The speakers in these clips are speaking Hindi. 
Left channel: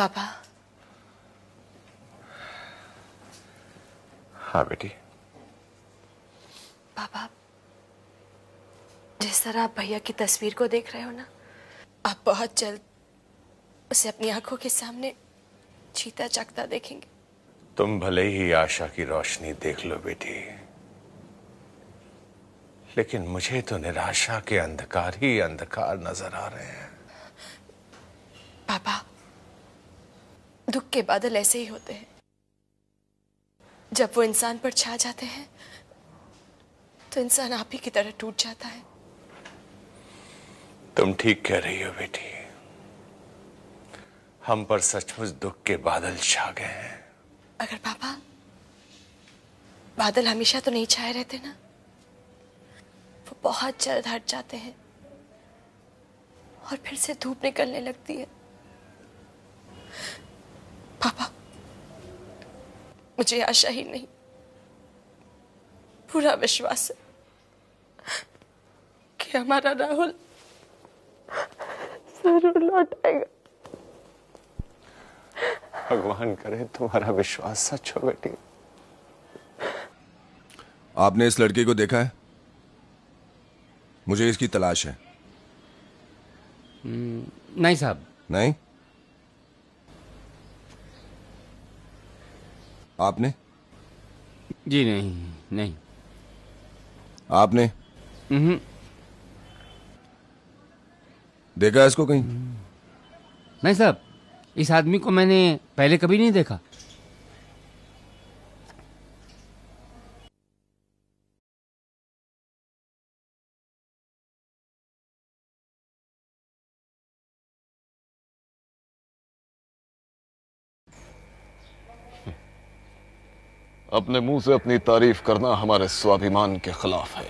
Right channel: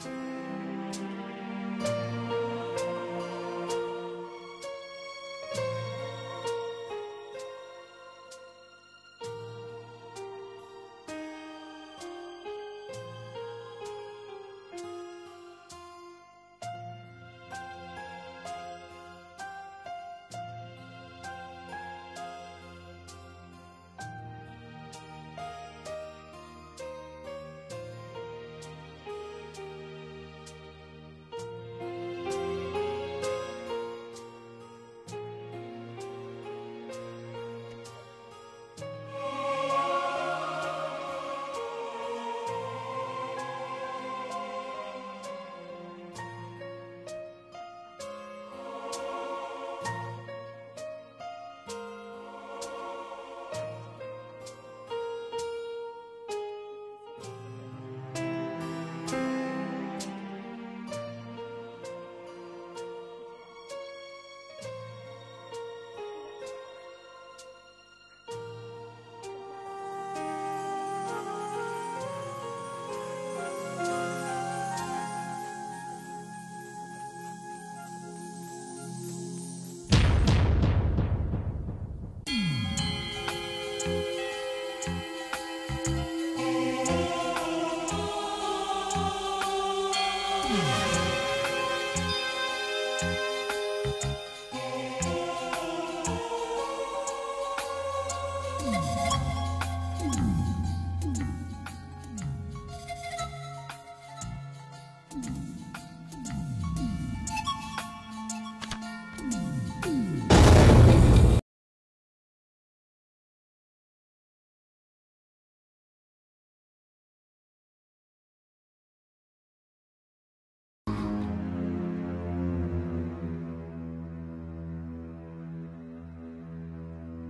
पापा। हाँ बेटी। पापा, जिस तरह आप भैया की तस्वीर को देख रहे हो ना, आप बहुत जल्द उसे अपनी आंखों के सामने जीता जागता देखेंगे। तुम भले ही आशा की रोशनी देख लो बेटी, लेकिन मुझे तो निराशा के अंधकार ही अंधकार नजर आ रहे हैं। पापा, दुख के बादल ऐसे ही होते हैं, जब वो इंसान पर छा जाते हैं तो इंसान आप ही की तरह टूट जाता है। तुम ठीक कह रही हो बेटी, हम पर सचमुच दुख के बादल छा गए हैं। अगर पापा बादल हमेशा तो नहीं छाए रहते ना, वो बहुत जल्द हट जाते हैं और फिर से धूप निकलने लगती है। पापा, मुझे आशा ही नहीं, पूरा विश्वास है कि हमारा राहुल जरूर लौट आएगा। भगवान करे तुम्हारा विश्वास सच हो बेटी। आपने इस लड़के को देखा है? मुझे इसकी तलाश है। नहीं साहब। नहीं? आपने? जी नहीं। नहीं। आपने? देखा इसको कहीं? नहीं साहब, इस आदमी को मैंने पहले कभी नहीं देखा। अपने मुंह से अपनी तारीफ करना हमारे स्वाभिमान के खिलाफ है।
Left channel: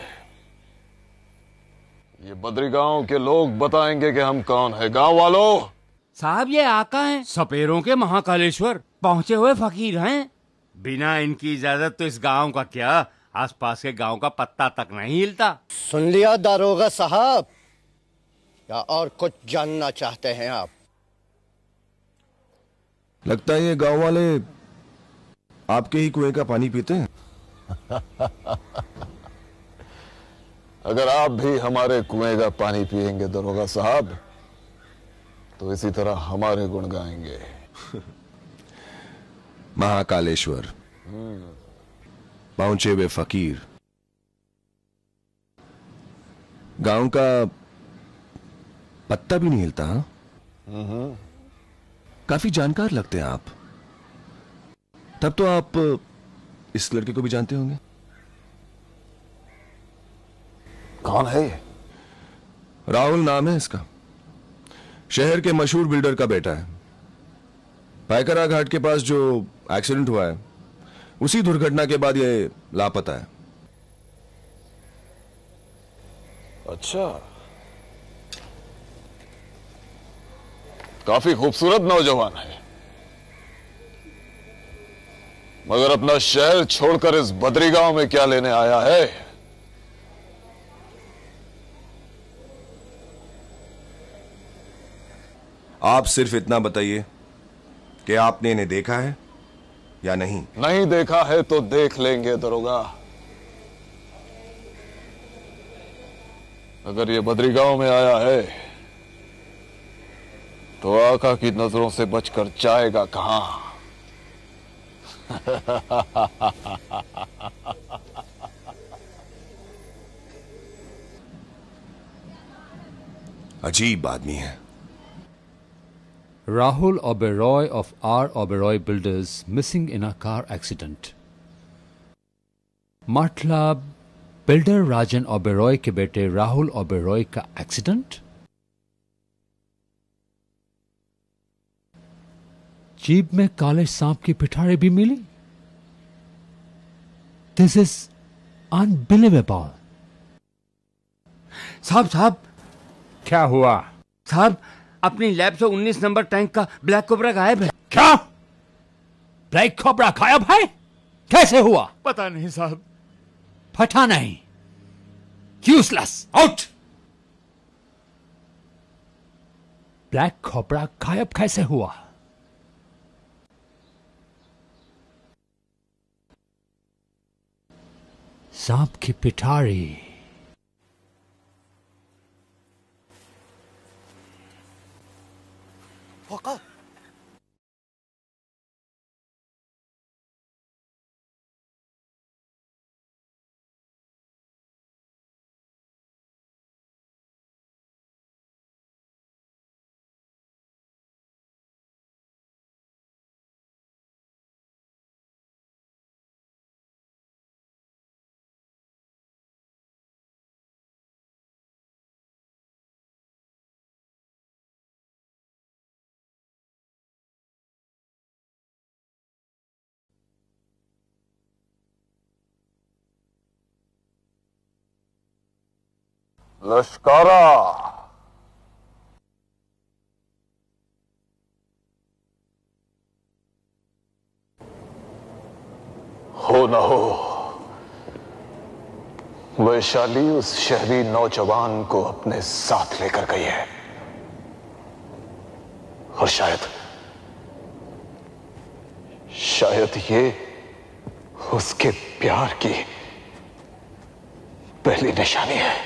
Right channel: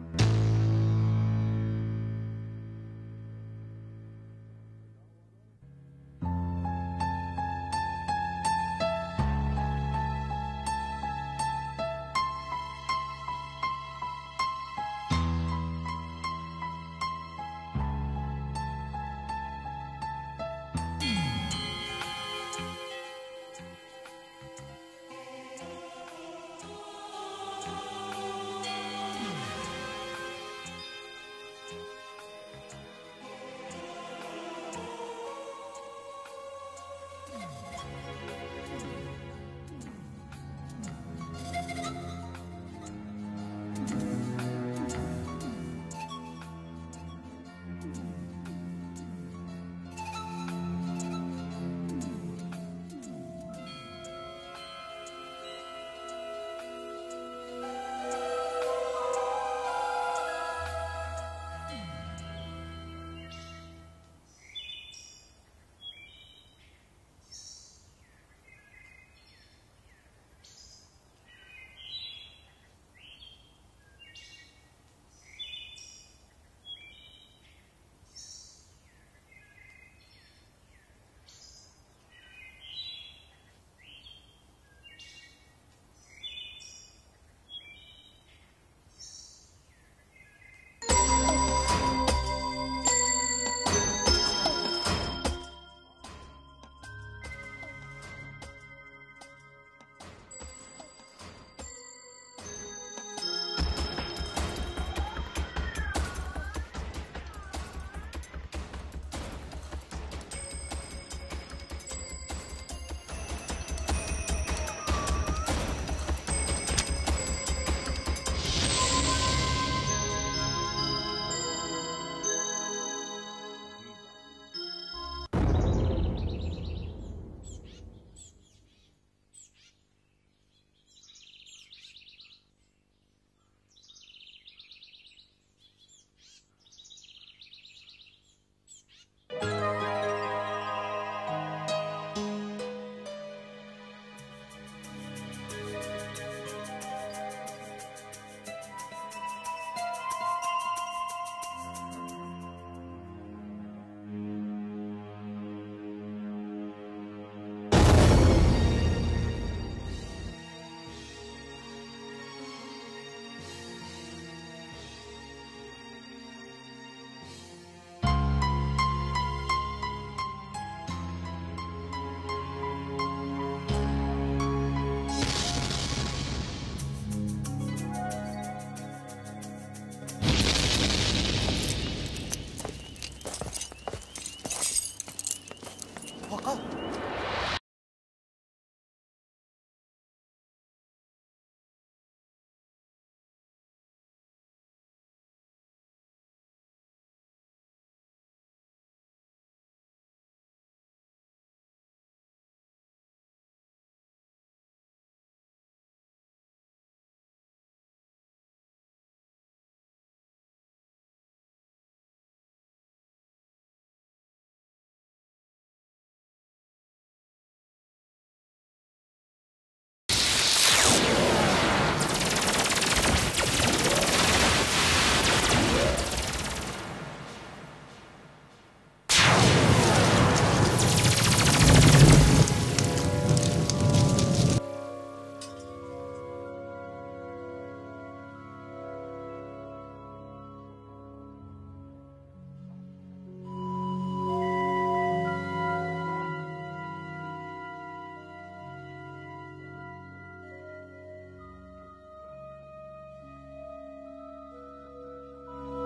ये बद्री गांव के लोग बताएंगे कि हम कौन है। गांव वालों, साहब ये आका हैं, सपेरों के महाकालेश्वर पहुंचे हुए फकीर हैं। बिना इनकी इजाजत तो इस गांव का क्या, आसपास के गांव का पत्ता तक नहीं हिलता। सुन लिया दारोगा साहब, या और कुछ जानना चाहते हैं आप? लगता है ये गांव वाले आपके ही कुएं का पानी पीते हैं। अगर आप भी हमारे कुएं का पानी पिएंगे दरोगा साहब, तो इसी तरह हमारे गुण गाएंगे। महाकालेश्वर, पहुंचे हुए फकीर, गांव का पत्ता भी नहीं हिलता। काफी जानकार लगते हैं आप। तब तो आप इस लड़के को भी जानते होंगे। कौन है ये? राहुल नाम है इसका, शहर के मशहूर बिल्डर का बेटा है। पायकरा घाट के पास जो एक्सीडेंट हुआ है, उसी दुर्घटना के बाद ये लापता है। अच्छा, काफी खूबसूरत नौजवान है, मगर अपना शहर छोड़कर इस बद्री गांव में क्या लेने आया है? आप सिर्फ इतना बताइए कि आपने इन्हें देखा है या नहीं? नहीं देखा है तो देख लेंगे दरोगा। अगर ये बद्री गांव में आया है तो आका की नजरों से बचकर जाएगा कहां? अजीब आदमी है। Rahul Oberoi of R. Oberoi Builders missing in a car accident. मतलब बिल्डर राजन ओबेरॉय के बेटे राहुल ओबेरॉय का एक्सीडेंट। जीप में काले सांप की पिटारी भी मिली। This is unbelievable. साहब क्या हुआ? साहब, अपनी लैब से 19 नंबर टैंक का ब्लैक कोबरा गायब है। क्या? ब्लैक कोबरा गायब है? कैसे हुआ? पता नहीं साहब। पता नहीं। Useless, out. ब्लैक कोबरा गायब कैसे हुआ? सांप की पिटारी। आका, लश्कारा, हो न हो, वैशाली उस शहरी नौजवान को अपने साथ लेकर गई है, और शायद ये उसके प्यार की पहली निशानी है।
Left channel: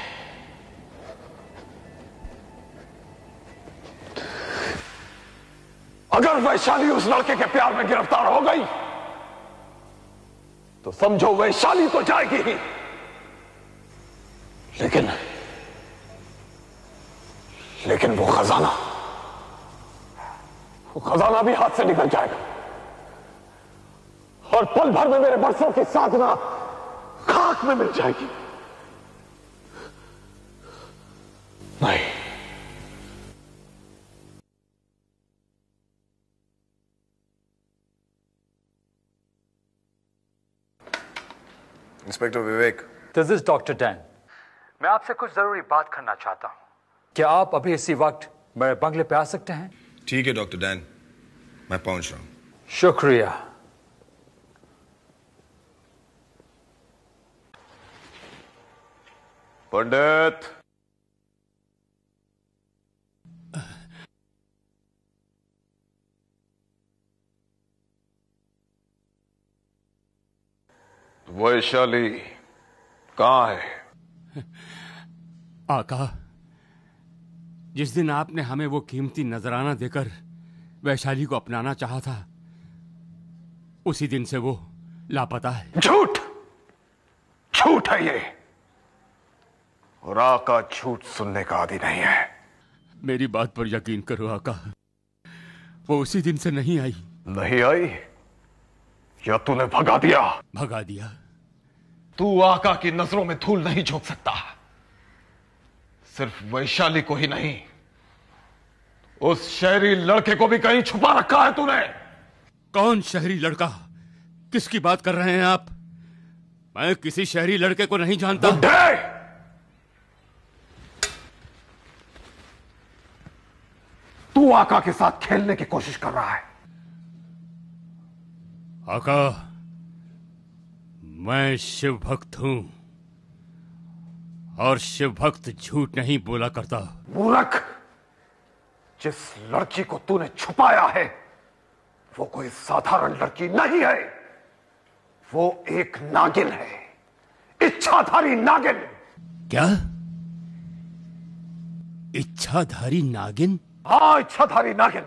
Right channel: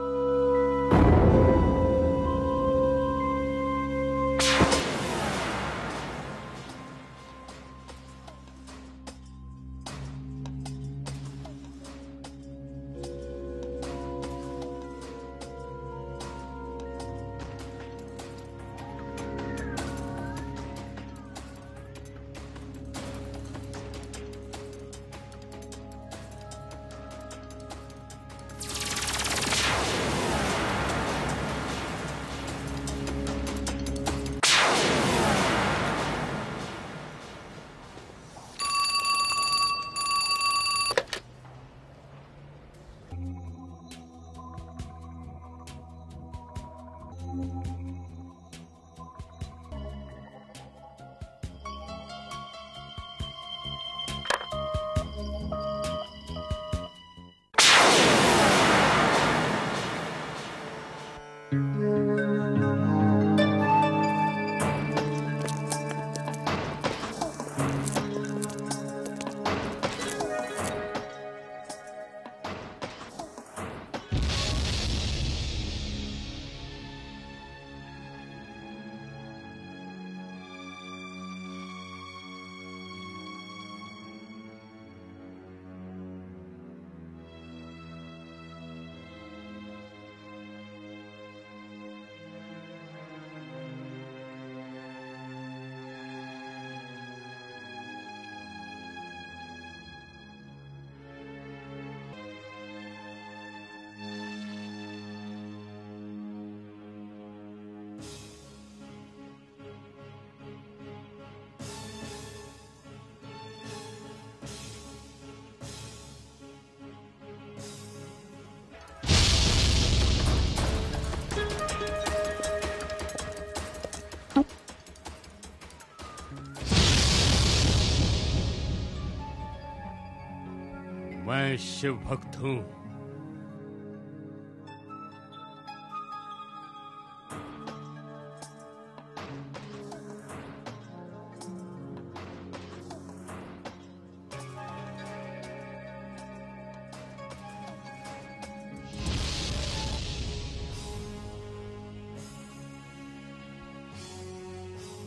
अगर वैशाली उस लड़के के प्यार में गिरफ्तार हो गई तो समझो वैशाली तो जाएगी ही, लेकिन वो खजाना भी हाथ से निकल जाएगा, और पल भर में मेरे बरसों की साधना खाक में मिल जाएगी। नहीं, inspector Vivek. This is doctor Dan. मैं आपसे कुछ जरूरी बात करना चाहता हूं। क्या आप अभी इसी वक्त मेरे बंगले पे आ सकते हैं? ठीक है डॉक्टर डैन, मैं पहुंच रहा हूं। शुक्रिया। पंडित, वैशाली कहां है? आका, जिस दिन आपने हमें वो कीमती नजराना देकर वैशाली को अपनाना चाहा था, उसी दिन से वो लापता है। झूठ है ये, और आका झूठ सुनने का आदी नहीं है। मेरी बात पर यकीन करो आका, वो उसी दिन से नहीं आई। नहीं आई या तूने भगा दिया? भगा दिया। तू आका की नजरों में धूल नहीं झोंक सकता। सिर्फ वैशाली को ही नहीं, उस शहरी लड़के को भी कहीं छुपा रखा है तूने। कौन शहरी लड़का? किसकी बात कर रहे हैं आप? मैं किसी शहरी लड़के को नहीं जानता। तू आका के साथ खेलने की कोशिश कर रहा है। आका, मैं शिव भक्त हूं, और शिव भक्त झूठ नहीं बोला करता। मूर्ख, जिस लड़की को तूने छुपाया है वो कोई साधारण लड़की नहीं है, वो एक नागिन है, इच्छाधारी नागिन। क्या? इच्छाधारी नागिन? हाँ, इच्छाधारी नागिन।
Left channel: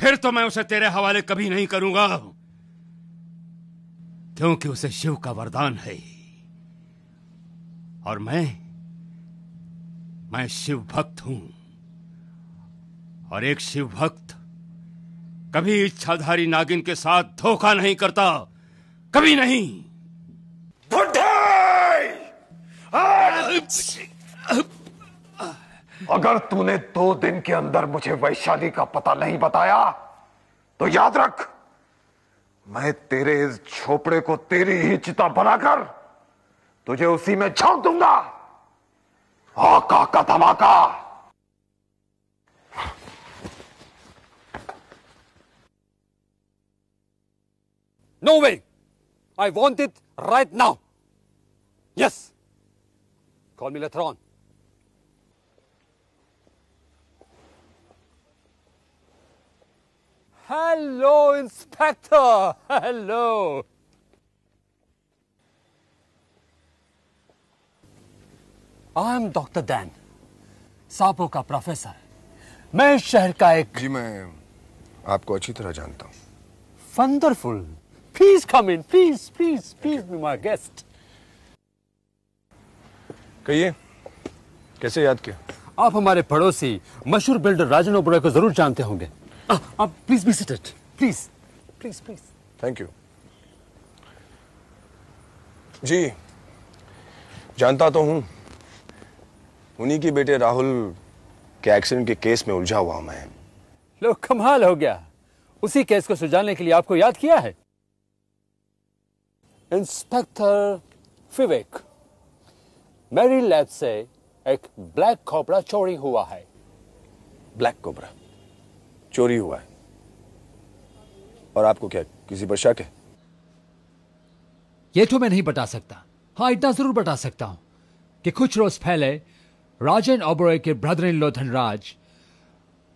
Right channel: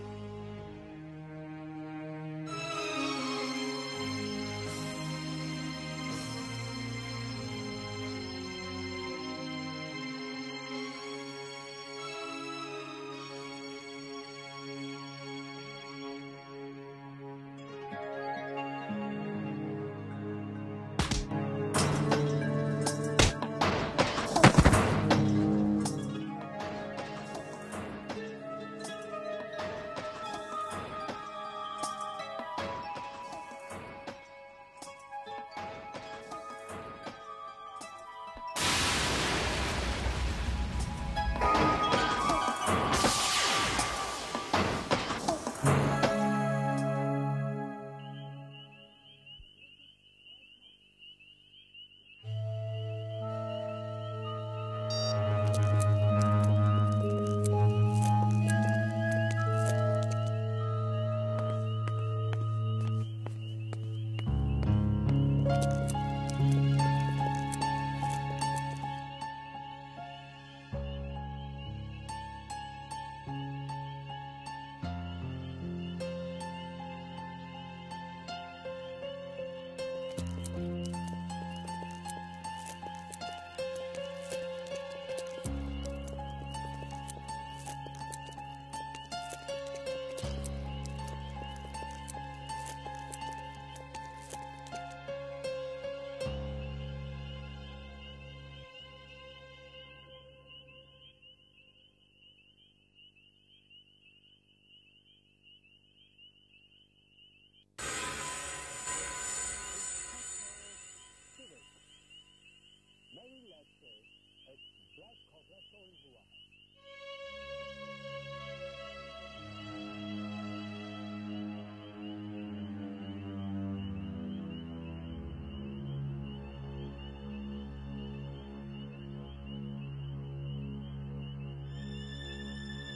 फिर तो मैं उसे तेरे हवाले कभी नहीं करूंगा, क्योंकि उसे शिव का वरदान है, और मैं शिव भक्त हूं, और एक शिव भक्त कभी इच्छाधारी नागिन के साथ धोखा नहीं करता, कभी नहीं। अगर तूने 2 दिन के अंदर मुझे वैशाली का पता नहीं बताया तो याद रख, मैं तेरे इस झोपड़े को तेरी ही चिता बनाकर तुझे उसी में झोंक दूंगा। आका का धमाका। No way! I want it right now. Yes. Call me later on. Hello, Inspector. Hello. I am doctor Dan, सांपों का प्रोफेसर। मैं इस शहर का एक... जी मैं आपको अच्छी तरह जानता हूँ। Wonderful. Please come in, please please please be my guest. कहिए, कैसे याद किया? आप हमारे पड़ोसी मशहूर बिल्डर राजन ओबेरॉय को जरूर जानते होंगे। आप please be seated, please please please. Thank you. जी जानता तो हूं, उन्हीं के बेटे राहुल के एक्सीडेंट के केस में उलझा हुआ मैं। लो कमाल हो गया, उसी केस को सुलझाने के लिए आपको याद किया है। इंस्पेक्टर विवेक, मेरी लैब से एक ब्लैक कोबरा चोरी हुआ है। ब्लैक कोबरा चोरी हुआ है? और आपको क्या किसी पर शक है? ये तो मैं नहीं बता सकता। हाँ, इतना जरूर बता सकता हूं कि कुछ रोज पहले राजन ओबेरॉय के ब्रदर इन लॉ धनराज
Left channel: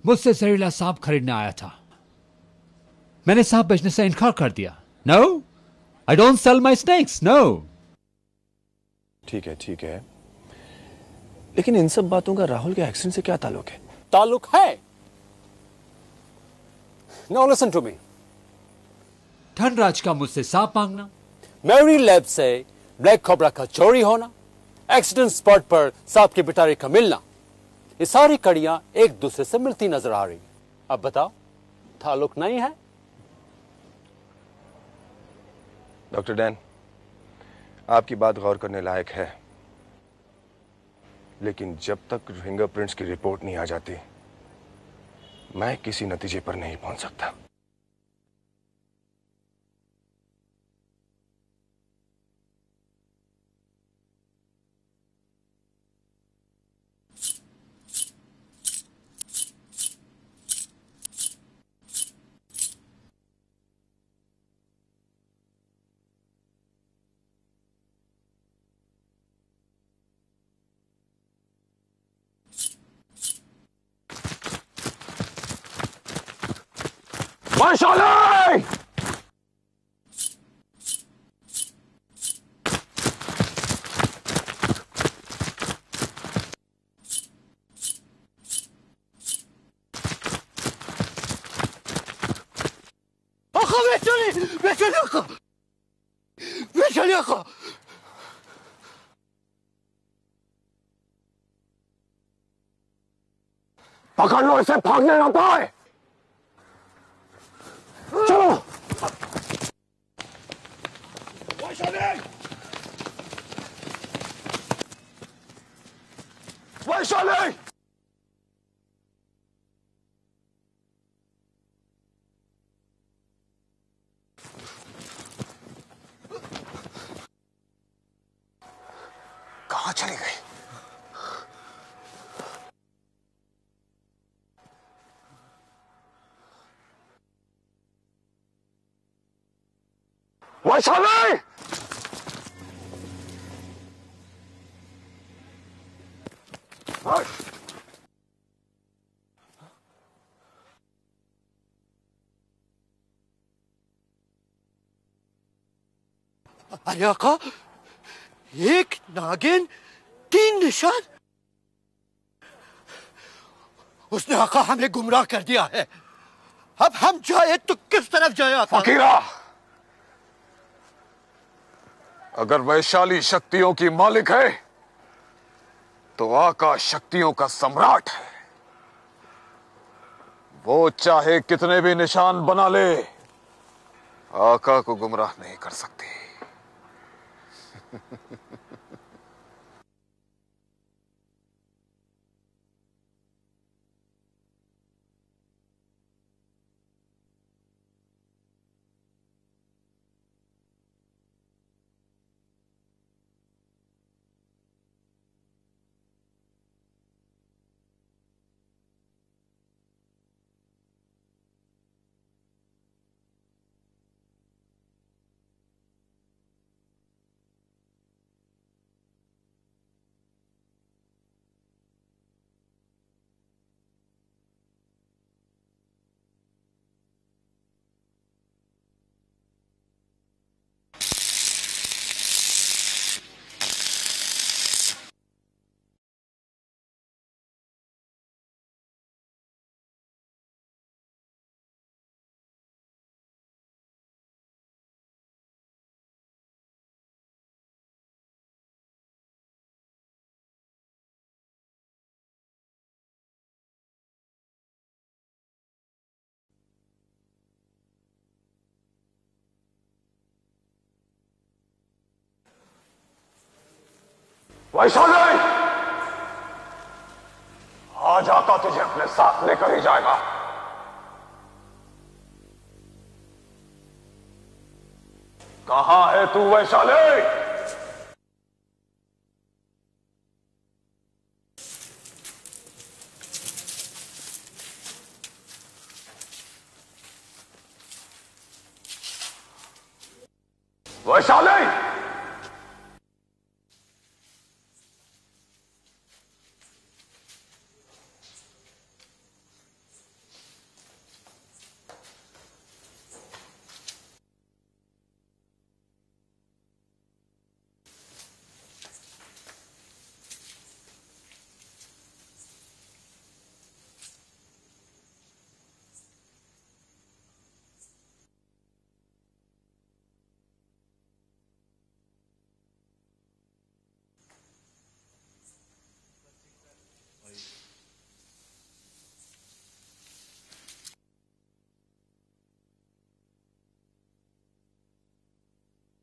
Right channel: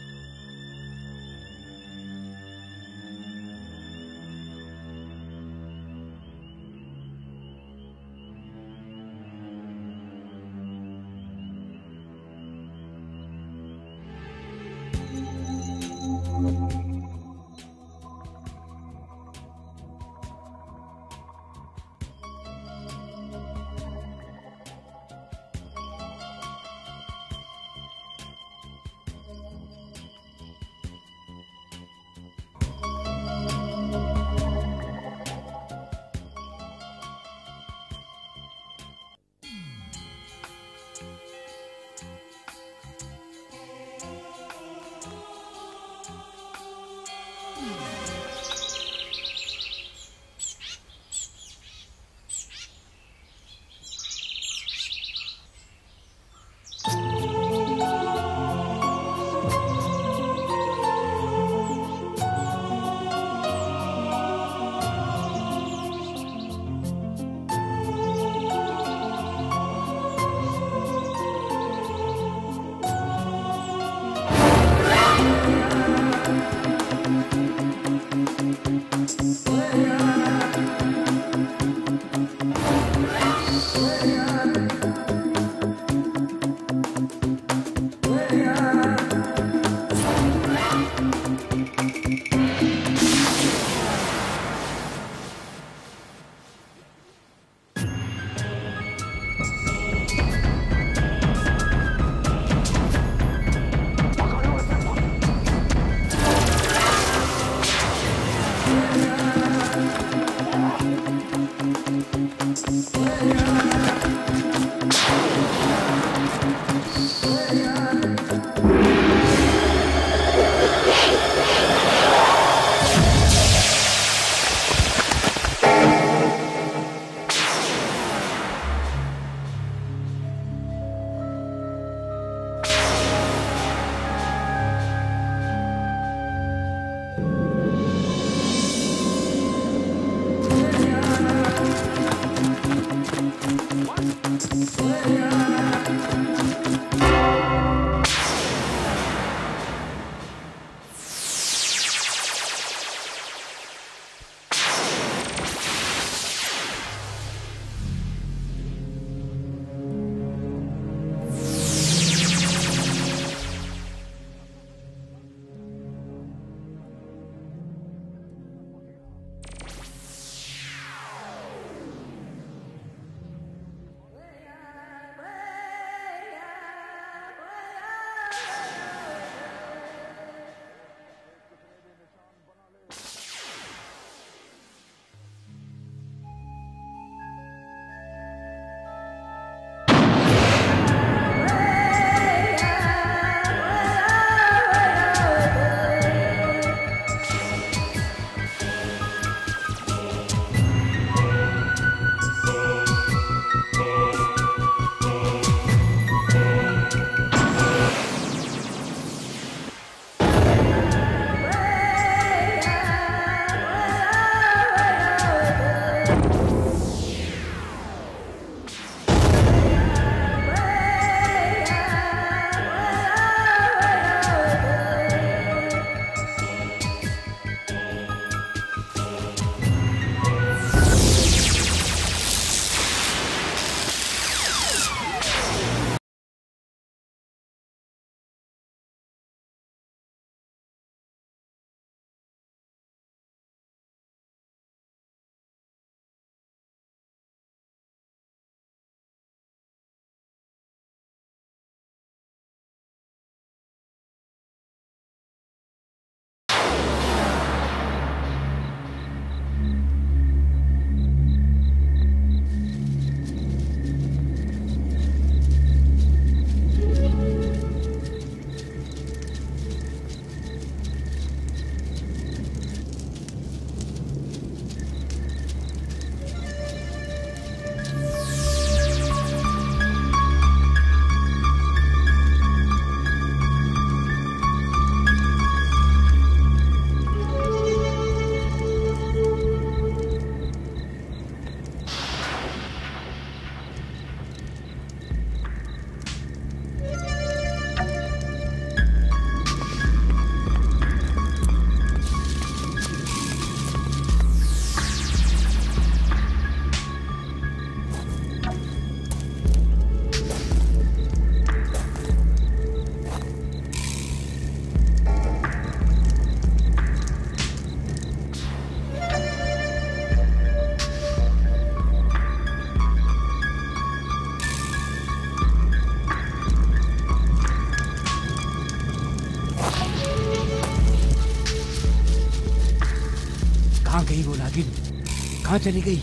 मुझसे जहरीला सांप खरीदने आया था। मैंने सांप बेचने से इनकार कर दिया। No, I don't sell my snakes, no. ठीक है, लेकिन इन सब बातों का राहुल के एक्सीडेंट से क्या ताल्लुक है? ताल्लुक है। Now listen to me. Dhanraj का मुझसे सांप मांगना, मेरी लैब से ब्लैक कोबरा का चोरी होना, एक्सीडेंट स्पॉट पर सांप के पिटारे का मिलना, ये सारी कड़ियां एक दूसरे से मिलती नजर आ रही। अब बताओ, ताल्लुक नहीं है? डॉक्टर डैन, आपकी बात गौर करने लायक है, लेकिन जब तक फिंगरप्रिंट्स की रिपोर्ट नहीं आ जाती, मैं किसी नतीजे पर नहीं पहुंच सकता। पकड़ लो इसे, भागने ना पाए। चलो। वैशाली! कहाँ चली गई? अरे आका, एक नागिन, 3 निशान। उसने आका हमें गुमराह कर दिया है। अब हम जाए तो किस तरफ जाए आका? फकीरा, अगर वैशाली शक्तियों की मालिक है तो आकाश शक्तियों का सम्राट है। वो चाहे कितने भी निशान बना ले, आका को गुमराह नहीं कर सकती। वैशाली, आज आका तुझे अपने साथ लेकर ही जाएगा। कहां है तू वैशाली? वैशाली, कहाँ गई वो नागिन? कहाँ चली गई?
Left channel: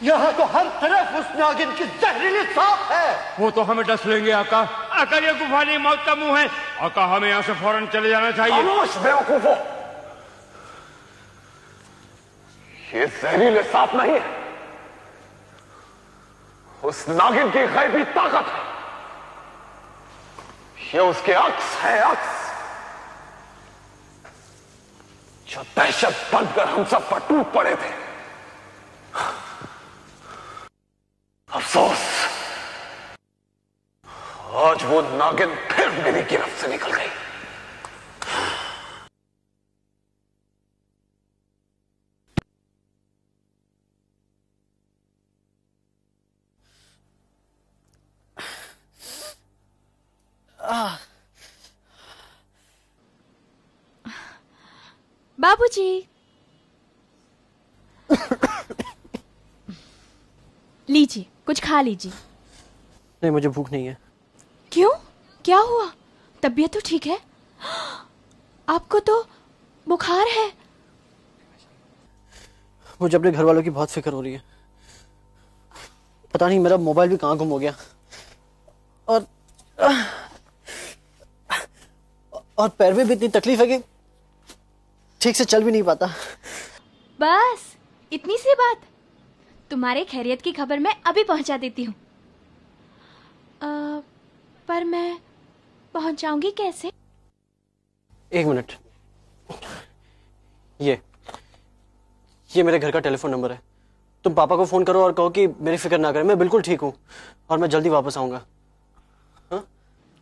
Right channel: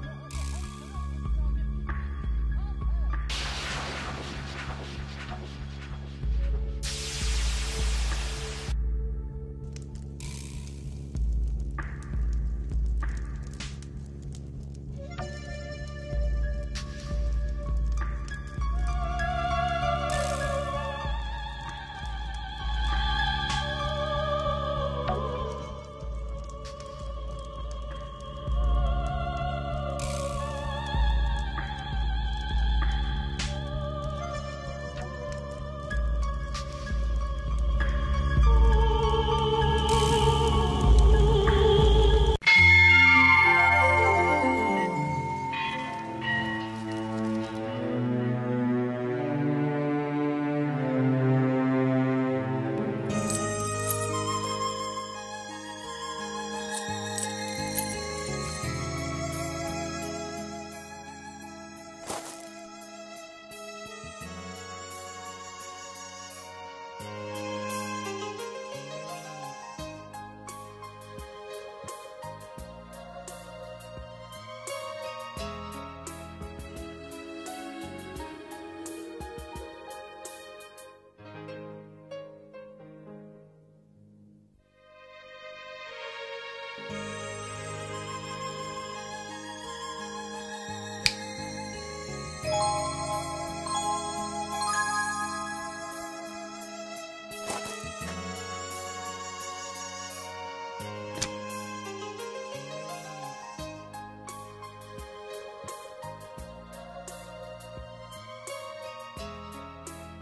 यहाँ तो हर तरफ उस नागिन की जहरीली सांप है। वो तो हमें डस लेंगे आका। आका ये गुफा नहीं, मौत का मुंह है। आका हमें यहाँ से फौरन चले जाना चाहिए। खामोश बेवकूफो, ये जहरीले सांप नहीं है, उस नागिन की गैबी ताकत है। ये उसके अक्स है, अक्स जो दहशत बनकर हम सब पर टूट पड़े थे। अफसोस, आज वो नागिन फिर मेरी गिरफ्त से निकल गई। बाबूजी, लीजिए कुछ खा लीजिए। नहीं, मुझे भूख नहीं है। क्यों, क्या हुआ? तबीयत तो ठीक है? आपको तो बुखार है। मुझे अपने घर वालों की बहुत फिक्र हो रही है। पता नहीं मेरा मोबाइल भी कहाँ गुम हो गया, और पैर में भी इतनी तकलीफ है कि ठीक से चल भी नहीं पाता। बस इतनी सी बात। तुम्हारे खैरियत की खबर मैं अभी पहुंचा देती हूँ। पर मैं पहुंचाऊंगी कैसे? एक मिनट, ये मेरे घर का टेलीफोन नंबर है। तुम पापा को फोन करो और कहो कि मेरी फिक्र ना करें, मैं बिल्कुल ठीक हूँ और मैं जल्दी वापस आऊंगा।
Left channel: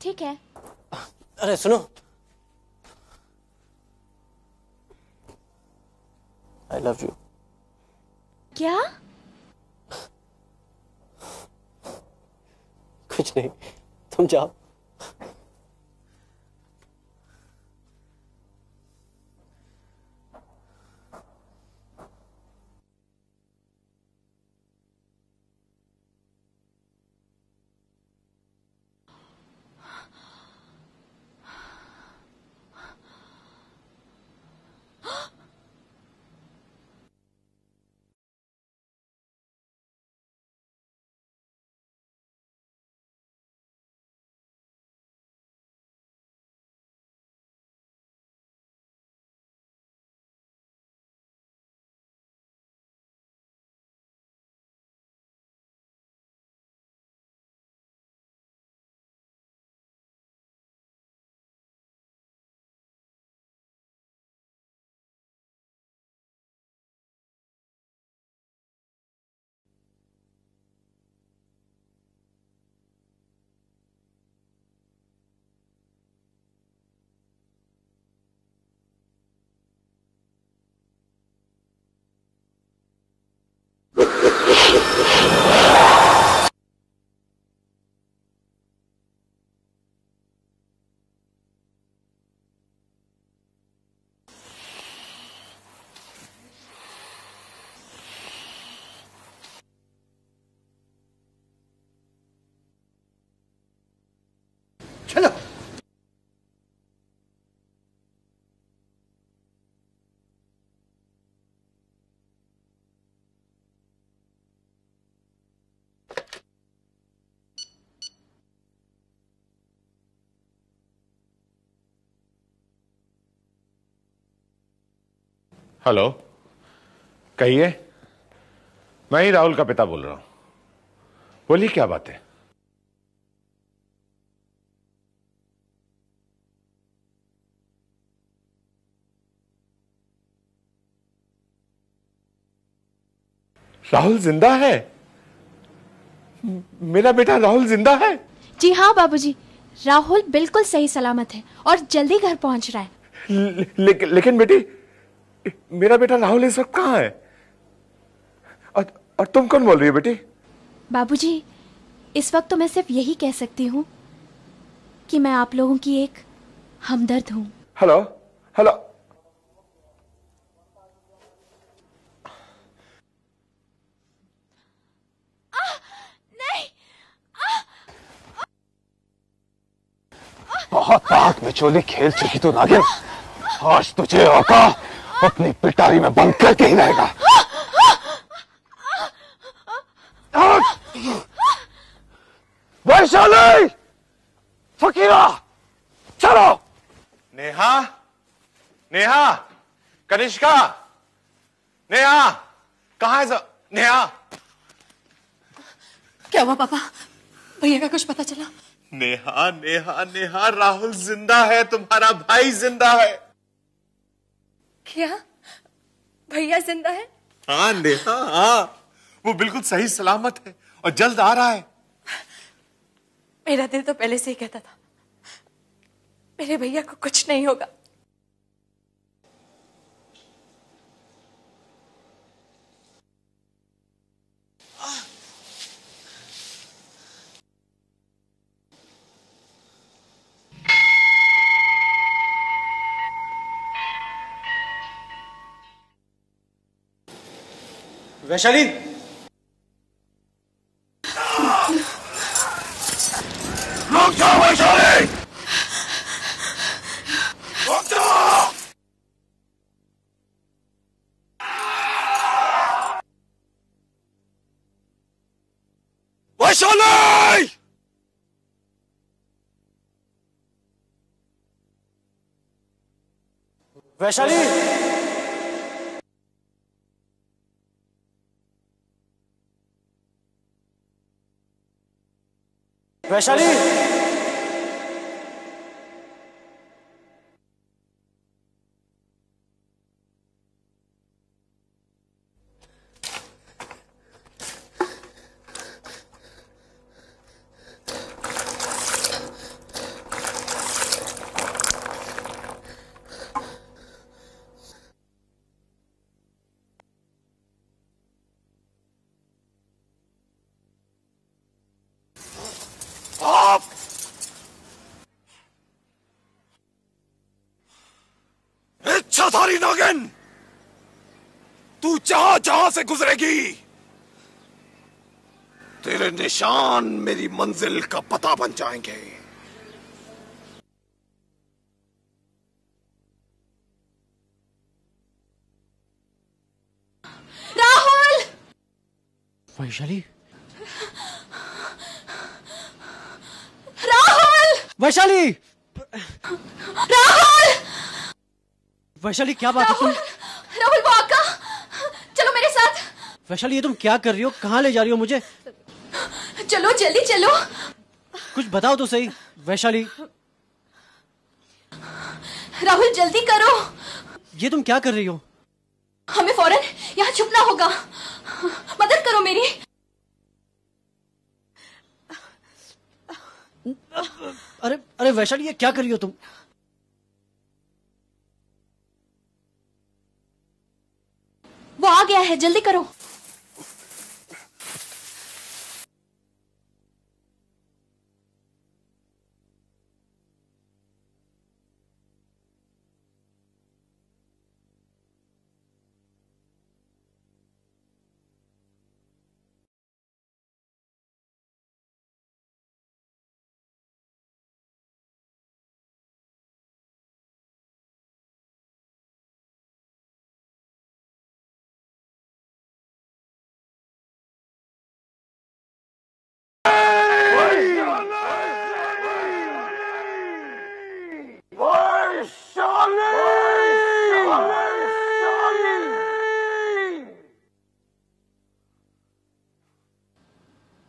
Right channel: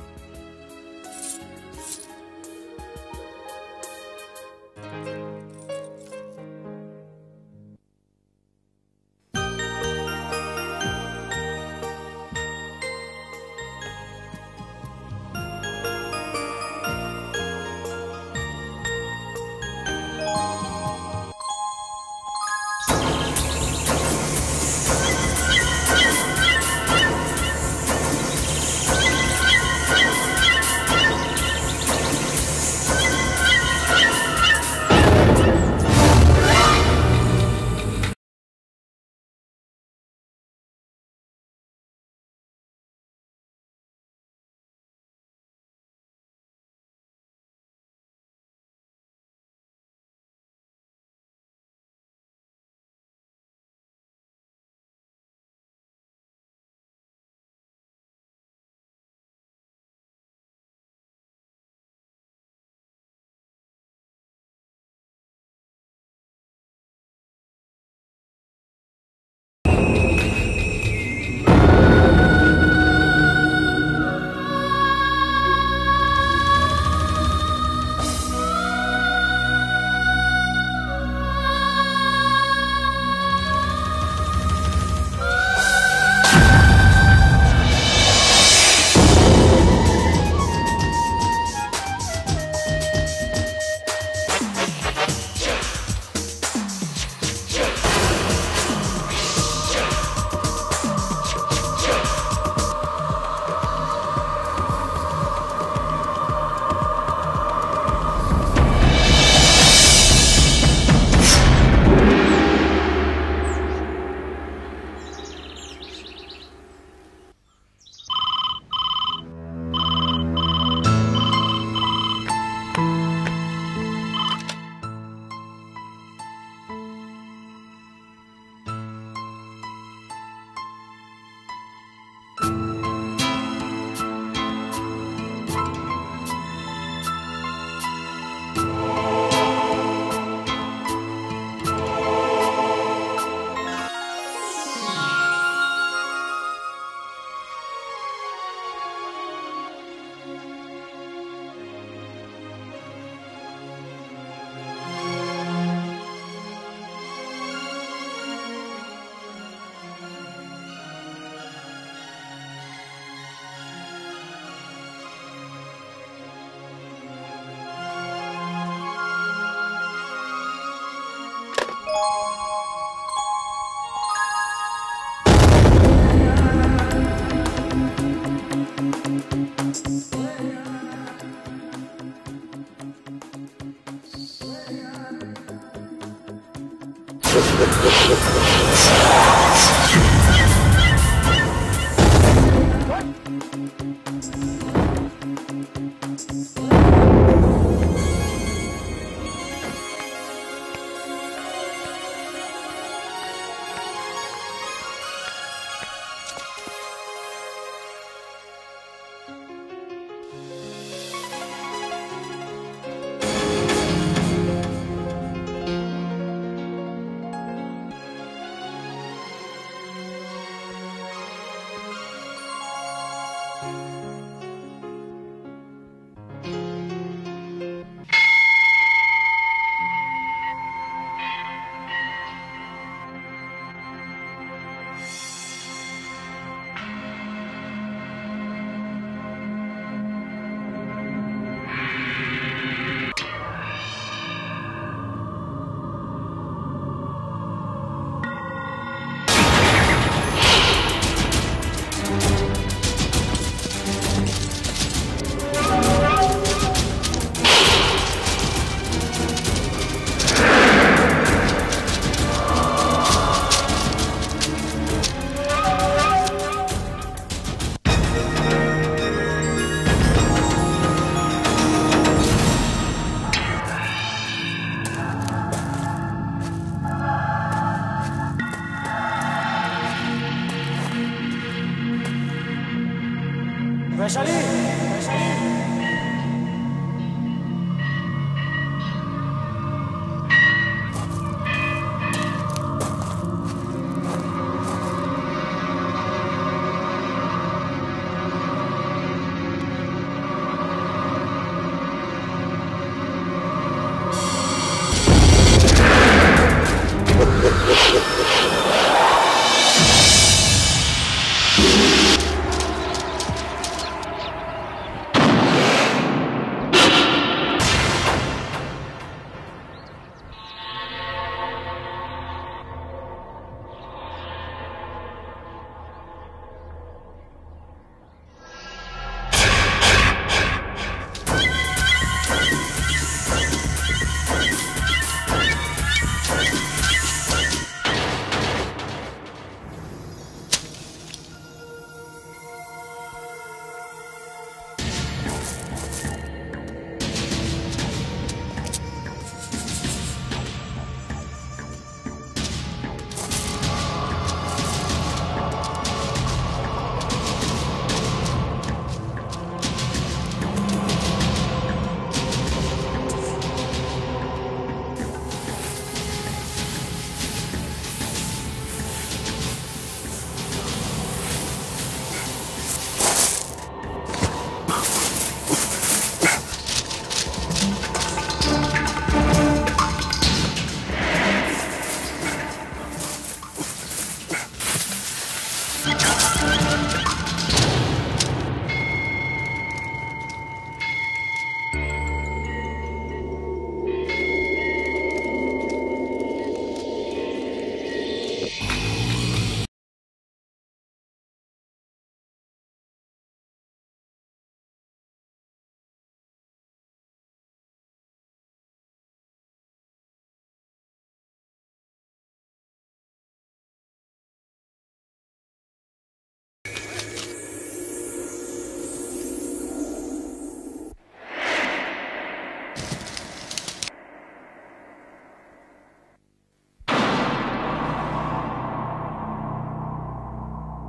ठीक है। अरे सुनो, आई लव यू। क्या? कुछ नहीं, तुम जाओ। हेलो, कहिए। मैं ही राहुल का पिता बोल रहा हूं। बोलिए, क्या बात है? राहुल जिंदा है? मेरा बेटा राहुल जिंदा है? जी हाँ बाबूजी, राहुल बिल्कुल सही सलामत है और जल्दी घर पहुंच रहा है। लेकिन बेटी, मेरा बेटा राहुल इस वक्त कहाँ है? और तुम कौन बोल रही हो बेटी? बाबूजी, इस वक्त तो मैं सिर्फ यही कह सकती हूँ कि मैं आप लोगों की एक हमदर्द हूँ। हेलो हेलो, बहुत रात में चोली खेल चुकी तू नागिन। आज तुझे औका अपनी पिटारी में बंद करके ही रहेगा। वैशाली, फकीरा, चलो। नेहा, नेहा, कनिष्का, नेहा, कहाँ है सब? नेहा, क्या हुआ पापा? भैया का कुछ पता चला? नेहा, नेहा, नेहा, राहुल जिंदा है, तुम्हारा भाई जिंदा है। भैया, भैया जिंदा है? हाँ नेहा, हाँ, वो बिल्कुल सही सलामत है और जल्द आ रहा है। मेरा दिल तो पहले से ही कहता था मेरे भैया को कुछ नहीं होगा। वैशाली, रुक जाओ वैशाली। वैशाली, वैशाली, वैशाली, वैशाली, लेकिन तू जहां जहां से गुजरेगी, तेरे निशान मेरी मंजिल का पता बन जाएंगे। राहुल! वैशाली! राहुल! वैशाली! राहुल! वैशाली क्या बात है? राहुल वो आका, चलो मेरे साथ। वैशाली ये तुम क्या कर रही हो? कहाँ ले जा रही हो मुझे? चलो जल्दी चलो। कुछ बताओ तो सही वैशाली। राहुल जल्दी करो। ये तुम क्या कर रही हो? हमें फौरन यहाँ छुपना होगा। मदद करो मेरी। अरे अरे वैशाली ये क्या कर रही हो तुम? वो आ गया है, जल्दी करो।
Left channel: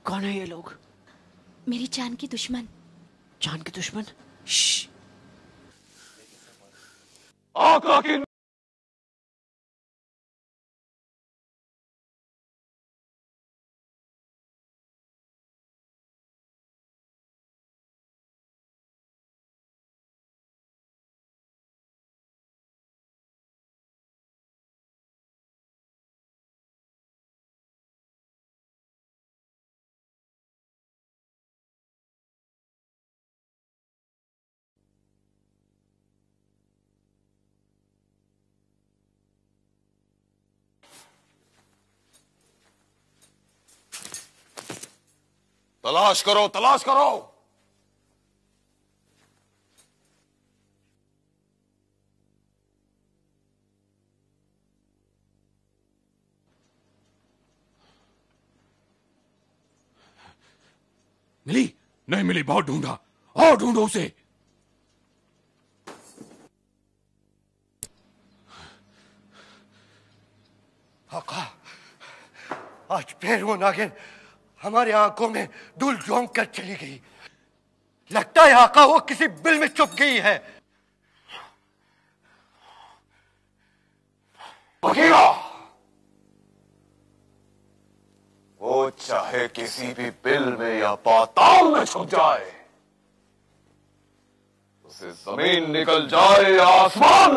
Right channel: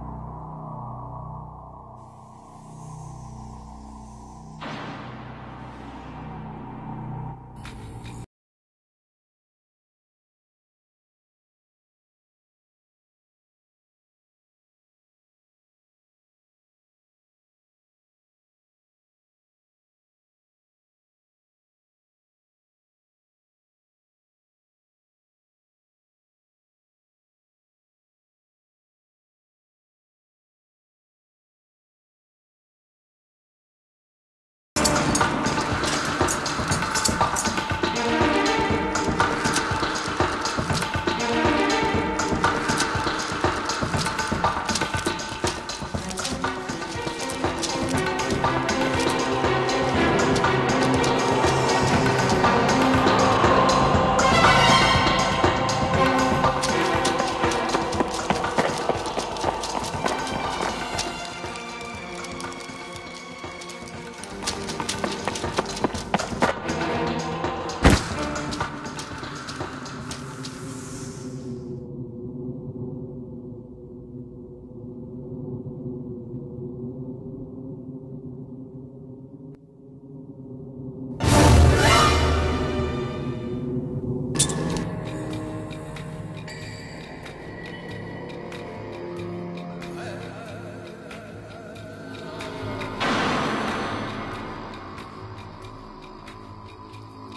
कौन है ये लोग? मेरी जान की दुश्मन। जान के दुश्मन? आका की तलाश करो, तलाश करो। मिली? नहीं मिली, बहुत ढूंढा। और ढूंढो उसे। आज फिर वो नागिन हमारी आंखों में धूल झोंक कर चली गई। लगता है आका वो किसी बिल में छुप गई है। बघीरा, वो चाहे किसी भी बिल में या पाताल में छुप जाए, जमीन निकल जाए या आसमान,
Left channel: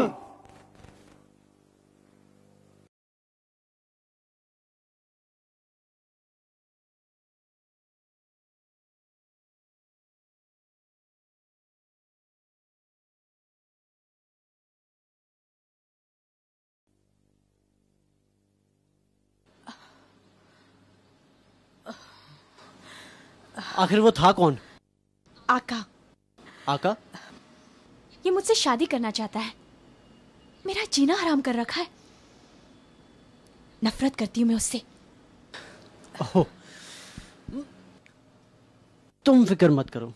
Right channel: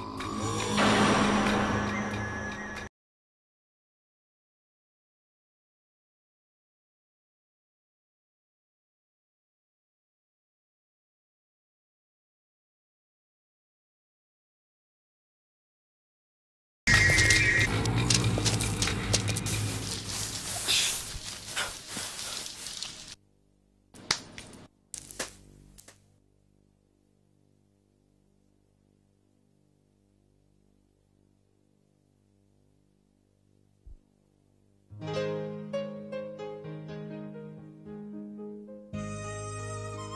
आखिर वो था कौन? आका। आका? ये मुझसे शादी करना चाहता है, मेरा जीना हराम कर रखा है। नफरत करती हूँ मैं उससे। ओह, तुम फिक्र मत करो।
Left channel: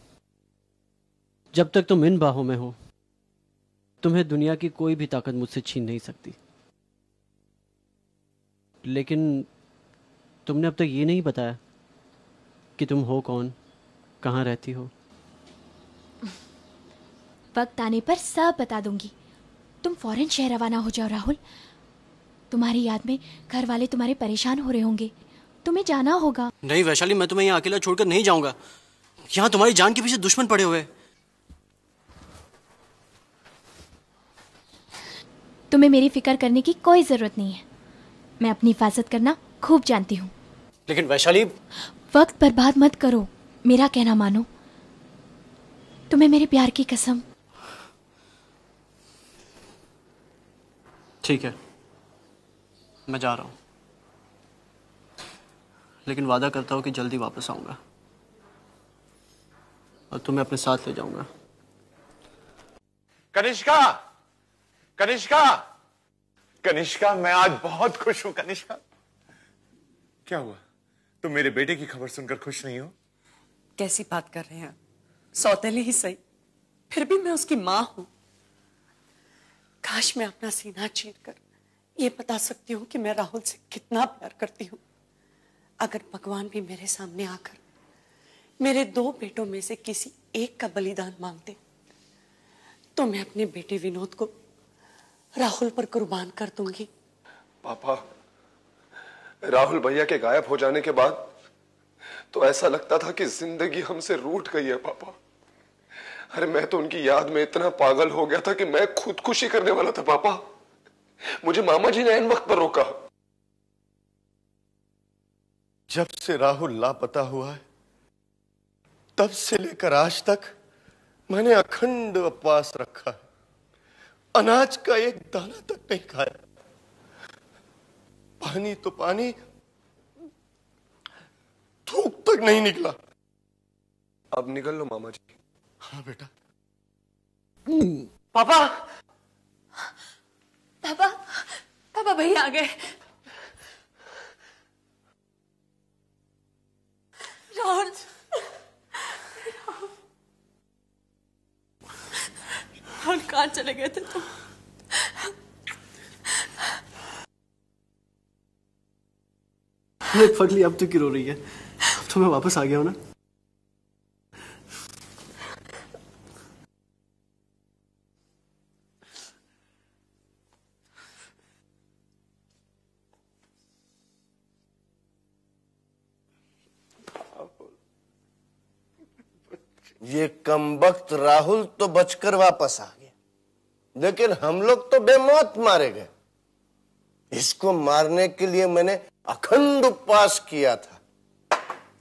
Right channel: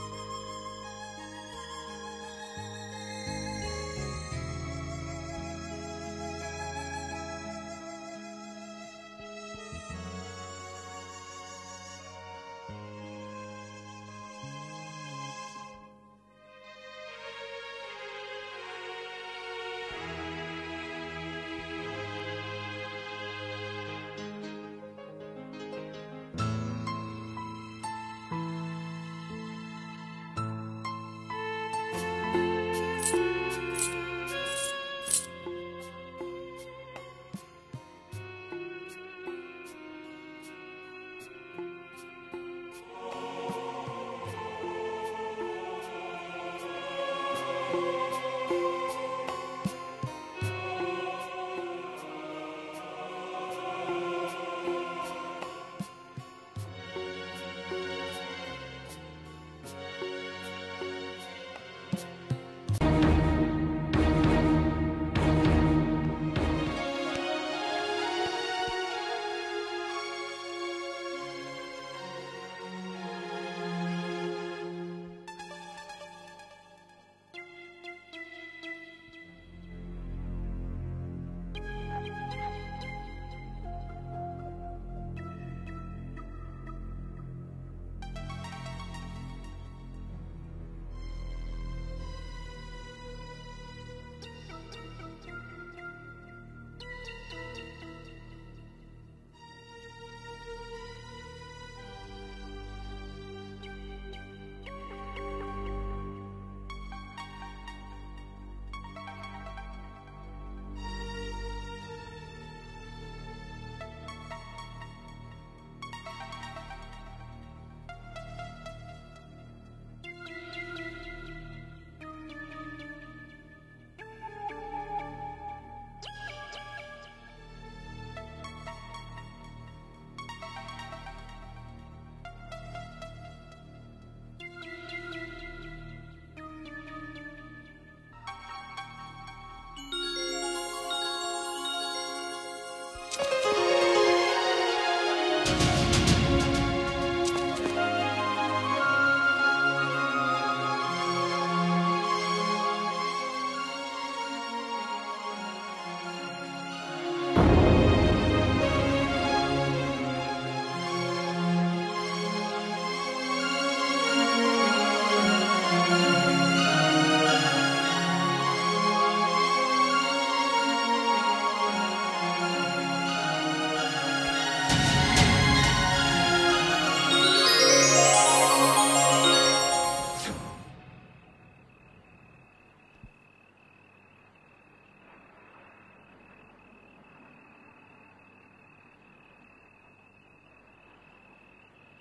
जब तक तुम इन बाहों में हो, तुम्हें दुनिया की कोई भी ताकत मुझसे छीन नहीं सकती। लेकिन तुमने अब तक ये नहीं बताया कि तुम हो कौन, कहाँ रहती हो। वक्त आने पर सब बता दूंगी। तुम फौरन शहर रवाना हो जाओ राहुल। तुम्हारी याद में घर वाले तुम्हारे परेशान हो रहे होंगे, तुम्हें जाना होगा। नहीं वैशाली, मैं तुम्हें यहाँ अकेला छोड़कर नहीं जाऊंगा। यहाँ तुम्हारी जान के पीछे दुश्मन पड़े हुए। तुम्हें मेरी फिक्र करने की कोई जरूरत नहीं है। मैं अपनी हिफाजत करना खूब जानती हूँ। लेकिन वैशाली, वक्त बर्बाद मत करो, मेरा कहना मानो। तुम्हें मेरे प्यार की कसम। ठीक है, मैं जा रहा हूँ, लेकिन वादा करता हूँ कि जल्दी वापस आऊंगा और तुम्हें अपने साथ ले जाऊंगा। कनिष्का, कनिष्का, कनिष्का, मैं आज बहुत खुश हूँ। कनिष्का, क्या हुआ? तुम मेरे बेटे की खबर सुनकर खुश नहीं हो? कैसी बात कर रहे हैं? सौतेले ही सही, फिर भी मैं उसकी माँ हूं। काश मैं अपना सीना चीर कर ये बता सकती हूँ कि मैं राहुल से कितना प्यार करती हूँ। अगर भगवान भी मेरे सामने आकर मेरे 2 बेटों में से किसी एक का बलिदान मांगते तो मैं अपने बेटे विनोद को राहुल पर कुर्बान कर दूंगी। पापा, राहुल भैया के गायब हो जाने के बाद तो ऐसा लगता था कि जिंदगी हमसे रूठ गई है पापा। अरे मैं तो उनकी याद में इतना पागल हो गया था कि मैं खुदकुशी करने वाला था पापा। मुझे मामा जी ने ऐन वक्त पर रोका। जब से राहुल लापता हुआ है तब से लेकर आज तक मैंने अखंड उपवास रखा, अनाज का एक दाना तक नहीं खाया, पानी तो पानी, थूक तक नहीं निकला। अब निकल लो मामा जी। हाँ बेटा। पापा, पापा, पापा भैया आ गए। और कहाँ चले गए थे तुम? फटली, अब तू क्यों रो रही है? तुम्हें वापस आ गया हो ना? ये कमबख्त राहुल तो बचकर वापस आ गए, लेकिन हम लोग तो बेमौत मारे गए। इसको मारने के लिए मैंने अखंड उपवास किया था।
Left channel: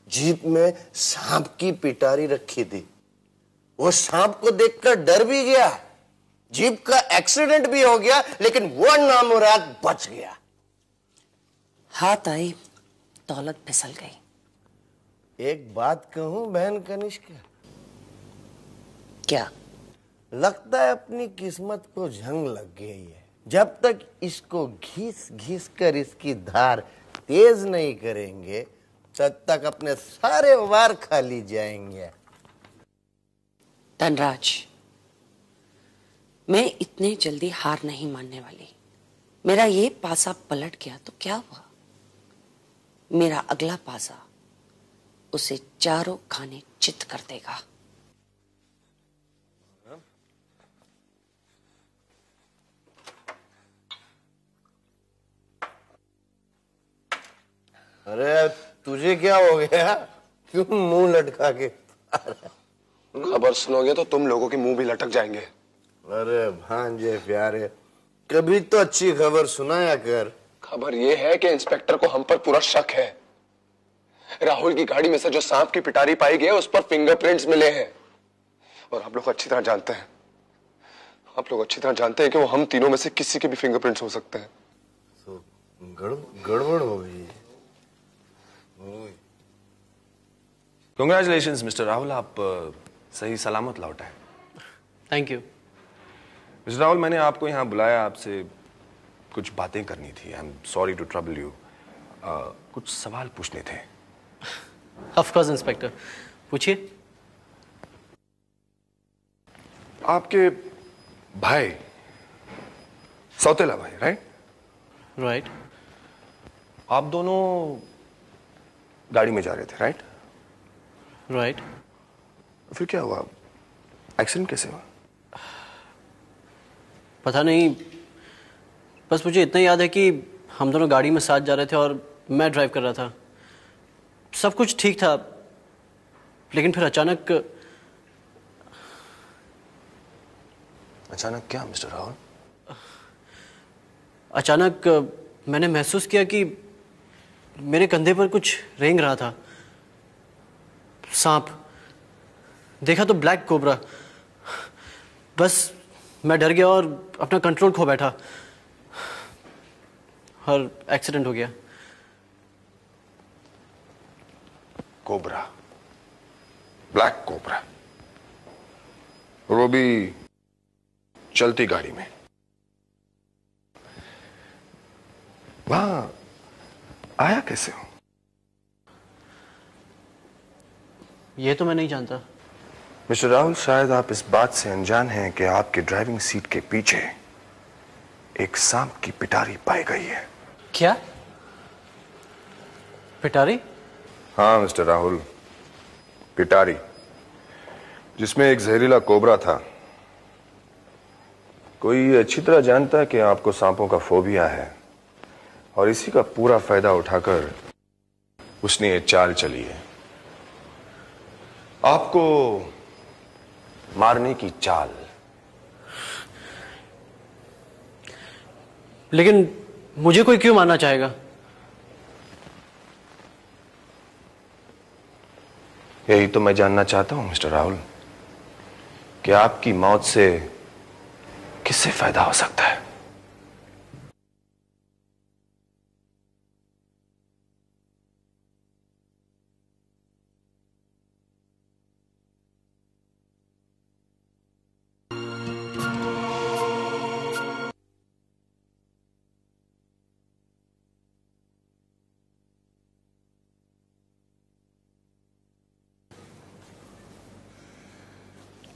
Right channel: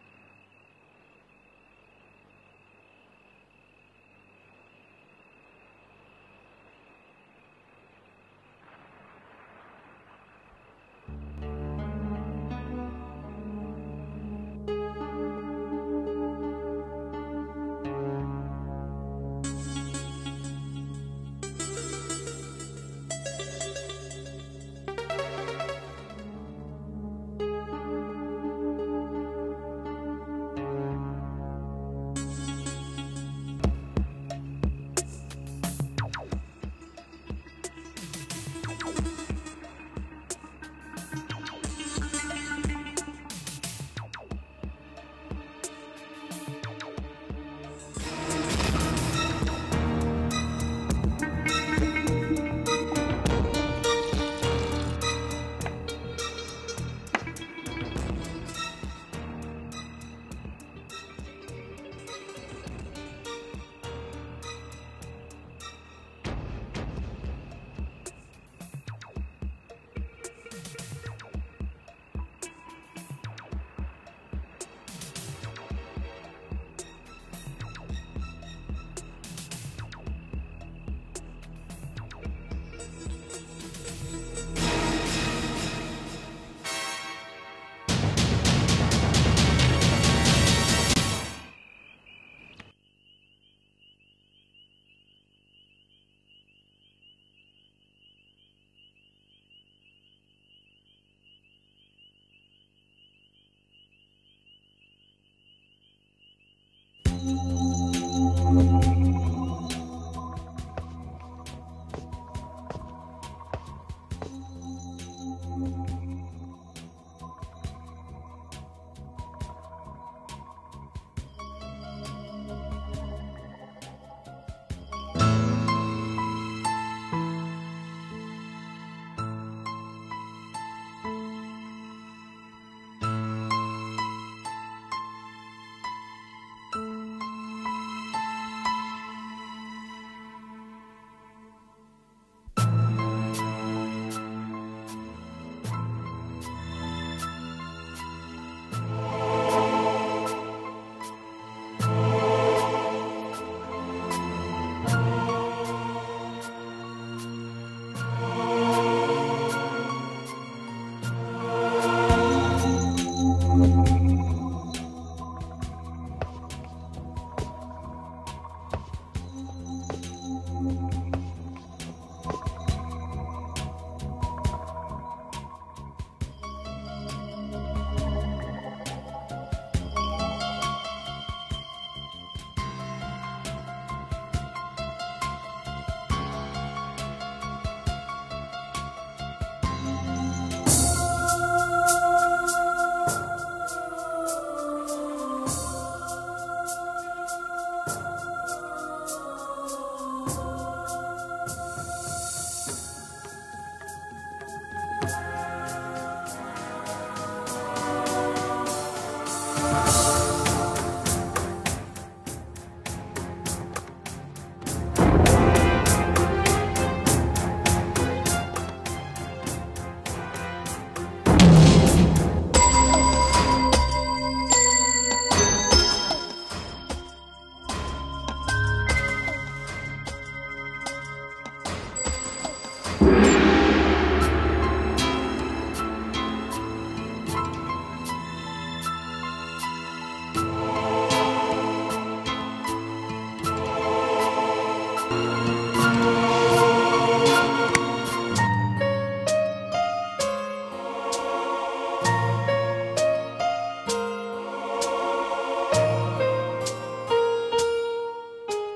जीप में सांप की पिटारी रखी थी, वो सांप को देखकर डर भी गया। जीप का एक्सीडेंट भी हो गया, लेकिन वो नामुराद बच गया। हाथ आई, दौलत फिसल गई। एक बात कहूं बहन कनिष्का, क्या? लगता है अपनी किस्मत को जंग लग गई। जब तक इसको घिस घिस कर इसकी धार तेज नहीं करेंगे तब तक अपने सारे वार खाली जाएंगे। धनराज, मैं इतने जल्दी हार नहीं मानने वाली। मेरा ये पासा पलट गया तो क्या हुआ? मेरा अगला पासा उसे चारों खाने चित कर देगा। अरे तुझे क्या हो गया? क्यों मुंह लटका के? खबर सुनोगे तो तुम लोगों के मुंह भी लटक जाएंगे। अरे भांजे प्यारे, कभी तो अच्छी खबर सुनाया कर। खबर ये है कि इंस्पेक्टर को हम पर पूरा शक है। राहुल की गाड़ी में से जो सांप की पिटारी पाई गई है उस पर फिंगरप्रिंट्स मिले हैं। और आप लोग अच्छी तरह जानते हैं, कि वो हम तीनों में से किसी के भी फिंगरप्रिंट्स हो सकते हैं। गड़बड़ हो गई। कांग्रेचुलेशंस मिस्टर राहुल, आप सही सलामत लौट आए। थैंक यू मिस्टर राहुल, मैंने आपको यहाँ बुलाया, आपसे कुछ बातें करनी थी। I am sorry to trouble you. कुछ सवाल पूछने थे। ऑफ कोर्स इंस्पेक्टर, पूछिए। आपके भाई, सौतेला भाई, राइट? राइट। आप दोनों गाड़ी में जा रहे थे, राइट? राइट। फिर क्या हुआ? एक्सीडेंट कैसे हुआ? पता नहीं, बस मुझे इतना याद है कि हम दोनों गाड़ी में साथ जा रहे थे और मैं ड्राइव कर रहा था। सब कुछ ठीक था, लेकिन फिर अचानक क्या मिस्टर राहुल? अचानक मैंने महसूस किया कि मेरे कंधे पर कुछ रेंग रहा था। सांप। देखा तो ब्लैक कोबरा। बस मैं डर गया और अपना कंट्रोल खो बैठा। और एक्सीडेंट हो गया। कोबरा, ब्लैक कोबरा, और वो भी चलती गाड़ी में। वहां आया कैसे हो? ये तो मैं नहीं जानता। मिस्टर राहुल, शायद आप इस बात से अनजान हैं कि आपकी ड्राइविंग सीट के पीछे एक सांप की पिटारी पाई गई है। क्या? पिटारी? हाँ मिस्टर राहुल, पिटारी, जिसमें एक जहरीला कोबरा था। कोई अच्छी तरह जानता है कि आपको सांपों का फोबिया है, और इसी का पूरा फायदा उठाकर उसने ये चाल चली, आपको मारने की चाल। लेकिन मुझे कोई क्यों मारना चाहेगा? यही तो मैं जानना चाहता हूं मिस्टर राहुल, कि आपकी मौत से किससे फायदा हो सकता है?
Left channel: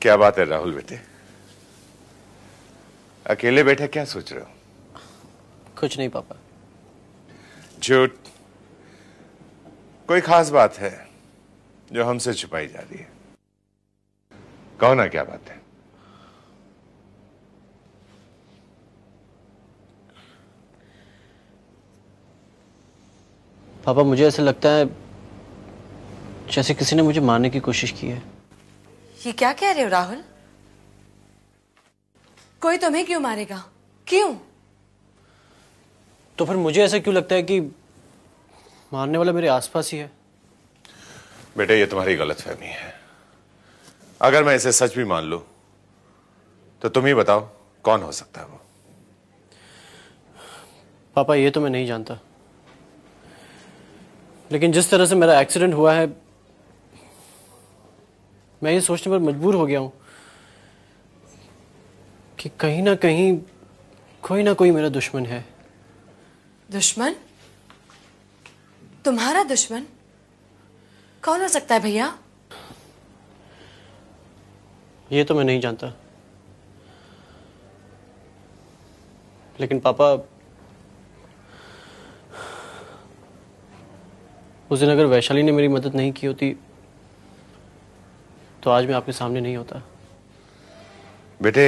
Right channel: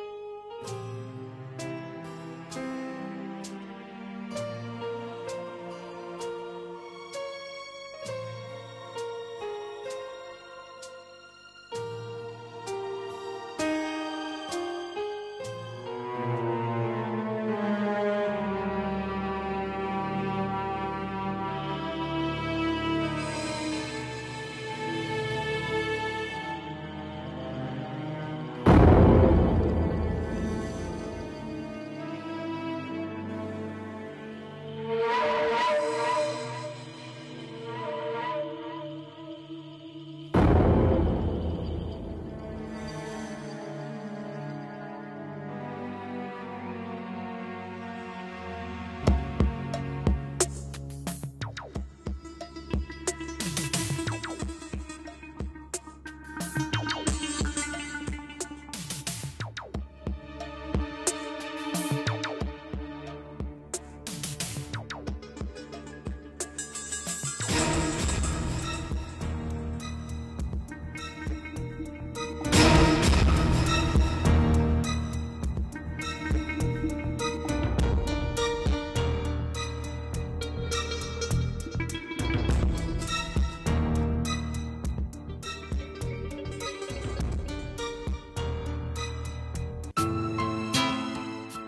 क्या बात है राहुल बेटे, अकेले बैठे क्या सोच रहे हो? कुछ नहीं पापा। झूठ। कोई खास बात है जो हमसे छुपाई जा रही है? कहो ना क्या बात है। पापा मुझे ऐसा लगता है जैसे किसी ने मुझे मारने की कोशिश की है। ये क्या कह रहे हो राहुल? कोई तुम्हें क्यों मारेगा? क्यों? तो फिर मुझे ऐसा क्यों लगता है कि मारने वाला मेरे आसपास ही है? बेटे ये तुम्हारी गलतफहमी है। अगर मैं इसे सच भी मान लूं तो तुम ही बताओ कौन हो सकता है? पापा ये तो मैं नहीं जानता, लेकिन जिस तरह से मेरा एक्सीडेंट हुआ है मैं ये सोचने पर मजबूर हो गया हूं कि कहीं ना कहीं कोई ना कोई मेरा दुश्मन है। दुश्मन? तुम्हारा दुश्मन? कौन हो सकता है भैया? ये तो मैं नहीं जानता, लेकिन पापा उस दिन अगर वैशाली ने मेरी मदद नहीं की होती तो आज मैं आपके सामने नहीं होता। बेटे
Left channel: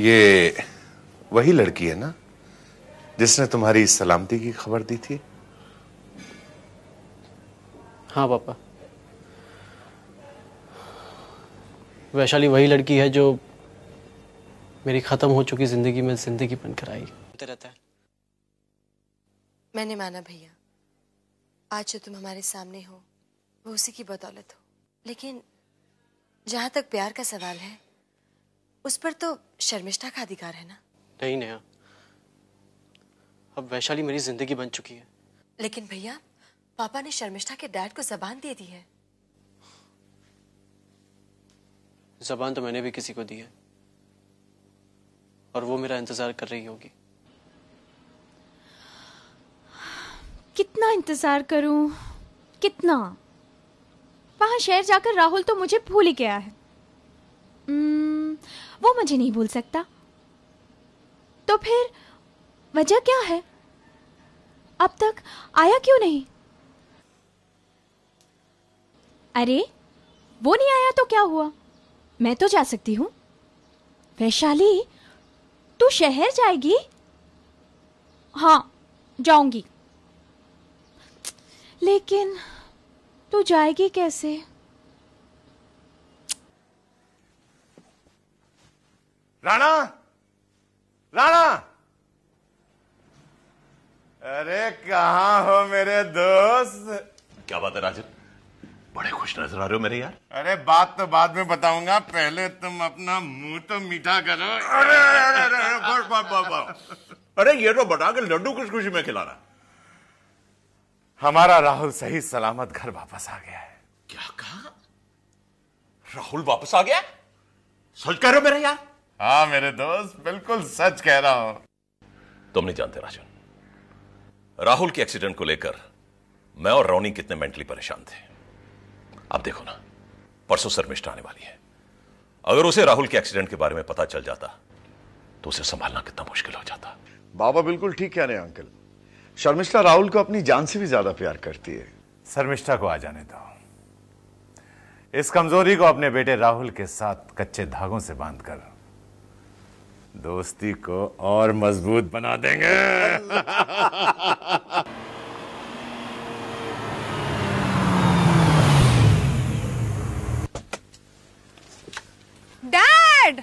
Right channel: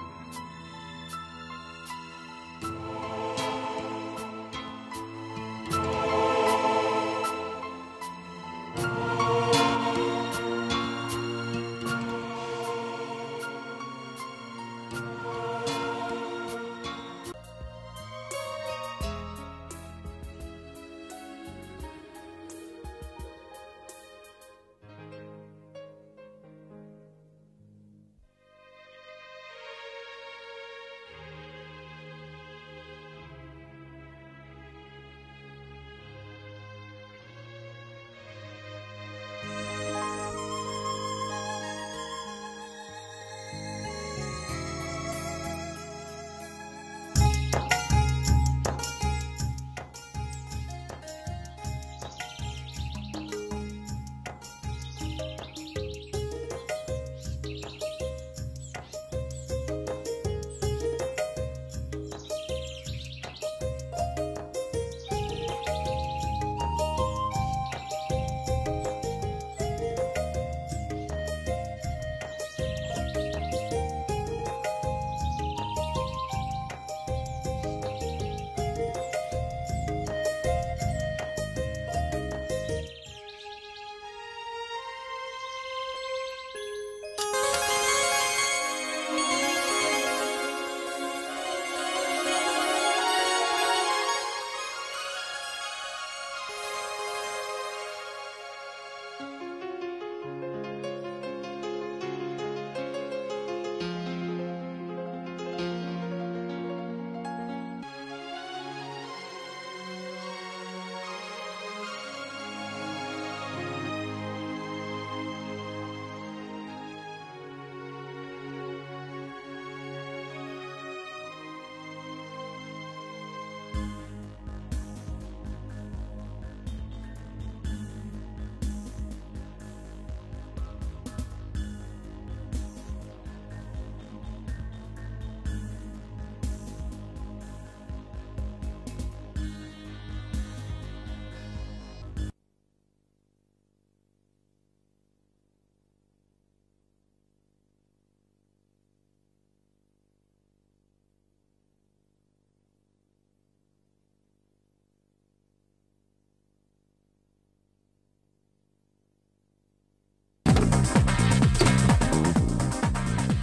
ये वही लड़की है ना जिसने तुम्हारी सलामती की खबर दी थी? हाँ पापा, वैशाली वही लड़की है जो मेरी खत्म हो चुकी जिंदगी में जिंदगी बनकर आई। रहता है। मैंने माना भैया, आज जो तुम हमारे सामने हो वो उसी की बदौलत हो, लेकिन जहां तक प्यार का सवाल है उस पर तो शर्मिष्ठा का अधिकार है ना? नहीं नेहा, अब वैशाली मेरी जिंदगी बन चुकी है। लेकिन भैया पापा ने शर्मिष्ठा के डैड को जबान दे दी है। जबान तो मैंने भी किसी को दी है और वो मेरा इंतजार कर रही होगी। कितना इंतजार करूं? कितना? वहां शहर जाकर राहुल तो मुझे भूल ही गया है। वो मुझे नहीं भूल सकता। तो फिर वजह क्या है? अब तक आया क्यों नहीं? अरे वो नहीं आया तो क्या हुआ? मैं तो जा सकती हूँ। वैशाली तू शहर जाएगी? हाँ जाऊंगी, लेकिन तू जाएगी कैसे? राणा, राणा, अरे कहाँ हो मेरे दोस्त? क्या बात है राजू, बड़े खुश नजर आ रहे हो मेरे यार। अरे बात तो बाद में बताऊंगा, पहले तुम अपना मुंह तो मीठा करो। अरे अरे ये तो बता के लड्डू किस खुशी में खिला रहा? हमारा राहुल सही सलामत घर वापस आ गया है। क्या कहा? राहुल वापस आ गया? सच कह रहे हो मेरे यार? हाँ मेरे दोस्त, बिल्कुल सच कह रहा हूं। तुम नहीं जानते राजन, राहुल के एक्सीडेंट को लेकर मैं और रोनी कितने मेंटली परेशान थे। अब देखो ना, परसों शर्मिष्ठा आने वाली है। अगर उसे राहुल के एक्सीडेंट के बारे में पता चल जाता तो उसे संभालना कितना मुश्किल हो जाता। बाबा बिल्कुल ठीक कह रहे हैं अंकल। शर्मिष्ठा राहुल को अपनी जान से भी ज्यादा प्यार करती है। शर्मिष्ठा को आ जाने दो। इस कमजोरी को अपने बेटे राहुल के साथ कच्चे धागों से बांधकर दोस्ती को और मजबूत बना देंगे। Dad!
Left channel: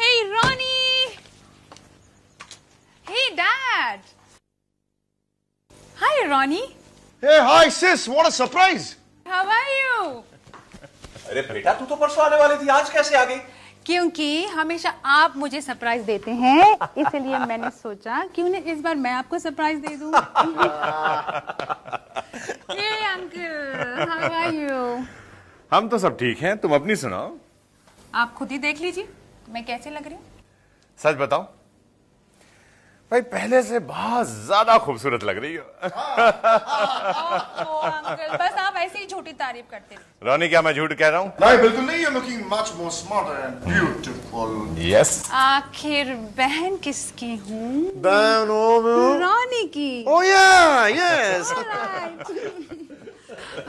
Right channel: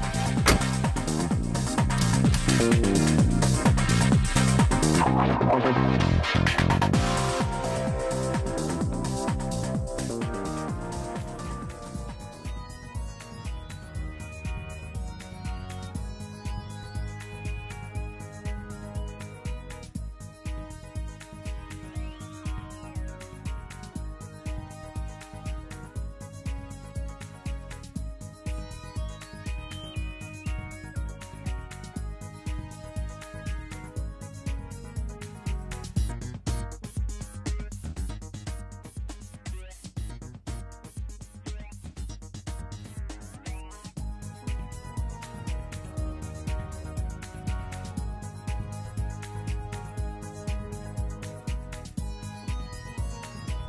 Hey, Ronnie! Hey, Dad! Hi, Ronnie. Hey, hi sis, what a surprise! How are you? अरे बेटा, तू तो परसों आने वाली थी, आज कैसे आ गई? क्योंकि हमेशा आप मुझे सरप्राइज देते हैं, इसलिए मैंने सोचा क्यों न इस बार मैं आपको सरप्राइज दे दूं। Hey, uncle, how are you? हम तो सब ठीक हैं, तुम अपनी सुनाओ। आप खुद ही देख लीजिए मैं कैसे लग रही हूँ। सच बताओ भाई, पहले से बहुत ज्यादा खूबसूरत लग रही हो। अंकल, बस आप ऐसे ही झूठी तारीफ करते हैं। रोनी, क्या मैं झूठ कह रहा हूँ? नहीं बिल्कुल नहीं, you're looking much more smarter and beautiful. Yes. आखिर बहन किसकी हूँ? बहन रोनी की। Oh yeah, yes.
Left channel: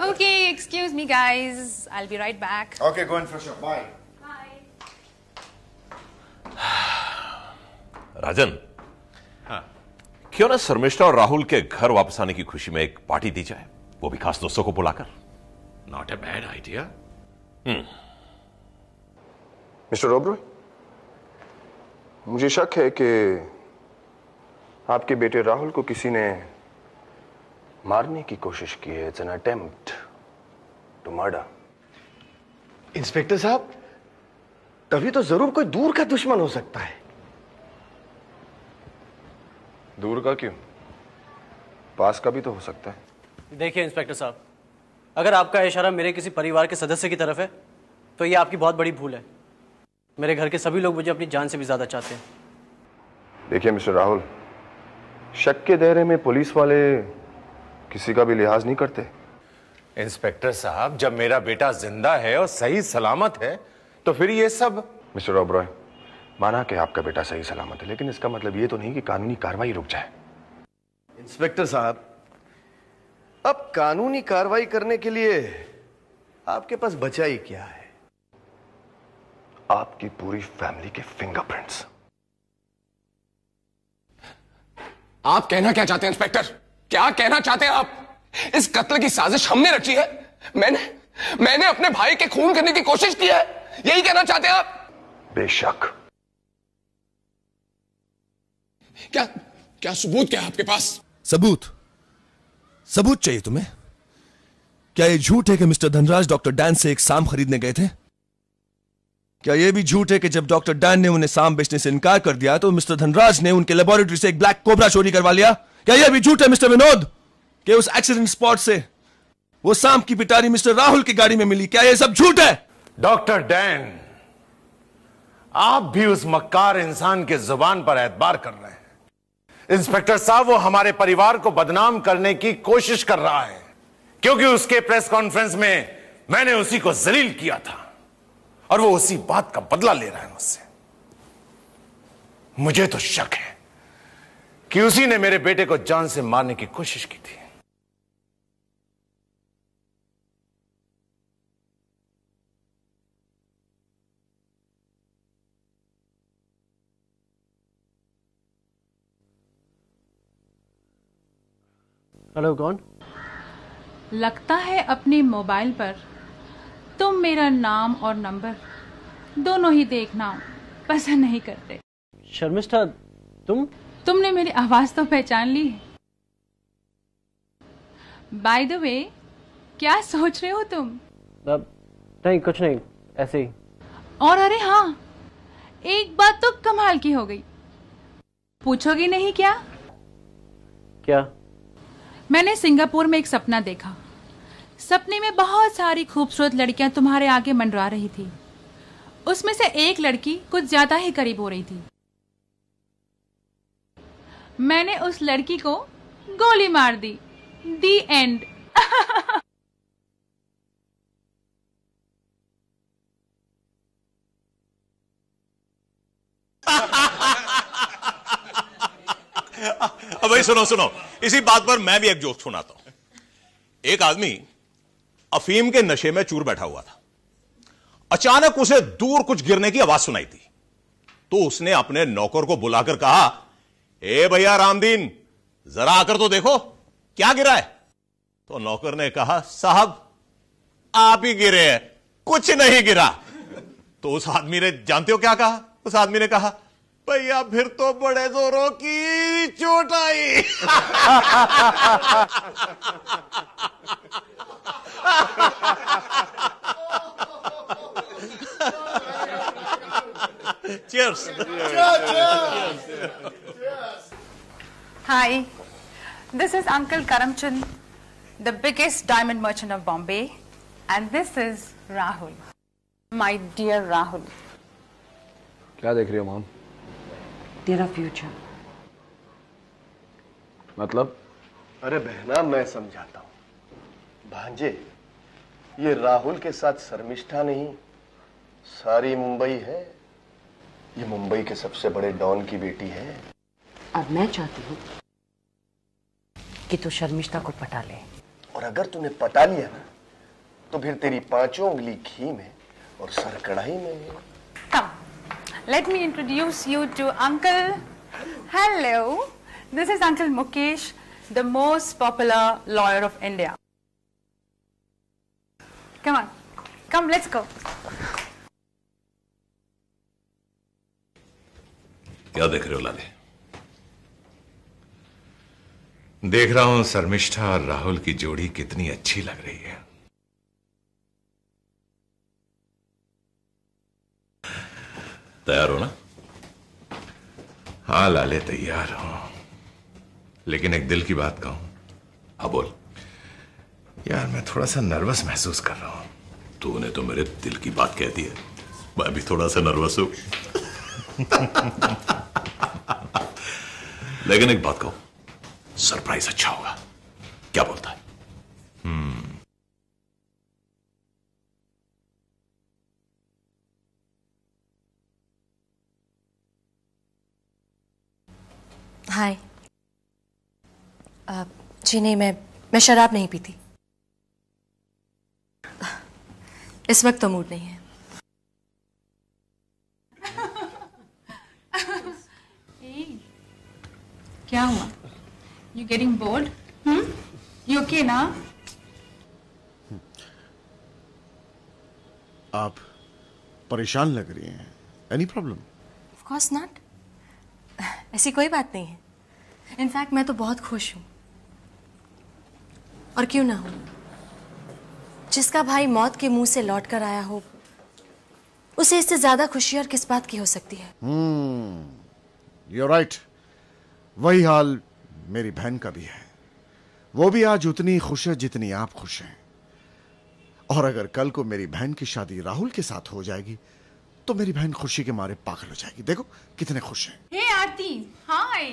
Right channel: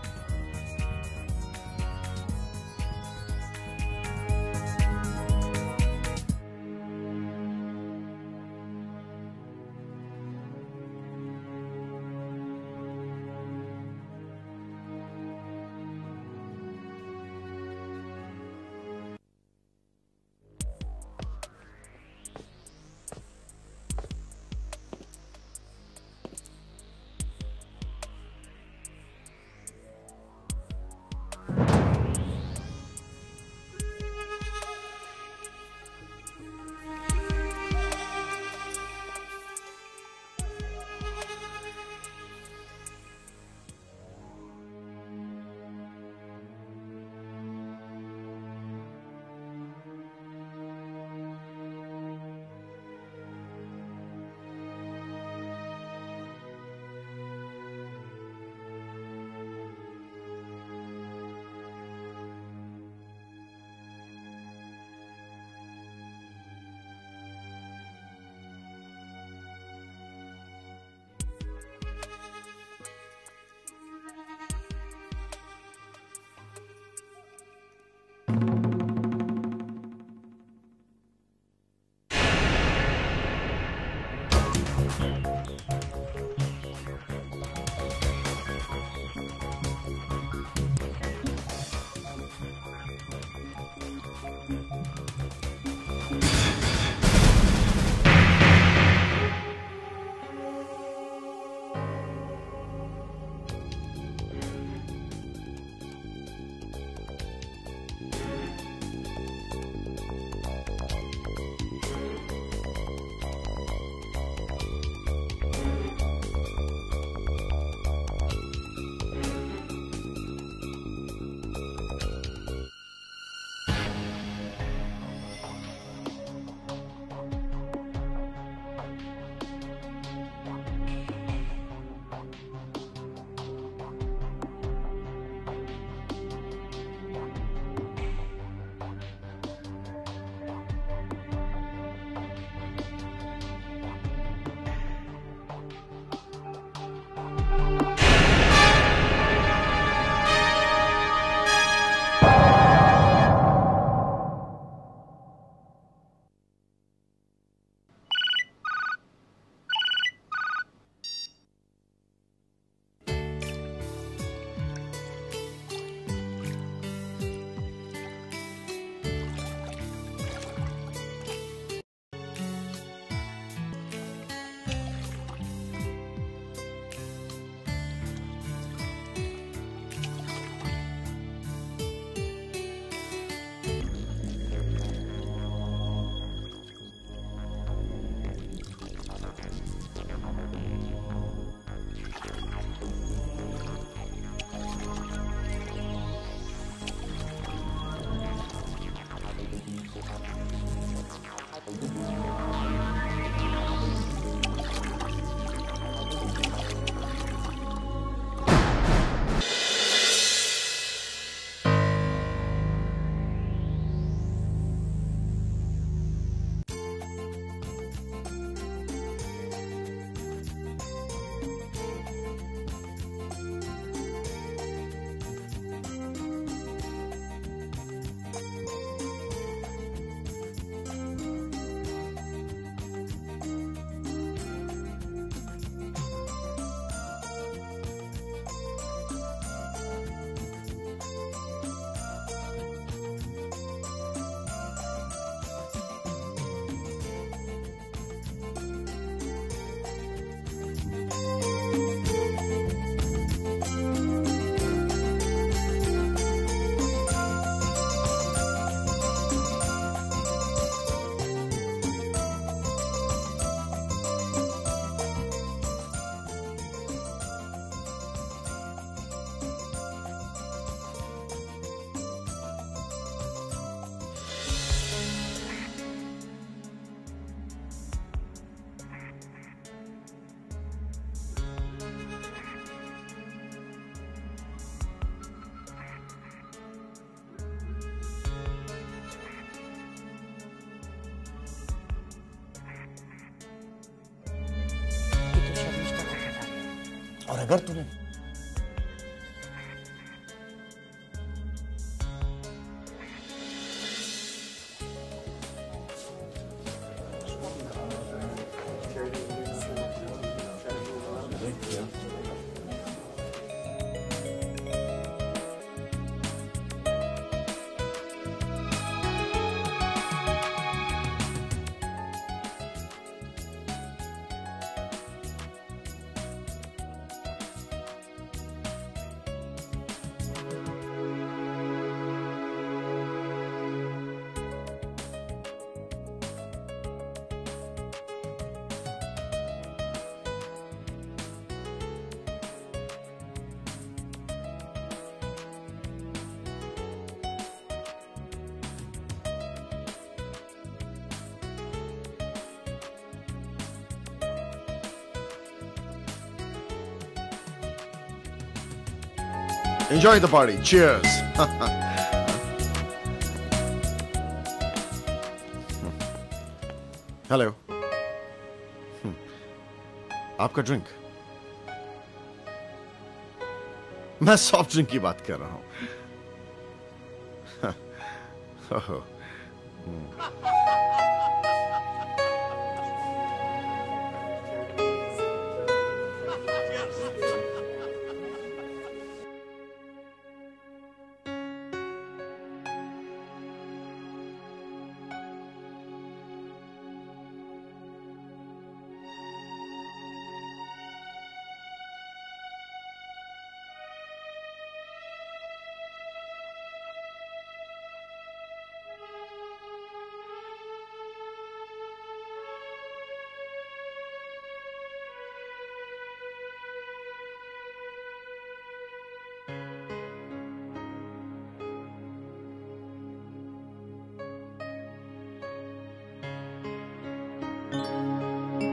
Okay, excuse me guys, I'll be right back. Okay, go and freshen up. Bye. राजन, क्यों ना शर्मिष्ठा और राहुल के घर वापस आने की खुशी में एक पार्टी दी जाए, वो भी खास दोस्तों को बुलाकर। Not a bad idea. Mister Oberoi, मुझे शक है कि आपके बेटे राहुल को किसी ने मारने की कोशिश की है। It's an attempt to murder. Inspector साहब, तभी तो जरूर कोई दूर का दुश्मन हो सकता है। दूर का क्यों, पास का भी तो हो सकता है। देखिए इंस्पेक्टर साहब, अगर आपका इशारा मेरे किसी परिवार के सदस्य की तरफ है तो ये आपकी बहुत बड़ी भूल है। मेरे घर के सभी लोग मुझे अपनी जान से भी ज्यादा चाहते हैं। देखिए मिस्टर राहुल, शक के दायरे में पुलिस वाले किसी का भी लिहाज नहीं करते। इंस्पेक्टर साहब, जब मेरा बेटा जिंदा है और सही सलामत है तो फिर ये सब। मिस्टर ओबरॉय, माना कि आपका बेटा सही सलामत है, लेकिन इसका मतलब ये तो नहीं कि कानूनी कार्रवाई रुक जाए। इंस्पेक्टर साहब, अब कानूनी कार्रवाई करने के लिए आपके पास बचा ही क्या है? आपकी पूरी फैमिली के फिंगरप्रिंट्स। आप कहना क्या चाहते हैं इंस्पेक्टर? क्या कहना चाहते हैं आप? इस कत्ल की साजिश हमने रची है। मैंने अपने भाई के खून करने की कोशिश की है, यही कहना चाहते हैं आप? बेशक। क्या सबूत क्या है आपके पास? सबूत चाहिए तुम्हें? क्या ये झूठ है कि मिस्टर धनराज डॉक्टर डैन से एक सांप खरीदने गए थे? क्या ये भी झूठ है कि जब डॉक्टर डैन ने उन्हें सांप बेचने से इनकार कर दिया तो मिस्टर धनराज ने उनके लेबोरेटरी से एक ब्लैक कोबरा चोरी करवा लिया? क्या यह भी झूठ है मिस्टर विनोद कि उस एक्सीडेंट स्पॉट से वो सांप की पिटारी मिस्टर राहुल की गाड़ी में मिली? क्या यह सब झूठ है? डॉक्टर डैन, आप भी उस मक्कार इंसान के जुबान पर एतबार कर रहे हैं। इंस्पेक्टर साहब, वो हमारे परिवार को बदनाम करने की कोशिश कर रहा है, क्योंकि उसके प्रेस कॉन्फ्रेंस में मैंने उसी को जलील किया था और वो उसी बात का बदला ले रहा है मुझसे। मुझे तो शक है कि उसी ने मेरे बेटे को जान से मारने की कोशिश की थी। हेलो, कौन? लगता है अपने मोबाइल पर तुम मेरा नाम और नंबर दोनों ही देखना पसंद नहीं करते। शर्मिष्ठा, तुमने मेरी आवाज तो पहचान ली। बाय द वे, क्या सोच रहे हो तुम? नहीं, कुछ नहीं, ऐसे ही। और अरे हाँ, एक बात तो कमाल की हो गई। पूछोगी नहीं क्या? क्या? मैंने सिंगापुर में एक सपना देखा। सपने में बहुत सारी खूबसूरत लड़कियां तुम्हारे आगे मंडरा रही थी। उसमें से एक लड़की कुछ ज्यादा ही करीब हो रही थी। मैंने उस लड़की को गोली मार दी। दी एंड। अब भाई सुनो सुनो, इसी बात पर मैं भी एक जोक सुनाता हूं। एक आदमी अफीम के नशे में चूर बैठा हुआ था। अचानक उसे दूर कुछ गिरने की आवाज सुनाई दी, तो उसने अपने नौकर को बुलाकर कहा, ए भैया रामदीन, जरा आकर तो देखो क्या गिरा है। तो नौकर ने कहा, साहब आप ही गिरे हैं, कुछ नहीं गिरा। तो उस आदमी ने, जानते हो क्या कहा? उस आदमी ने कहा, भैया फिर तो बड़े जोरों की चोट आई। Cheers. Hi, this is Uncle Karamchand, the biggest diamond merchant of Bombay, and this is Rahul, my dear Rahul. क्या देख रही हो मॉम? तेरा फ्यूचर। मतलब? अरे बहना, मैं समझाता हूं। भांजे, ये राहुल के साथ शर्मिष्ठा नहीं, सारी मुंबई है। ये मुंबई के सबसे बड़े डॉन की बेटी है। और मैं चाहती हूँ कि तू शर्मिष्ठा को पटा ले। और अगर तूने पटा लिया ना, तो फिर तेरी 5 उंगली घी में और सर कढ़ाई में। Come, let me introduce you to Uncle. Hello, this is Uncle Mukesh, the most popular lawyer of India. Come on, come, let's go. क्या देख रहे हो लाले? देख रहा हूं शर्मिष्ठा और राहुल की जोड़ी कितनी अच्छी लग रही है। तैयार हो ना? हाँ लाले, तैयार हो। लेकिन एक दिल की बात कहूं। हाँ बोल। यार मैं थोड़ा सा नर्वस महसूस कर रहा हूं। तूने तो मेरे दिल की बात कह दी है, मैं भी थोड़ा सा नर्वस हूं। लेकिन एक बात कहूं, सरप्राइज अच्छा होगा। क्या बोलता है? Enjoy the party. Cheers. Hello. Hi. आपका ड्रिंक? जी नहीं, मैं शराब नहीं पीती। मैं सॉफ्ट ड्रिंक की बात कर रहा हूँ। इस वक्त तो मूड नहीं है। क्या हुआ? You getting bored? You okay ना? आप परेशान लग रही हैं। Any problem? Of course not. ऐसी कोई बात नहीं है। इनफैक्ट मैं तो बहुत खुश हूँ। और क्यों ना हूँ? जिसका भाई मौत के मुंह से लौट कर आया हो, उसे इससे ज्यादा खुशी और किस बात की हो सकती है? You're right. वही हाल मेरी बहन का भी है। वो भी आज उतनी खुश है जितनी आप खुश हैं। और अगर कल को मेरी बहन की शादी राहुल के साथ हो जाएगी, तो मेरी बहन खुशी के मारे पागल हो जाएगी। देखो कितने खुश हैं। Hey Aarti, hi.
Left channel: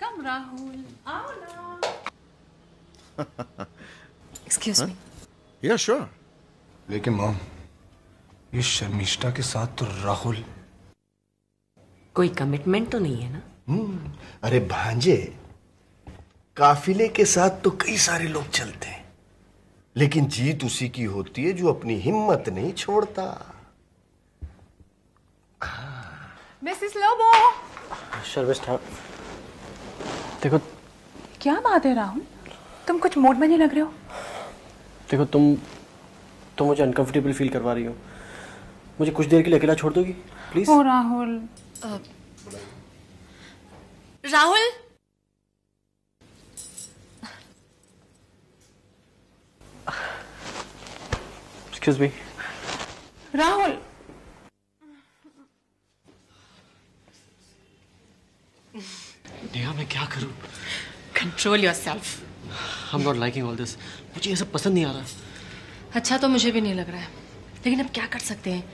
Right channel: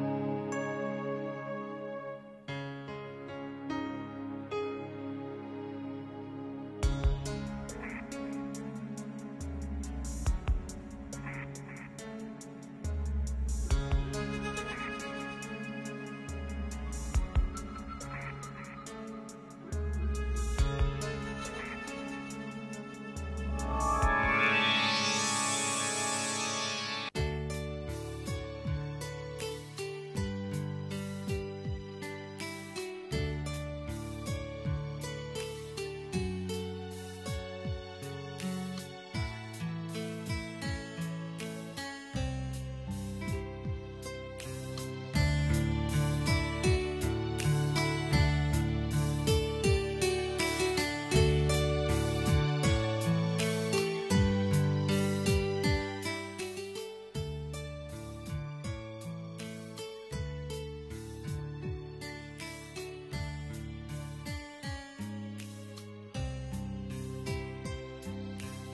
Come Rahul. Excuse me. Yeah, sure. लेकिन मॉम, ये शर्मिष्ठा के साथ तो राहुल। कोई कमिटमेंट तो नहीं है ना? अरे भांजे, काफिले के साथ तो कई सारे लोग चलते हैं, लेकिन जीत उसी की होती है जो अपनी हिम्मत नहीं छोड़ता। This is Lobo. शर्मिष्ठा, देखो। क्या बात है राहुल? तुम कुछ मूड में नहीं लग रहे हो। देखो तुम मुझे अनकंफर्टेबल फील करवा रही हो। मुझे कुछ देर के लिए अकेला छोड़ दोगी प्लीज? ओ Rahul. Rahul, excuse me. Rahul, Control yourself. I'm not liking all this. मुझे ये सब पसंद नहीं आ रहा। अच्छा तो मुझे भी नहीं लग रहा है, लेकिन अब क्या कर सकते हैं?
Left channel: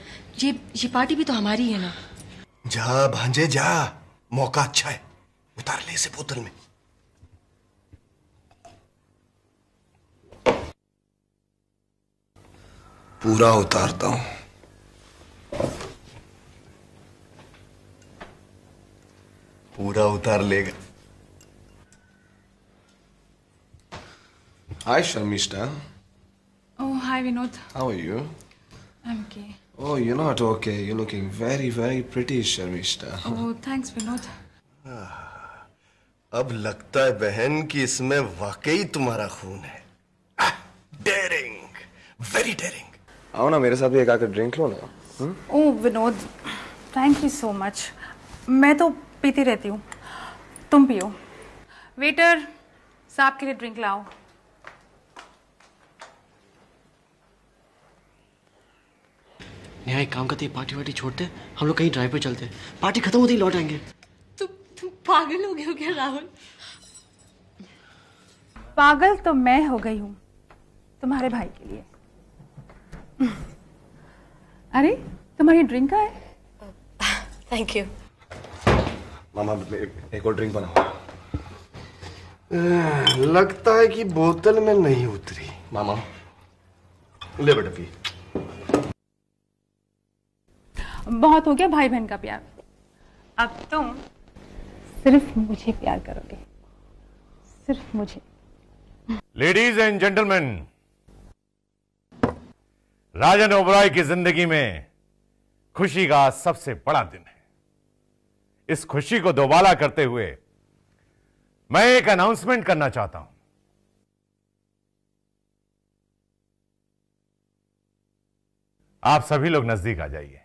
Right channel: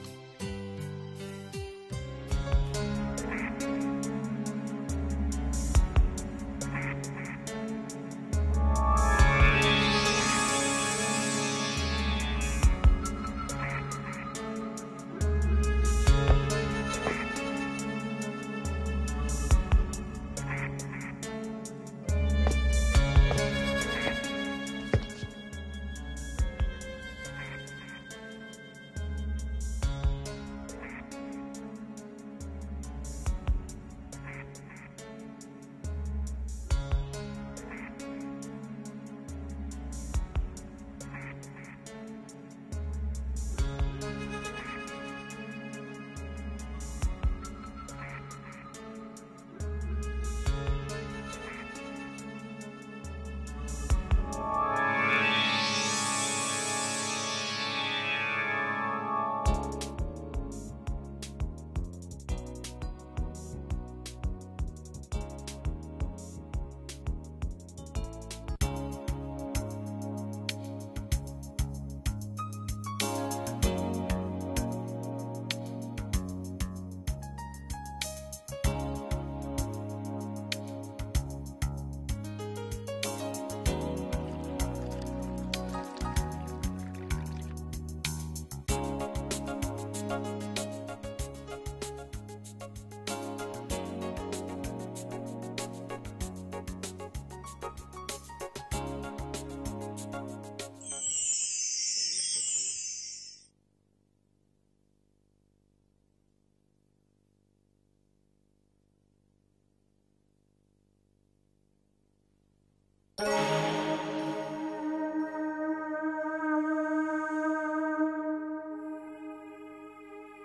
ये पार्टी भी तो हमारी है ना। जा भांजे जा, मौका अच्छा है, उतार ले इसे बोतल में। पूरा उतारता हूं। पूरा उतार लेगा। Hi, Sharmishta. Oh, hi, Vinod. How are you? I'm okay. Oh, you're not okay. You're looking very, very pretty, Sharmishta. Oh, thanks, Vinod. अब लगता है बहन कि इसमें वाकई तुम्हारा खून है। Daring, very daring. आओ ना मेरे साथ भी एक आकर ड्रिंक लो ना। Oh Vinod, thank you so much. मैं तो पीती रहती हूँ, तुम पियो। वेटर, साहब के लिए ड्रिंक लाओ। यहाँ एक काम करते, पार्टी वार्टी छोड़ते, हम लोग कहीं ड्राइव पे चलते, पार्टी खत्म होते ही लौट आएंगे। तुम पागल हो गए हो क्या राहुल? पागल तो मैं हो गई हूँ तुम्हारे भाई के लिए। अरे तुम्हारी ड्रिंक है? Thank you. मामा एक और ड्रिंक बनाओ। लगता है कि बोतल में नहीं उतरी। मामा ले बेटा पी। बहुत हो गया भाई बहन का प्यार, अब तुम सिर्फ मुझे प्यार करोगे, सिर्फ मुझे। लेडीज एंड जेंटलमैन, राजन ओबरॉय की जिंदगी में खुशी का सबसे बड़ा दिन है। इस खुशी को दोबारा करते हुए मैं एक अनाउंसमेंट करना चाहता हूं। आप सभी लोग नजदीक आ जाइए।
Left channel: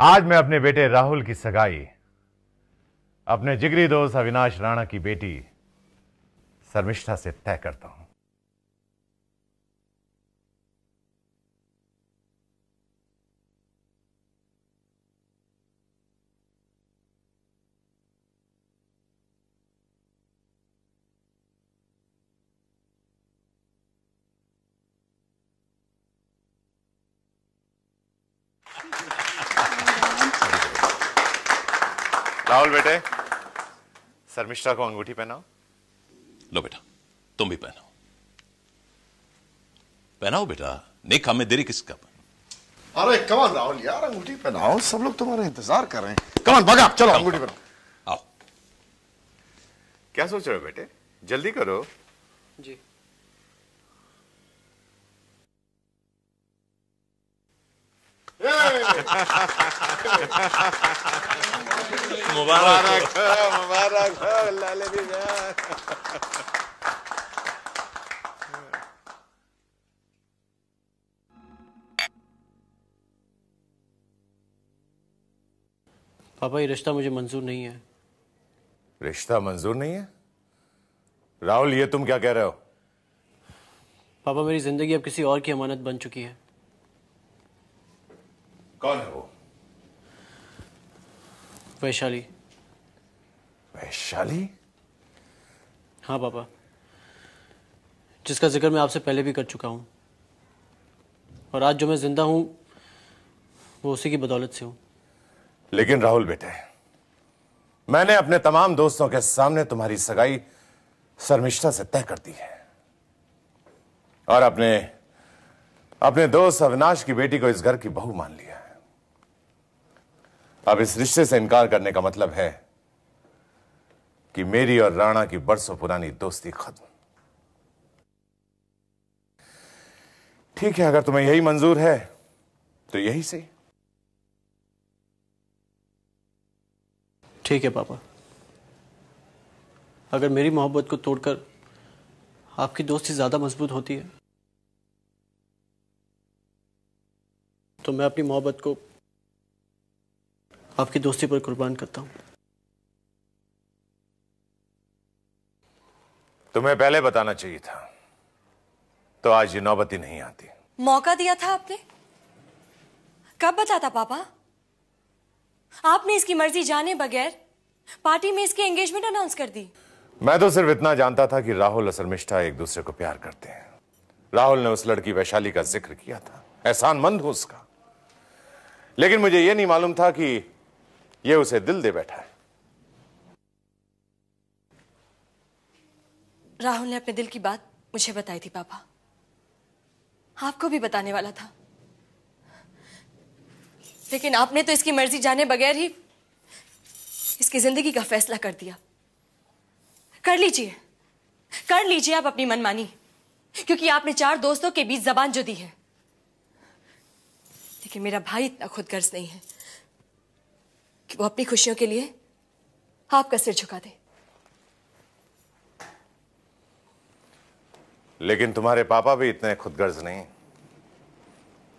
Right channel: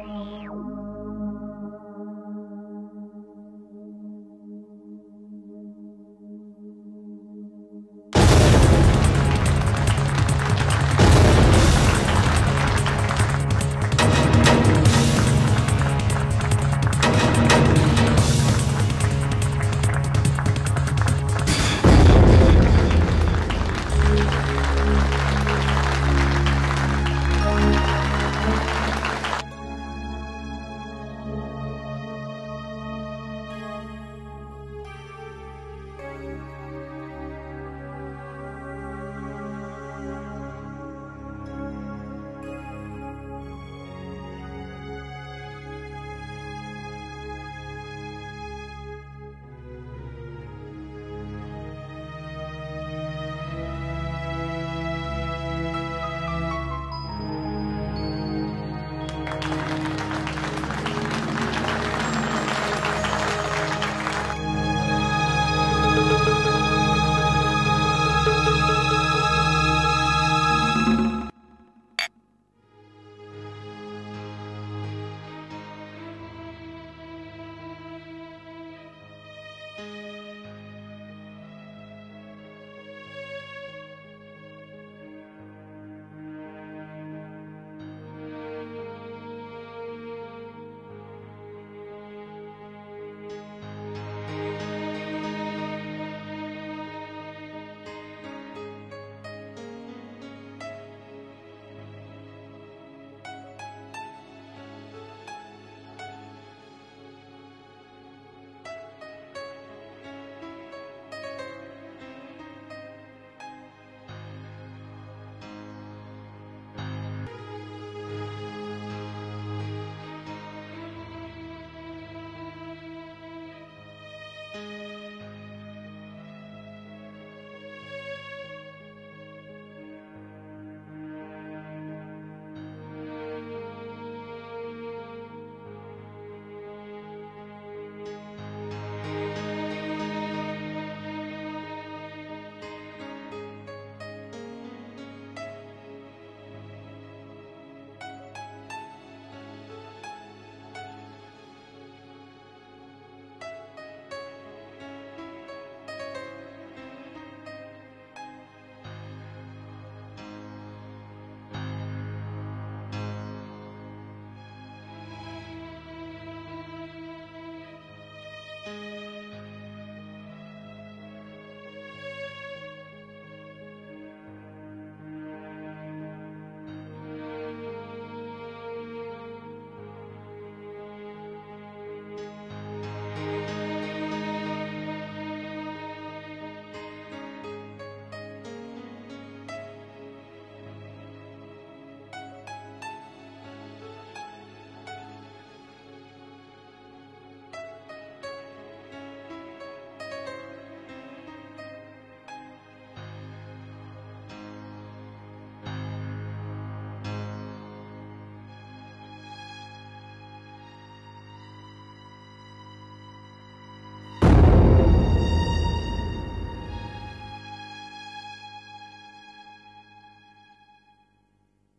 आज मैं अपने बेटे राहुल की सगाई अपने जिगरी दोस्त अविनाश राणा की बेटी शर्मिष्ठा से तय करता हूं। राहुल बेटे, शर्मिष्ठा को अंगूठी पहनाओ। लो बेटा, तुम भी पहनाओ। पहनाओ बेटा, नहीं काम में देरी किसका? अरे कमान राहुल यार, अंगूठी पहनाओ, सब लोग तुम्हारा इंतजार कर रहे हैं। कमान भागा, चलो अंगूठी पहनाओ। आओ। क्या सोच रहे हो बेटे? जल्दी करो। मुबारक मुबारक। पापा ये रिश्ता मुझे मंजूर नहीं है। रिश्ता मंजूर नहीं है? राहुल ये तुम क्या कह रहे हो? पापा मेरी जिंदगी अब किसी और की अमानत बन चुकी है। कौन है वो? वैशाली। वैशाली? हाँ पापा, जिसका जिक्र मैं आपसे पहले भी कर चुका हूँ, और आज जो मैं जिंदा हूँ वो उसी की बदौलत से हूँ। लेकिन राहुल बेटे, मैंने अपने तमाम दोस्तों के सामने तुम्हारी सगाई शर्मिष्ठा से तय कर दी है, और अपने दोस्त अविनाश की बेटी को इस घर की बहू मान लिया। अब इस रिश्ते से इनकार करने का मतलब है कि मेरी और राणा की बरसों पुरानी दोस्ती खत्म। ठीक है, अगर तुम्हें यही मंजूर है तो यही सही। ठीक है पापा, अगर मेरी मोहब्बत को तोड़कर आपकी दोस्ती ज्यादा मजबूत होती है तो मैं अपनी मोहब्बत को आपकी दोस्ती पर कुर्बान करता हूं। तुम्हें पहले बताना चाहिए था, तो आज ये नौबत ही नहीं आती। मौका दिया था आपने, कब बताता पापा? आपने इसकी मर्जी जाने बगैर पार्टी में इसकी एंगेजमेंट अनाउंस कर दी। मैं तो सिर्फ इतना जानता था कि राहुल और शर्मिष्ठा एक दूसरे को प्यार करते हैं। राहुल ने उस लड़की वैशाली का जिक्र किया था, एहसानमंद हो उसका, लेकिन मुझे यह नहीं मालूम था कि यह उसे दिल दे बैठा है। राहुल ने अपने दिल की बात मुझे बताई थी पापा, आपको भी बताने वाला था, लेकिन आपने तो इसकी मर्जी जाने बगैर ही इसकी जिंदगी का फैसला कर दिया। कर लीजिए आप अपनी मनमानी, क्योंकि आपने 4 दोस्तों के बीच जबान जो दी है, लेकिन मेरा भाई इतना खुदगर्ज नहीं है कि वो अपनी खुशियों के लिए आपका सिर झुका दे। लेकिन तुम्हारे पापा भी इतने खुदगर्ज नहीं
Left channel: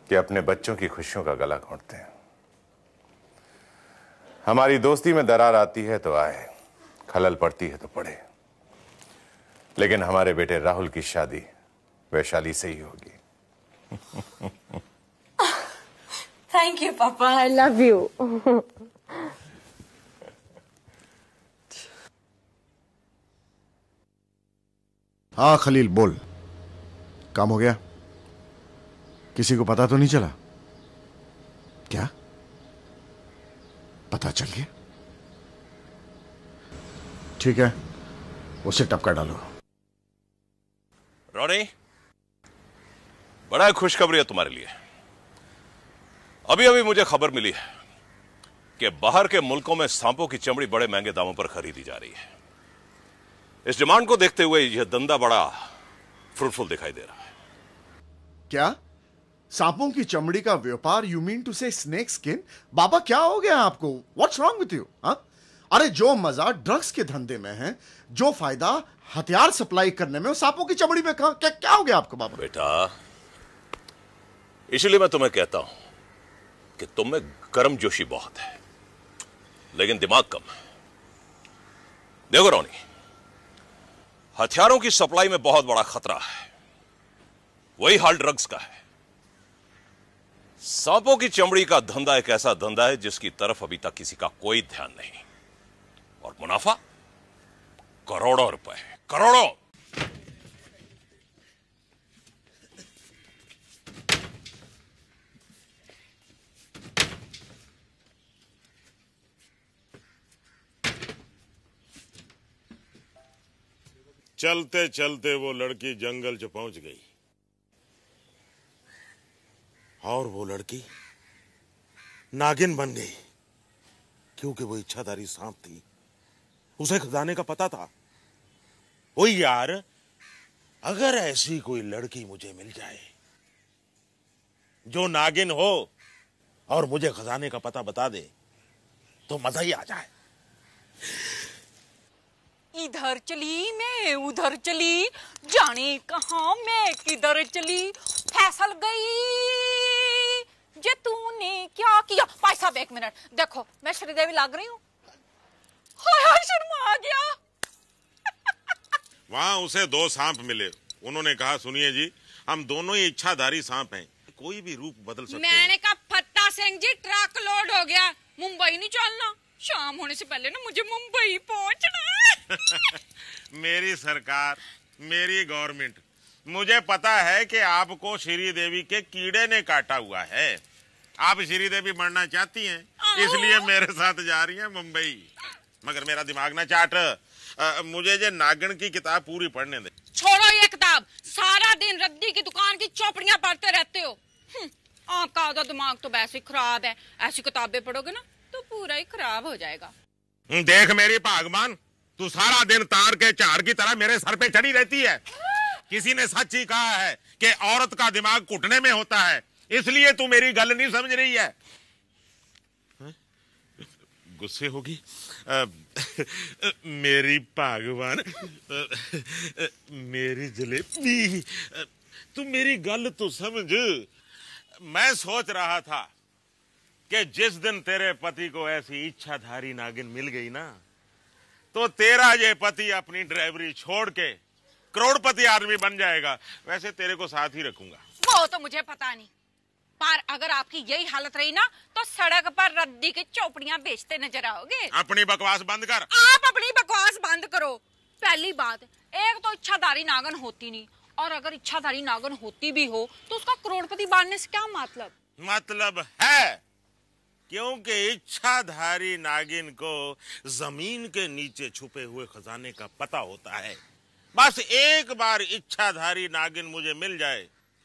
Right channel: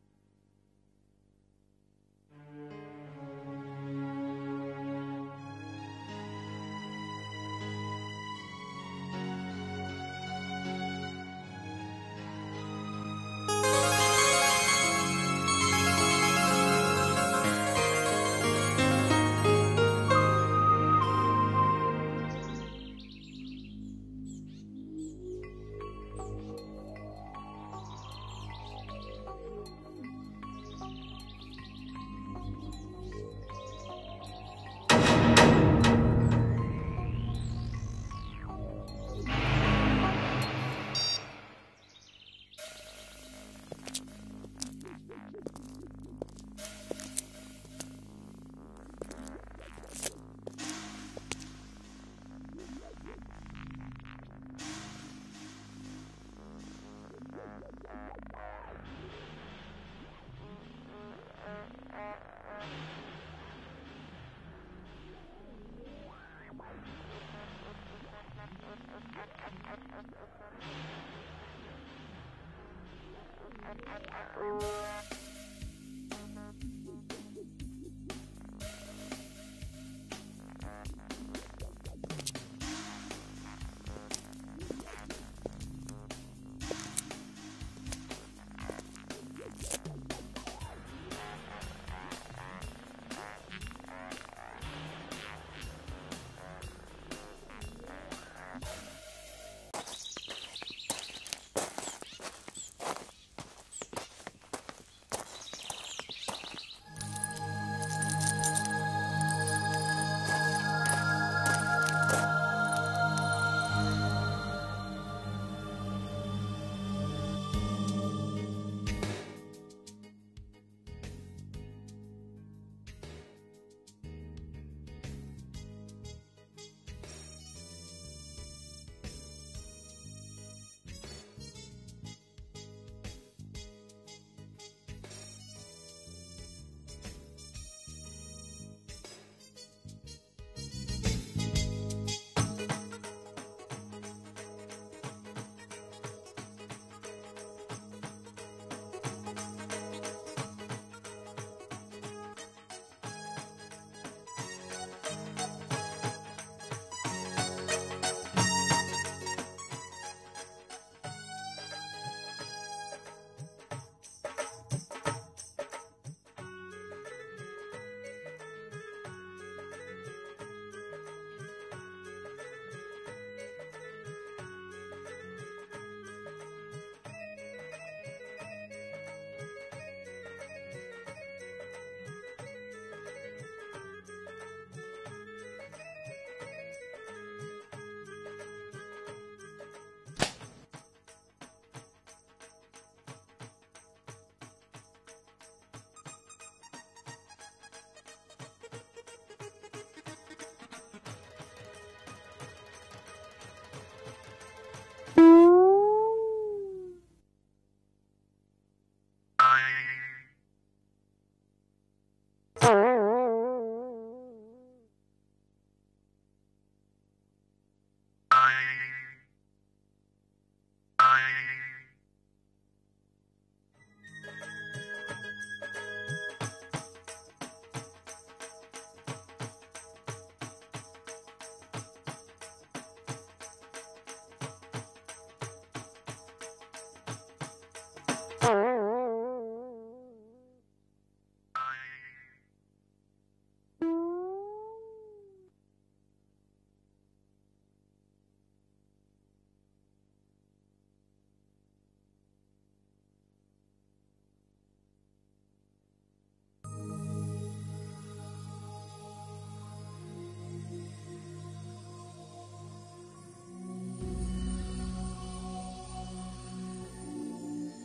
कि अपने बच्चों की खुशियों का गला घोंटते हैं। हमारी दोस्ती में दरार आती है तो आए, खलल पड़ती है तो पड़े, लेकिन हमारे बेटे राहुल की शादी वैशाली से ही होगी। थैंक यू पापा, आई लव यू। हाँ खलील बोल, काम हो गया? किसी को पता तो नहीं चला? क्या पता चल गया? ठीक है, उसे टपका डालो। रॉनी, बड़ा खुशखबरी है तुम्हारे लिए। अभी अभी मुझे खबर मिली है कि बाहर के मुल्कों में सांपों की चमड़ी बड़े महंगे दामों पर खरीदी जा रही है। इस डिमांड को देखते हुए यह धंधा बड़ा फ्रूटफुल दिखाई दे रहा है। क्या सांपों की चमड़ी का व्यापार? यू मीन टू से स्नेक स्किन? बाबा क्या हो गया आपको? What's wrong with you? अरे जो मजा ड्रग्स के धंधे में है, जो फायदा हथियार सप्लाई करने में, सांपों की चमड़ी में कहां? क्या हो गया आपको बाबा? बेटा, इसलिए मैं तुम्हें कहता हूं कि तुम में गर्मजोशी बहुत है लेकिन दिमाग कम है। देखो रोनी, हथियारों की सप्लाई में बहुत बड़ा खतरा है, वही हाल ड्रग्स का है। सांपों की चमड़ी का धंधा एक ऐसा धंधा है जिसकी तरफ अभी तक किसी का कोई ध्यान नहीं, और मुनाफा करोड़ों रुपए है, करोड़ों। चलते चलते वो लड़की जंगल जो पहुंच गई, और वो लड़की नागिन बन गई, क्योंकि वो इच्छाधारी सांप थी। उसे खजाने का पता था। ओ यार, अगर ऐसी कोई लड़की मुझे मिल जाए जो नागिन हो और मुझे खजाने का पता बता दे तो मजा ही आ जाए। इधर चली मैं उधर चली, जाने कहां मैं किधर चली, फैसल गई जे तूने क्या किया। भाई साहब एक मिनट देखो, मैं श्रीदेवी लग रही हूँ। हाय शर्मा आ गया। वहाँ उसे 2 सांप मिले। उन्होंने कहा, सुनिए जी, हम दोनों ही इच्छाधारी सांप हैं, कोई भी रूप बदल सकते हैं। मैंने कहा फत्ता सिंह जी ट्रक लोड हो गया, मुंबई नहीं चलना, शाम होने से पहले ना मुझे मुंबई पहुंचना है। मेरी सरकार, मेरी गवर्नमेंट, मुझे पता है कि आपको श्रीदेवी के कीड़े ने काटा हुआ है। आप श्रीदेवी मरना चाहती हैं, इसलिए मेरे साथ जा रही हैं मुंबई। मगर मेरा दिमाग ना चाट, मुझे ये नागिन की किताब पूरी पढ़ने दे। छोड़ो ये किताब, सारा दिन रद्दी की दुकान की चौपड़ियां पढ़ते रहते हो। आपका आधा दिमाग तो वैसे ही खराब है, ऐसी किताबें पढ़ोगे ना तो पूरा ही खराब हो जाएगा। देख मेरी भागमान, तू सारा दिन तार के चार की तरह मेरे सर पे चढ़ी रहती है। किसी ने सच ही कहा है कि औरत का दिमाग घुटने में होता है, इसलिए तू मेरी गल नहीं समझ रही है। गुस्से होगी मेरी भागवान, मेरी जलेबी, तू मेरी गल तो समझ। मैं सोच रहा था कि जिस दिन तेरे पति को ऐसी इच्छाधारी नागिन मिल गई ना, तो तेरा ये पति अपनी ड्राइवरी छोड़ के करोड़पति आदमी बन जाएगा। वैसे तेरे को साथ ही रखूंगा। वो तो मुझे पता नहीं, पर अगर आपकी यही हालत रही ना तो सड़क पर रद्दी की चौपड़ियां बेचते नजर आओगे। अपनी बकवास बंद कर। आप अपनी बकवास बंद करो। पहली बात, एक तो इच्छाधारी नागन होती नहीं, और अगर इच्छाधारी नागन होती भी हो तो उसका करोड़पति बनने से क्या मतलब? मतलब है, क्योंकि इच्छाधारी नागिन को जमीन के नीचे छुपे हुए खजाने का पता होता है। बस एक बार इच्छाधारी नागिन मुझे मिल जाए,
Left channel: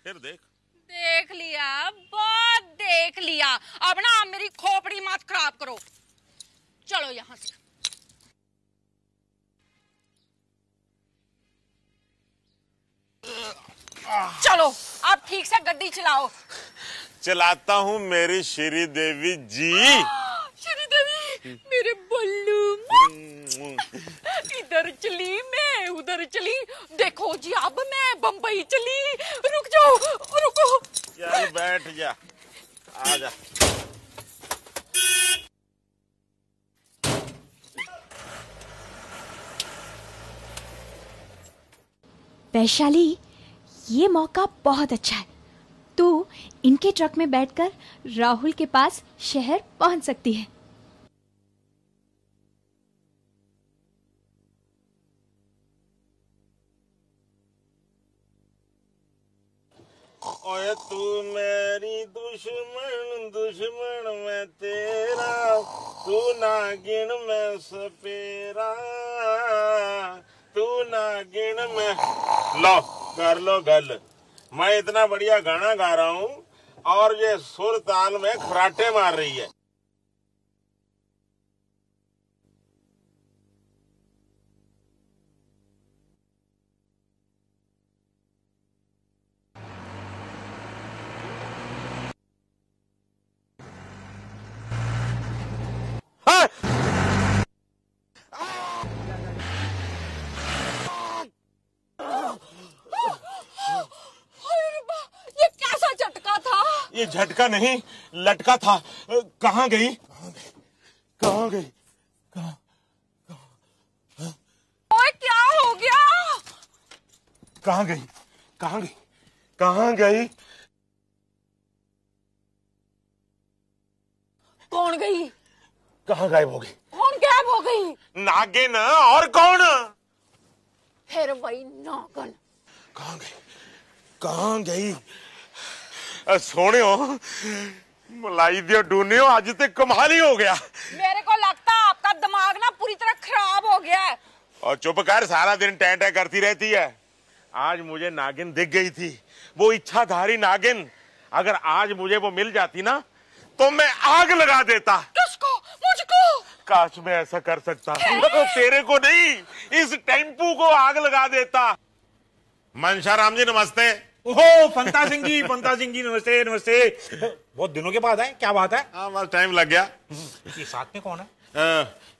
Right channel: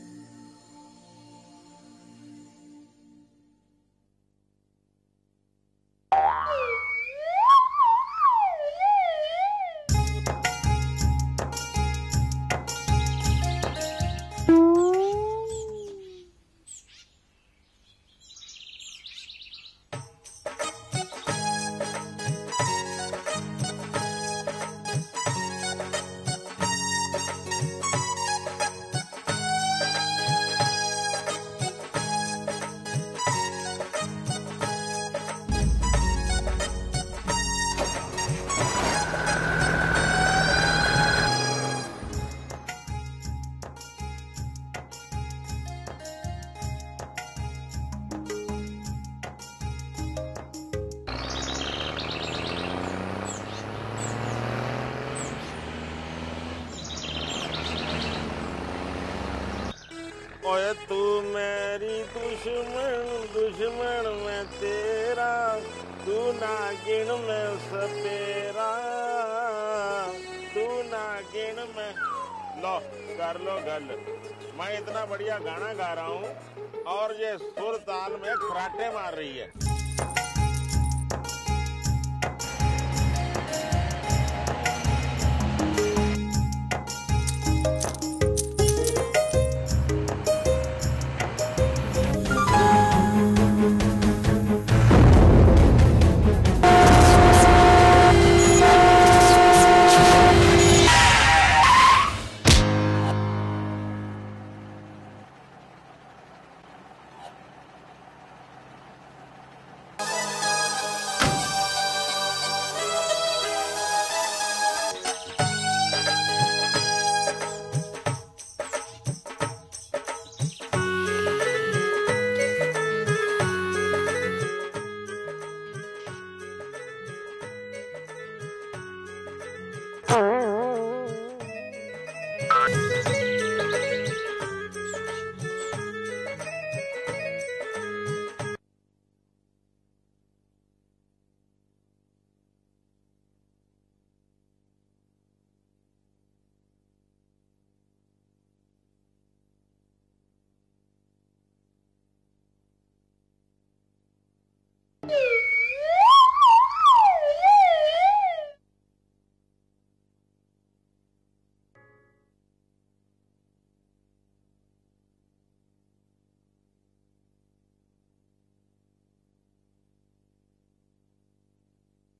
फिर देख लिया, बहुत देख लिया। अब ना आप मेरी खोपड़ी मत खराब करो। चलो यहाँ से। चलो आप ठीक से गड्डी चलाओ। चलाता हूँ मेरी श्री देवी जी। श्री देवी, मेरे पल्लू। इधर चली मैं, उधर चली। देखो जी अब मैं बम्बई चली। रुक जाओ, रुको। चल बैठ जा, आ जा। वैशाली, ये मौका बहुत अच्छा है। तू इनके ट्रक में बैठकर राहुल के पास शहर पहुंच सकती है। ओए तू मेरी दुश्मन, दुश्मन मैं तेरा, तू नागिन मैं सपेरा, तू नागिन मैं। लो कर लो गल। मैं इतना बढ़िया गाना गा रहा हूँ और ये सुर ताल में खराटे मार रही है। ये झटका नहीं, लटका था। कहाँ गई? कहाँ गई? ओए क्या हो गया? कहाँ गई? कहाँ गई? कहाँ गई? कौन गई? कहाँ गायब हो गई? कौन गायब हो गई? नागिन। और कौन? फिर वही नागिन। कहाँ गई? सोनियो, मलाई दियो डूनियो, आज तक कमाल ही हो गया। मेरे को लगता है आपका दिमाग ना पूरी तरह खराब हो गया है। और चुप कर, सारा दिन टैं टैं करती रहती है। आज मुझे नागिन दिख गई थी, वो इच्छाधारी नागिन। अगर आज मुझे वो मिल जाती ना तो मैं आग लगा देता। किसको? मुझको? काश मैं ऐसा कर सकता। तेरे को नहीं, इस टेम्पू को आग लगा देता। मनशा राम जी नमस्ते। ओहो पंता सिंह जी नमस्ते नमस्ते। बहुत दिनों के बाद आए, क्या बात है? हाँ बस टाइम लग गया। ये साथ में कौन है?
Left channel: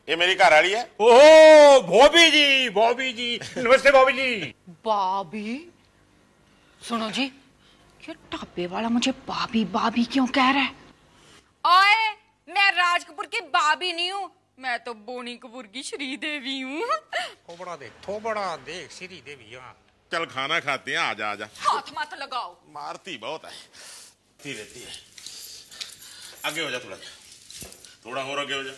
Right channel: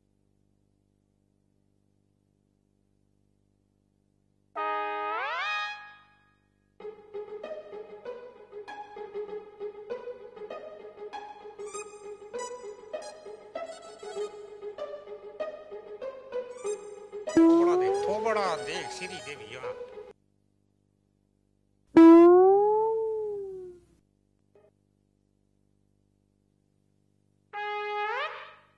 ये मेरी घरवाली है। ओहो बॉबी जी नमस्ते बॉबी जी। बाबी? सुनो जी, ये ढाबे वाला मुझे बाबी बाबी क्यों कह रहा है? ओए, मैं राज कपूर की बाबी नहीं हूँ, मैं तो बोनी कपूर की श्री देवी हूँ। थोबड़ा देख श्री देवी। चल खाना खाते हैं, आजा आजा। हाथ मत लगाओ। मारती बहुत है, रहती है। आगे हो जा, थोड़ा और आगे हो जा,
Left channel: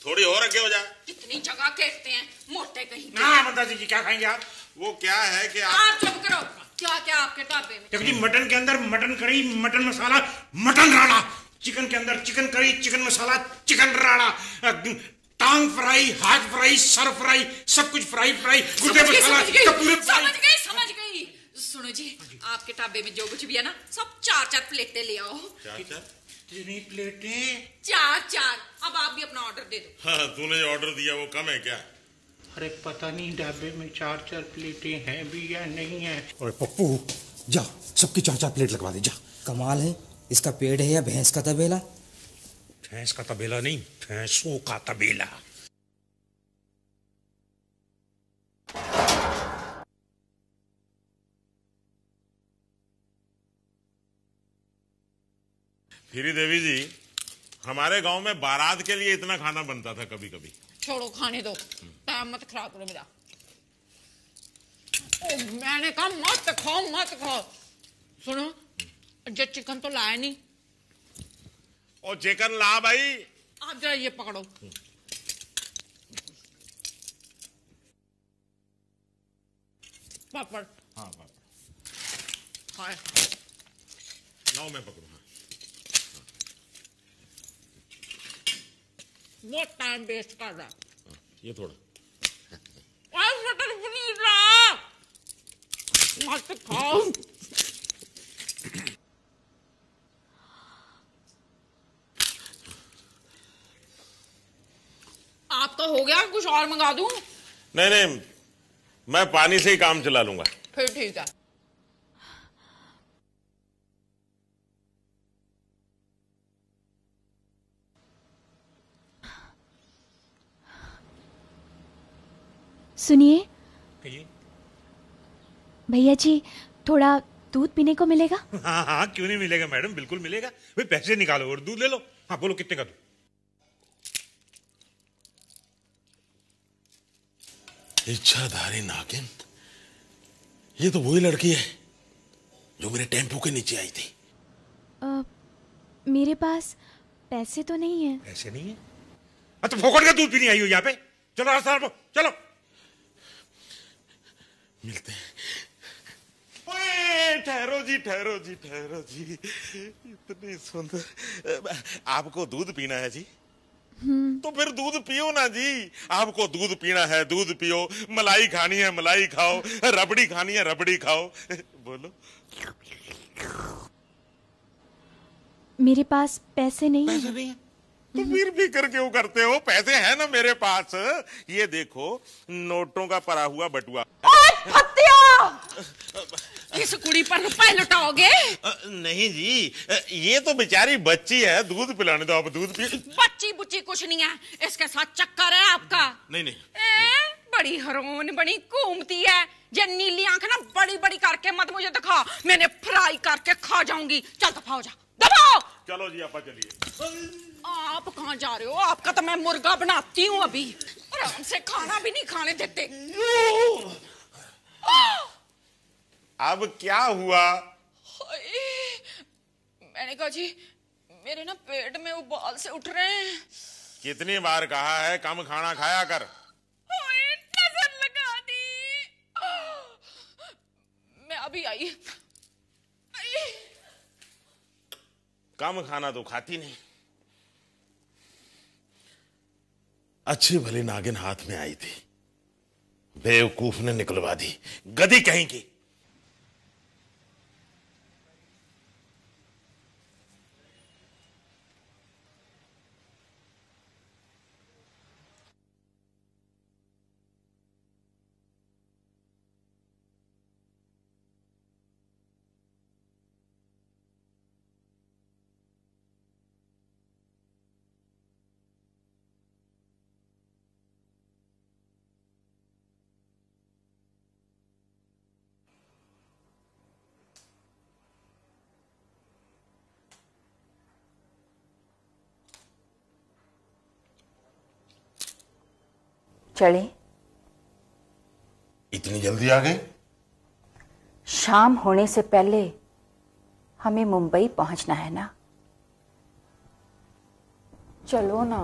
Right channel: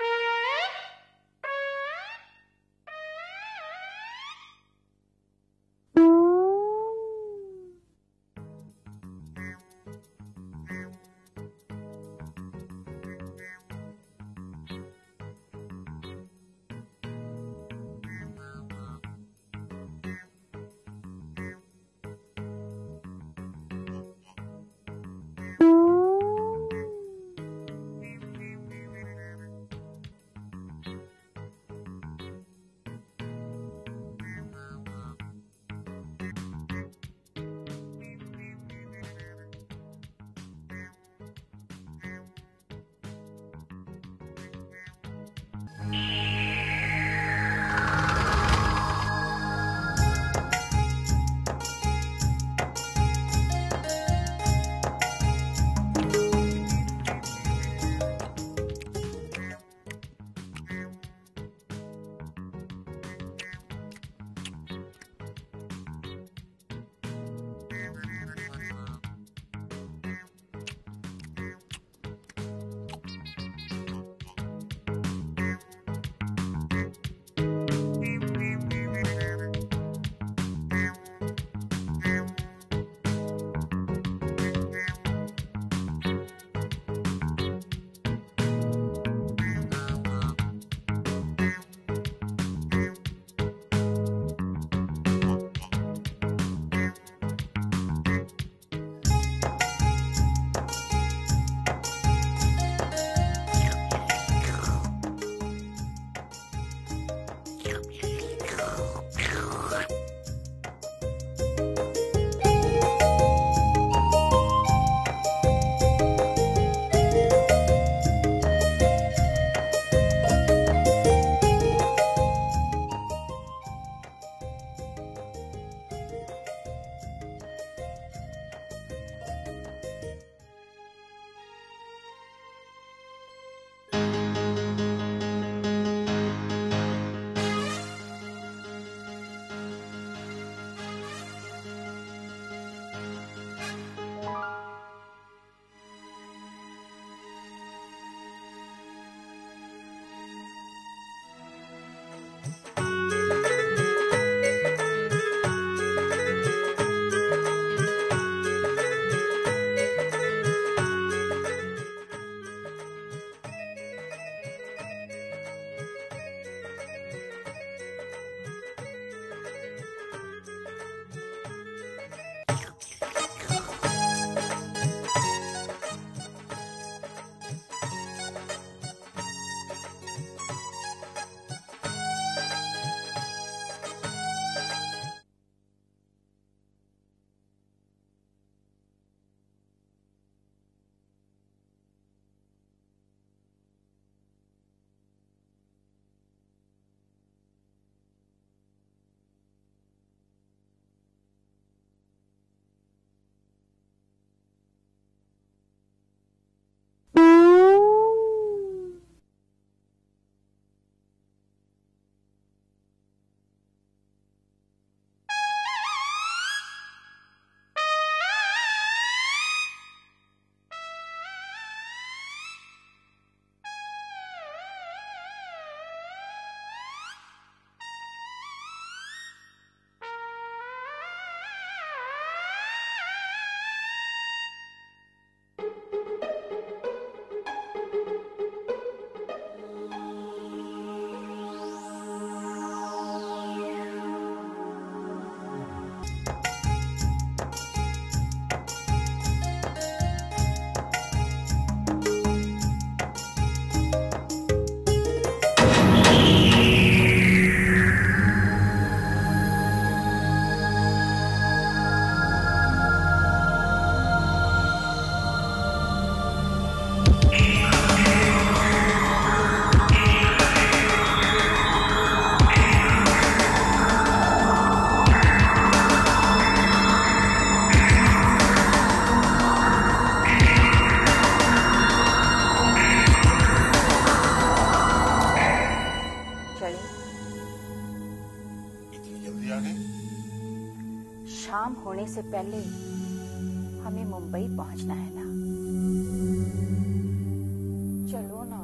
थोड़ी और आगे हो जा। कितनी जगह कहते हैं मोटे कहीं। ना मंदा जी क्या खाएंगे आप? वो क्या है कि आप चुप करो। क्या क्या आपके ढाबे में? देखो जी, मटन के अंदर मटन करी, मटन मसाला, मटन राड़ा। चिकन के अंदर चिकन करी, चिकन मसाला, चिकन राड़ा। टांग फ्राई, हाथ फ्राई, सर फ्राई, सब कुछ फ्राई फ्राई। गुर्दे मसाला, समझ गई। सुनो जी, आपके ढाबे में जो कुछ भी है ना, सब 4-4 प्लेटें ले आओ। प्लेटें? 4-4। अब आप भी अपना ऑर्डर दे दो। हाँ, तूने जो ऑर्डर दिया वो कम है क्या? अरे पता नहीं ढाबे में 4-4 प्लेटें हैं भी या नहीं है। अरे पप्पू, जा सबकी 4-4 प्लेट लगवा दे जा। कमाल है, इसका पेड़ है या भैंस का तबेला? भैंस का तबेला नहीं, भैंसों का तबेला। श्री देवी जी, हमारे गांव में बारात के लिए इतना खाना बनता था कभी कभी। छोड़ो, खाने दो, टाइम मत खराब करो मेरा। मैंने कहा मत खाओ मत खाओ। सुनो, जो चिकन तो लाया नहीं। ओ चिकन ला भाई। आप जरा ये पकड़ो। हो गया, कुछ और मंगा दूं? नहीं, मैं पानी से ही काम चला लूंगा। फिर ठीक है। सुनिए भैया जी, थोड़ा दूध पीने को मिलेगा? हाँ, क्यों नहीं मिलेगा मैडम, बिल्कुल मिलेगा। भाई पैसे निकालो और दूध ले लो। हाँ बोलो, कितने का दूध? इच्छाधारी नागिन, ये तो वही लड़की है जो मेरे टेम्पो के नीचे आई थी। मेरे पास पैसे तो नहीं है। पैसे नहीं है? अच्छा, फोकट का दूध भी नहीं आई हो यहाँ पे? चलो रास्ता चलो। ठहरो जी। आपको दूध पीना है जी? तो फिर दूध पियो ना जी। आपको दूध पीना है, दूध पियो। मलाई खानी है, मलाई खाओ। रबड़ी खानी है, रबड़ी खाओ। बोलो। मेरे पास पैसे नहीं है। तो फिर फिक्र क्यों करते हो? पैसे हैं ना मेरे पास। ये देखो, नोटों का पड़ा हुआ बटुआ। इस कुड़ी पर रुपए लुटाओगे? नहीं जी, ये तो बेचारी बच्ची है, दूध पिलाने दो। आप दूध पी। बच्ची बुच्ची कुछ नहीं है, इसके साथ चक्कर है आपका। नहीं। बड़ी हरोन बड़ी घूमती है। ये नीली आंख ना बड़ी बड़ी करके मत मुझे दिखा, मैंने फ्राई करके खा जाऊंगी। चल दफाओ जा, दफाओ। चलो जी, आप चलिए। आप कहाँ जा रहे हो? आपका तो मैं मुर्गा बनाती हूँ अभी। आराम से खाना भी नहीं खाने देते। अब क्या हुआ? मैंने कहा जी, मेरे ना पेट में उबाल से उठ रहे हैं। कितनी बार कहा है कम खाना खाया कर। नजर लगा दी। मैं अभी आई। कम खाना तो खाती नहीं। अच्छी भली नागिन हाथ में आई थी, बेवकूफ ने निकलवा दी। गधी कहीं की। चले। इतनी जल्दी आ गए? शाम होने से पहले हमें मुंबई पहुंचना है ना। चलो ना।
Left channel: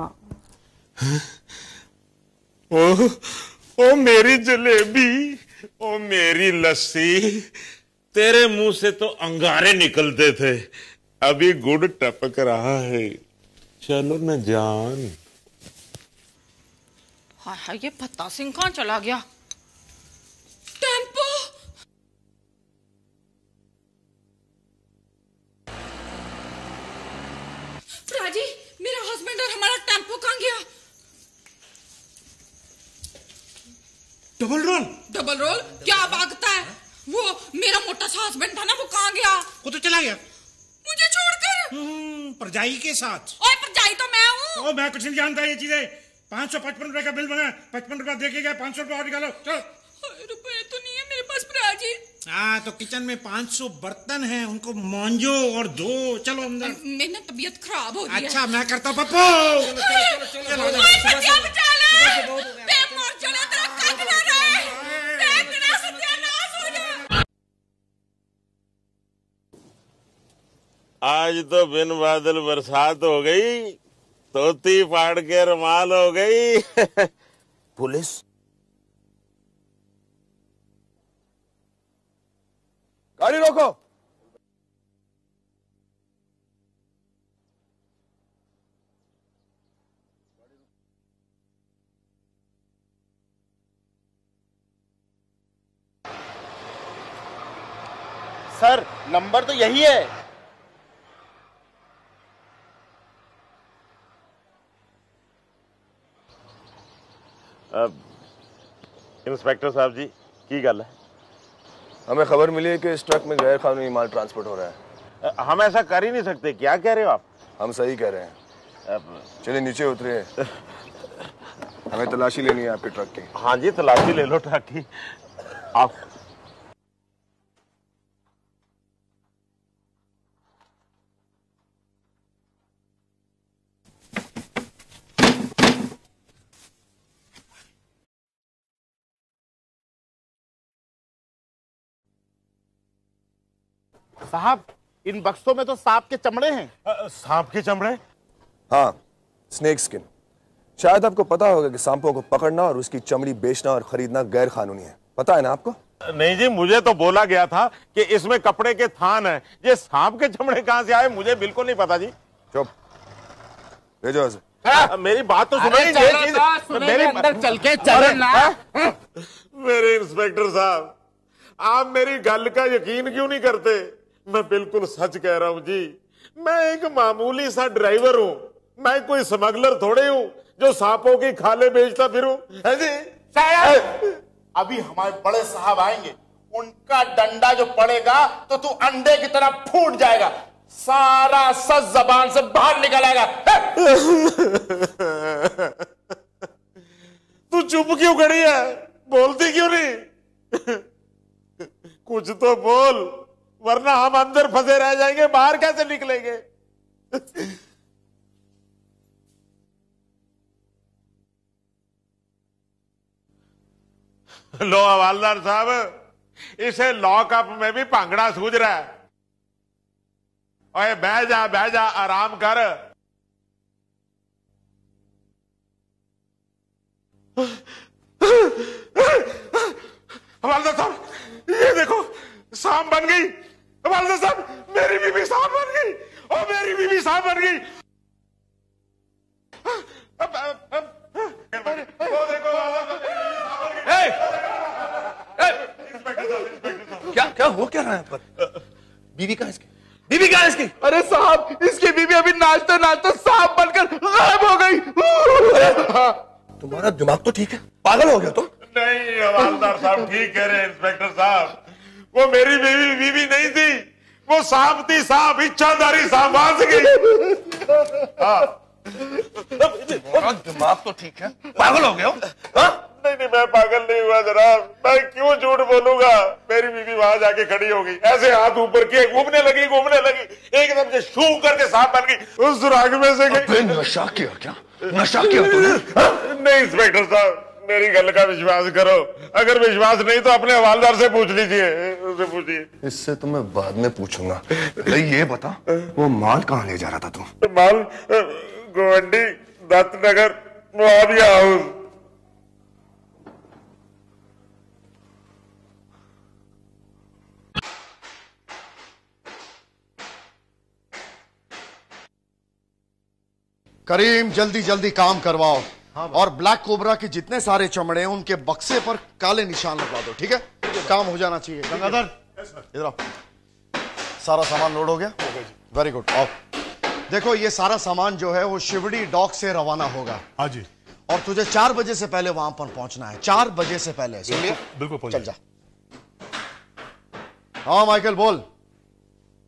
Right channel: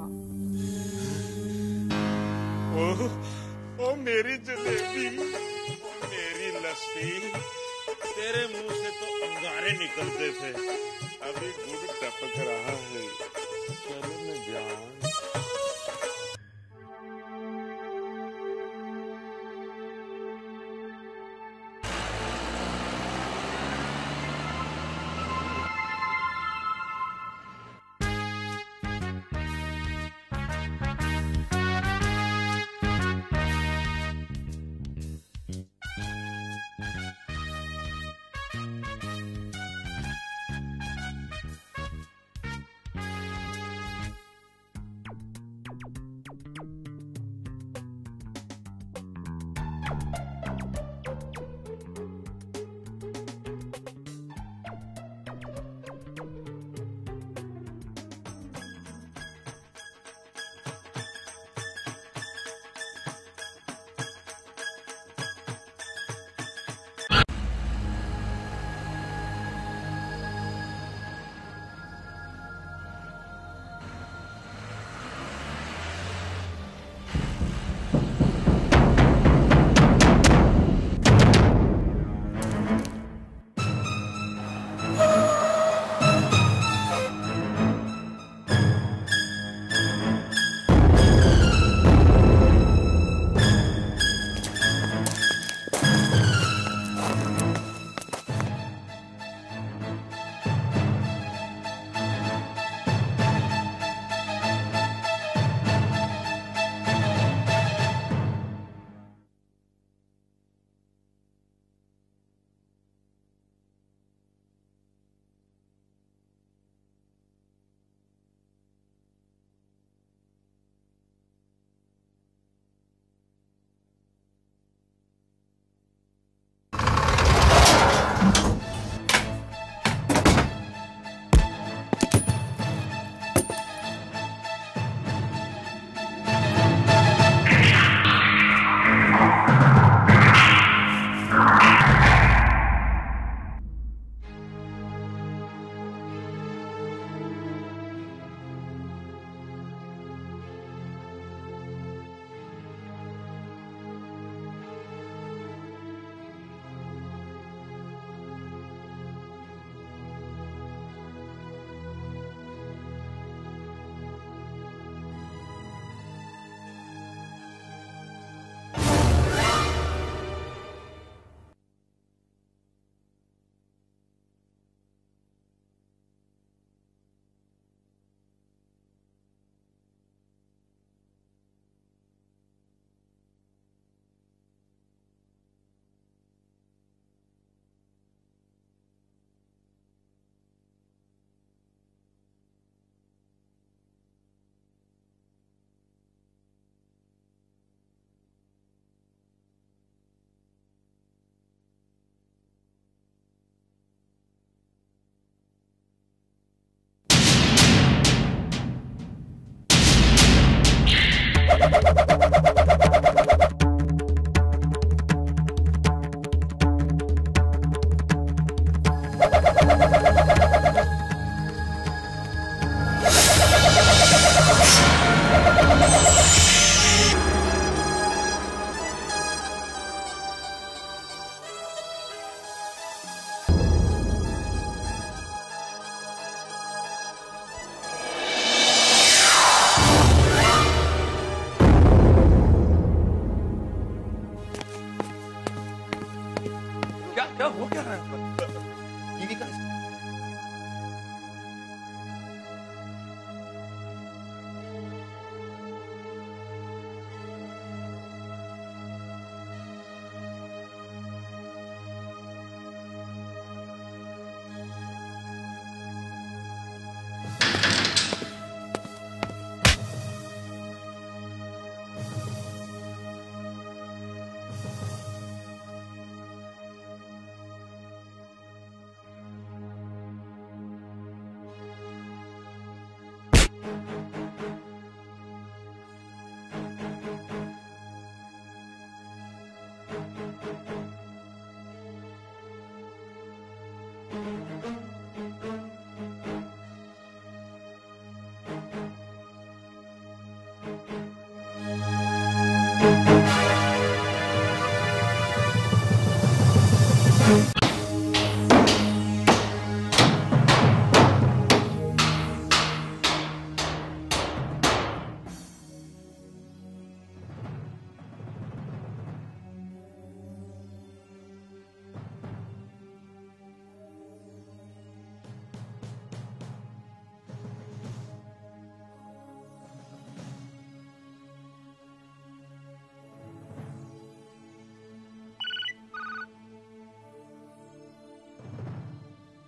ओ मेरी जलेबी, ओ मेरी लस्सी। तेरे मुंह से तो अंगारे निकलते थे, अभी गुड़ टपक रहा है। चलो न जान। हाय, ये फत्ता सिंह कहाँ चला गया? टेम्पो। राजी, मेरा हस्बैंड और हमारा टेम्पो कहाँ गया? Double role. Double role? क्या बात है? वो मेरा मोटा सा हस्बैंड था ना, वो कहाँ गया? वो तो चला गया मुझे छोड़कर। परजाई के साथ। ओए, परजाई तो मैं हूँ। ओ, मैं कुछ नहीं जानता ये चीजें। 555 रुपए का बिल बना, 55 रुपए देके गए। 500 रुपए और निकालो। चलो। रुपए तो नहीं है मेरे पास राजी। हाँ, तो किचन में 500 बर्तन हैं, उनको मांजो और धो। चलो अंदर। मेरी तबीयत खराब हो रही है। अच्छा, मैं करता हूँ पप्पू। बचा लो। आज तो बिन बादल बरसात हो गई, धोती फाड़ के रुमाल हो गई। पुलिस गाड़ी रोको। सर नंबर तो यही है। इंस्पेक्टर साहब जी की गल है? हमें खबर मिली है कि इस ट्रक में गैर कानूनी माल ट्रांसपोर्ट हो रहा है। हम ऐसा कर ही नहीं सकते। क्या कह रहे हो आप? हम सही कह रहे हैं। चलिए नीचे उतरे, हमें तलाशी लेनी है आपके ट्रक की। हाँ जी, तलाशी ले लो ट्रक की। आप साहब इन बक्सों में तो सांप के चमड़े हैं। सांप के चमड़े? हाँ, स्नेक स्किन। शायद आपको पता होगा कि सांपों को पकड़ना और उसकी चमड़ी बेचना और खरीदना गैर कानूनी है। पता है ना आपको? नहीं जी, मुझे तो बोला गया था कि इसमें कपड़े के थान है। ये सांप के चमड़े कहाँ से आए मुझे बिल्कुल नहीं पता जी। चुप, भेजो। मेरी बात तो सुनो। मेरे अंदर चल के चलना। मेरे इंस्पेक्टर साहब, आप मेरी गल का यकीन क्यों नहीं करते? मैं बिल्कुल सच कह रहा हूँ जी। मैं एक मामूली सा ड्राइवर हूँ। मैं कोई स्मगलर थोड़े हूँ जो सांपों की खाले बेचता फिरूं, है जी? अभी हमारे बड़े साहब आएंगे, उनका डंडा जो पड़ेगा तो तू अंडे की तरह फूट जाएगा, सारा सच जबान से बाहर निकल आएगा। तू चुप क्यों खड़ी है? बोलती क्यों नहीं? कुछ तो बोल, वरना हम अंदर फंसे रह जाएंगे, बाहर कैसे निकलेंगे? लो हवालदार साहब, इसे लॉकअप में भी भांगड़ा सूझ रहा है। बह जा आराम कर। हवालदार साहब, ये देखो सांप बन गई। हवालदार साहब, मेरी बीवी सांप बन गई। और मेरी बीवी सांप बन गई। क्या हो क्या रहा है यहाँ पर? बीवी कहाँ है इसकी? बीवी कहाँ है इसकी? अरे साहब, इसकी बीवी अभी नाचते नाचते सांप बनकर गायब हो गई। तुम्हारा दिमाग तो ठीक है, पागल हो गया तुम? नहीं हवालदार साहब, ठीक कह रहे हैं इंस्पेक्टर साहब। वो मेरी बीवी नहीं थी, वो सांप थी। सांप, इच्छाधारी सांप फंस गई। दिमाग तो ठीक है, पागल हो गए हो? नहीं, मैं पागल नहीं हुआ जनाब। मैं क्यों झूठ बोलूंगा? मेरी बीवी वहां जाके खड़ी हो गई, ऐसे हाथ ऊपर किए, घूमने लगी। एकदम से शू करके सांप बन गई। उस सुराग में से नशा किया क्या? नशा किया तूने? नहीं इंस्पेक्टर साहब, मेरी गल का विश्वास करो। अगर विश्वास नहीं तो अपने हवालदार से पूछ लीजिए, उससे पूछिए। इससे तो मैं बाद में पूछूंगा। ये बता, वो माल कहाँ ले जा रहा था तू? माल गोवंडी, दत्तनगर, मुआविया हाउस। करीम, जल्दी जल्दी काम करवाओ। और ब्लैक कोबरा के जितने सारे चमड़े हैं उनके बक्से पर काले निशान लगवा दो, ठीक है? काम हो जाना चाहिए। गंगाधर, इधर आओ। सारा सामान लोड हो गया? Very good. आओ। देखो, ये सारा सामान जो है वो शिवड़ी डॉक से रवाना होगा। हाँ जी। और तुझे 4 बजे से पहले वहां पर पहुंचना है। 4 बजे से पहले, सुन लिया? बिल्कुल। चल जा। हाँ माइकल, बोल।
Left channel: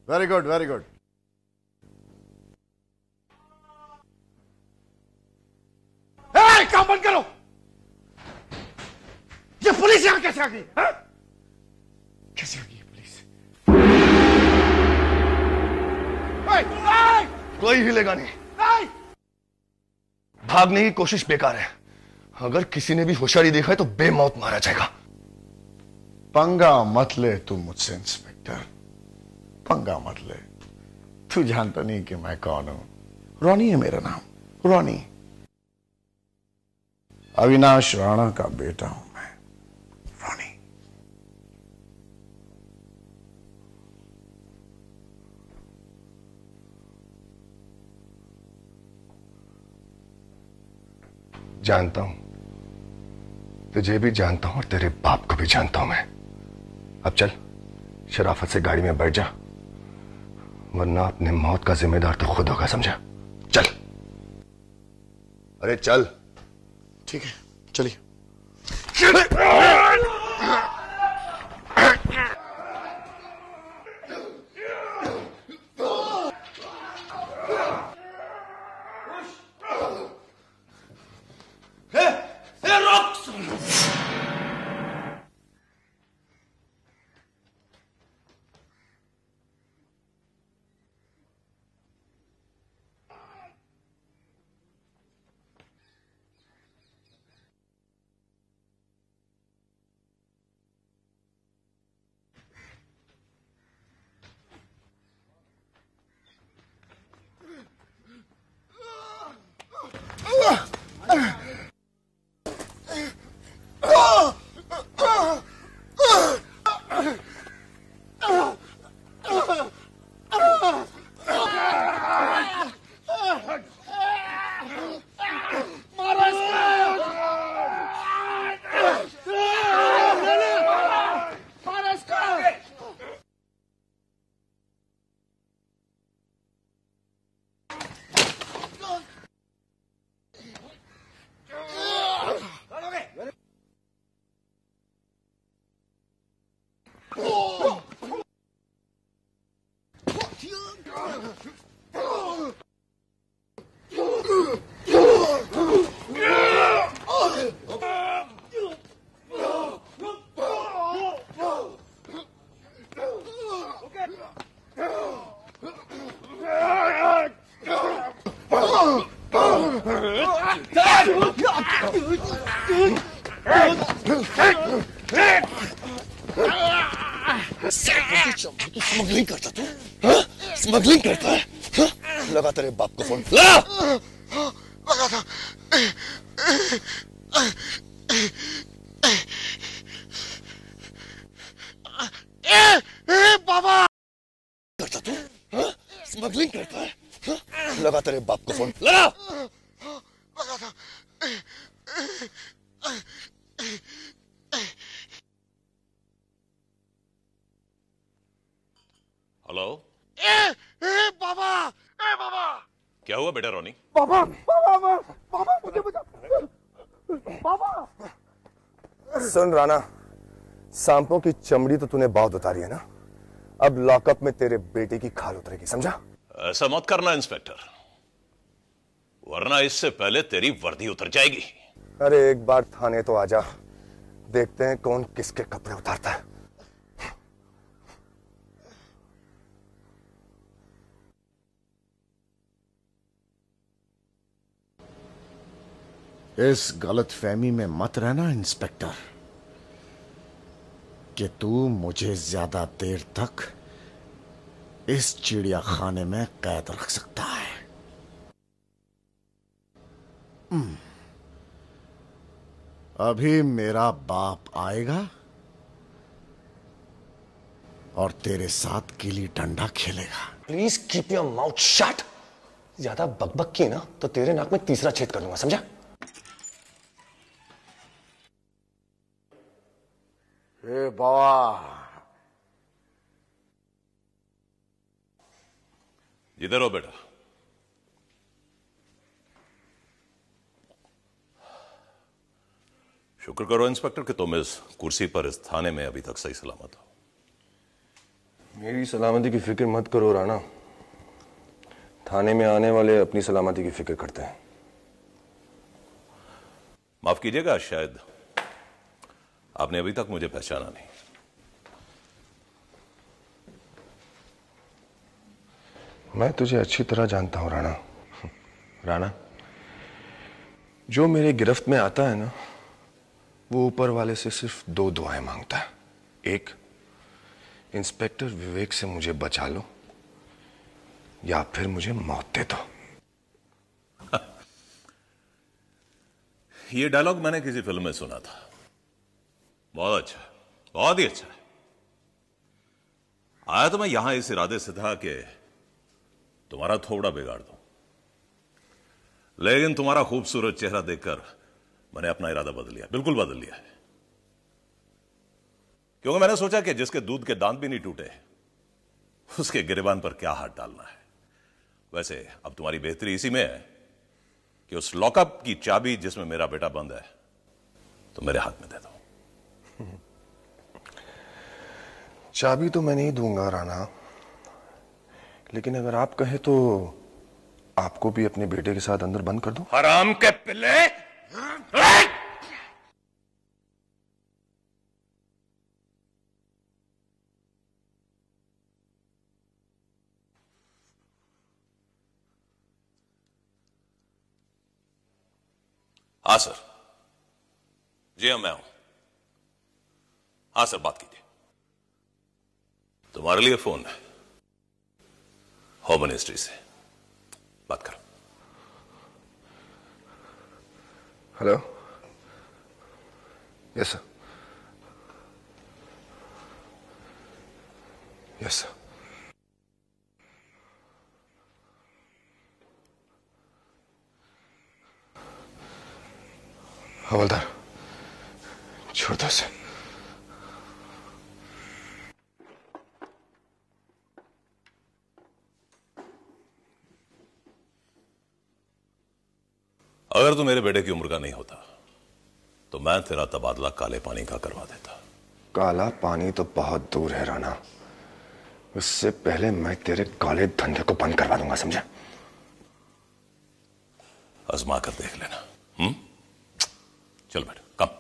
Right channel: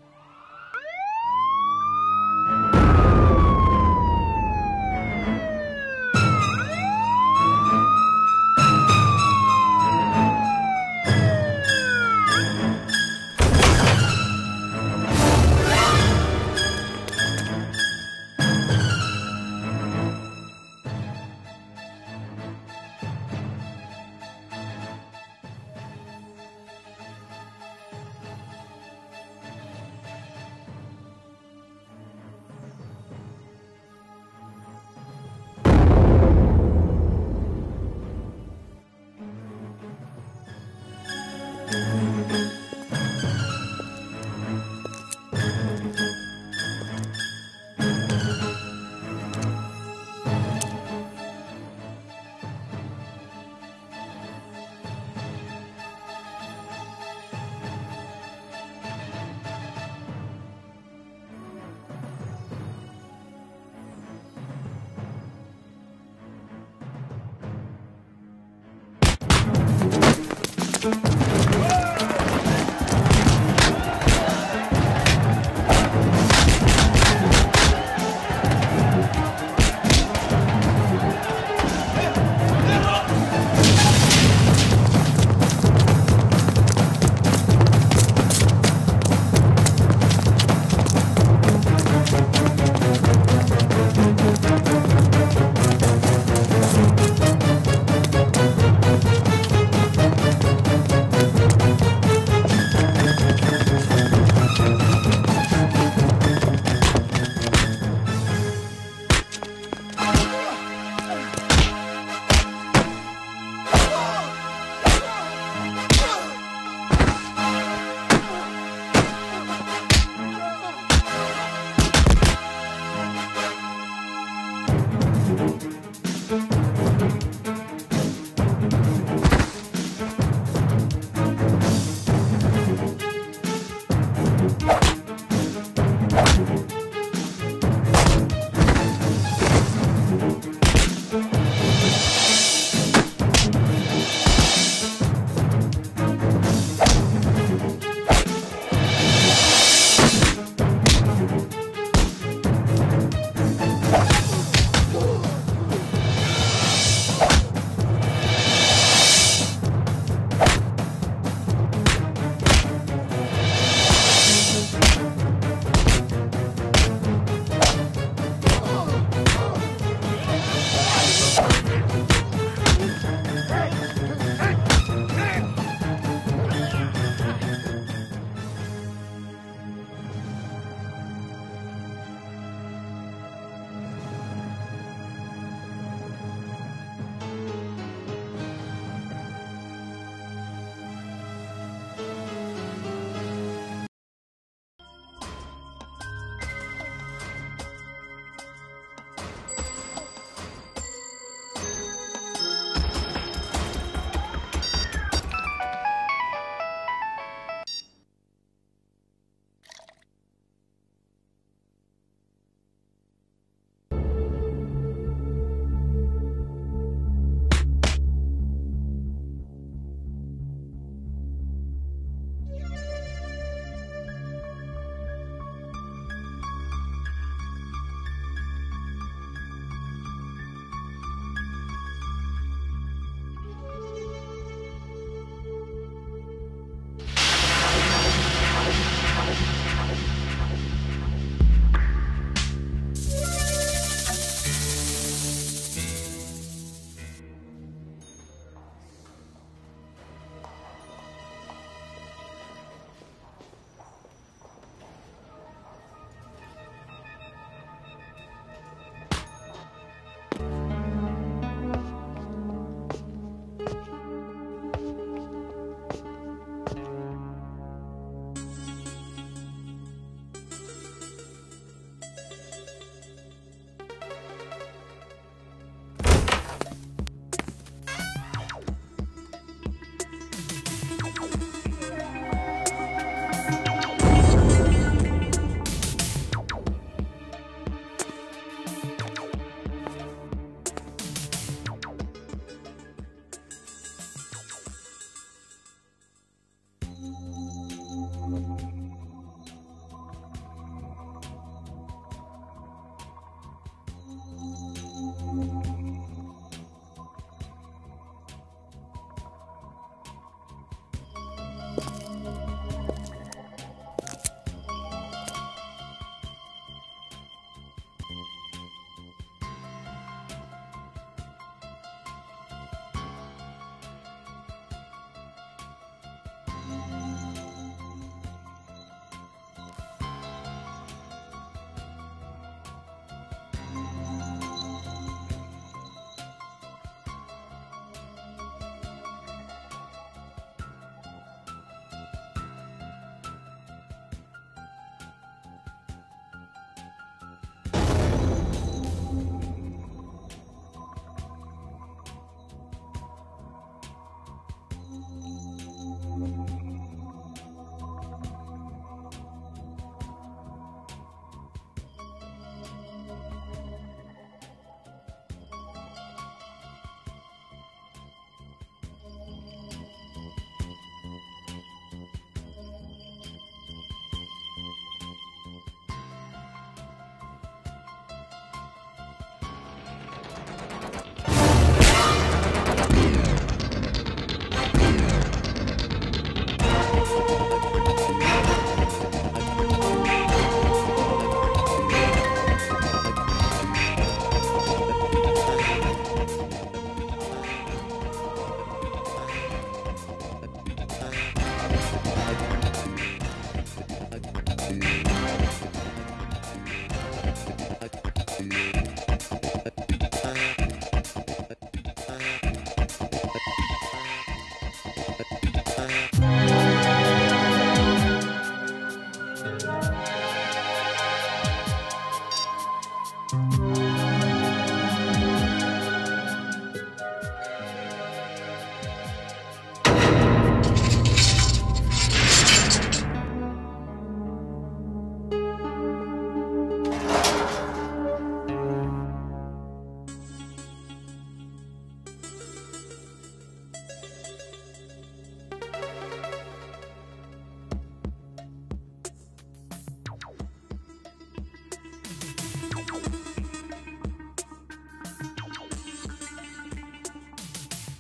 Very good, very good. काम बंद करो। ये पुलिस यहाँ कैसे आ गई? कोई हिलेगा नहीं। भागने की कोशिश बेकार है। अगर किसी ने भी होशियारी देखा है तो बेमौत मारा जाएगा। पंगा मत ले तुम मुझसे इंस्पेक्टर, पंगा मत ले। तू जानता नहीं कि मैं कौन हूं? रॉनी है मेरा नाम, रॉनी। अविनाश राणा का बेटा हूं मैं, रॉनी। जानता हूं, तुझे भी जानता हूं और तेरे बाप को भी जानता हूं मैं। अब चल, शराफत से गाड़ी में बैठ जा, वरना अपने मौत का जिम्मेदार तो खुद होगा, समझा? चल, अरे चल। ठीक है, चलिए। स्मगलिंग करता तू? स्मगलिंग करता है? लगा तेरे बाप को फोन, लगा। बाबा करता तू? स्मगलिंग करता है? लगा तेरे बाप को फोन, लगा। हेलो। बाबा, बाबा। क्या हुआ बेटा रॉनी? बाबा, बाबा, बाबा मुझे बचा। बाबा। सुन राणा, सांपों की चमड़ी तो तूने बहुत उतारी है ना, अब लॉकअप में तेरे बेटे की खाल उतरेगी, समझा? ऐसा मत करना इंस्पेक्टर, वरना इससे पहले तेरी वर्दी उतर जाएगी। अरे एक बार थाने तो आजा, देखते हैं कौन किसके कपड़े उतारता है। इस गलतफहमी में मत रहना इंस्पेक्टर कि तू मुझे ज्यादा देर तक इस चिड़ियाखाने में कैद रख सकता है। अभी मेरा बाप आएगा और तेरे साथ गिल्ली डंडा खेलेगा। Please keep your mouth shut. ज्यादा बकबक की ना तो तेरे नाक में तीसरा छेद कर दूंगा, समझा? इधर हो बेटा। शुक्र करो इंस्पेक्टर कि तुम इस कुर्सी पर इस थाने में अभी तक सही सलामत हो। मेरी सलामती की फिक्र मत करो राणा, थाने में आने वाले अपनी सलामती की फिक्र करते हैं। माफ कीजिएगा, शायद आपने अभी तक मुझे पहचाना नहीं। मैं तुझे अच्छी तरह जानता हूं राणा। राणा, जो मेरे गिरफ्त में आता है ना, वो ऊपर वाले से सिर्फ 2 दुआएं मांगता है। एक, इंस्पेक्टर विवेक से मुझे बचा लो, या फिर मुझे मौत दे दो। ये डायलॉग मैंने किसी फिल्म में सुना था। बहुत अच्छा, बहुत ही अच्छा। आया तो मैं यहां इस इरादे से था कि तुम्हारा थोड़ा बिगाड़ दूं, लेकिन तुम्हारा खूबसूरत चेहरा देखकर मैंने अपना इरादा बदल लिया, बिल्कुल बदल लिया है। क्योंकि मैंने सोचा कि जिसके दूध के दांत भी नहीं टूटे उसके गिरेबान पर क्या हाथ डालना है। वैसे अब तुम्हारी बेहतरी इसी में है कि उस लॉकअप की चाबी जिसमें मेरा बेटा बंद है तो मेरे हाथ में दे दो। चाबी तो मैं नहीं दूंगा राणा, लेकिन अगर आप कहें तो आपको भी अपने बेटे के साथ अंदर बंद कर दूं। हराम के पिल्ले! आसर, जी मैं हूं। आसर बात तुम्हारे लिए फोन है, होम मिनिस्ट्री से बात कर। Hello, yes sir, yes sir. हवलदार, छोड़ दो उसे। अगर तू मेरे बेटे की उम्र का नहीं होता तो मैं तेरा तबादला काले पानी का करवा देता। काला पानी तो बहुत दूर है राणा, उससे पहले मैं तेरे काले धंधे को बंद करवा दूंगा, समझा? आजमा कर देख लेना। चल भाई, कब?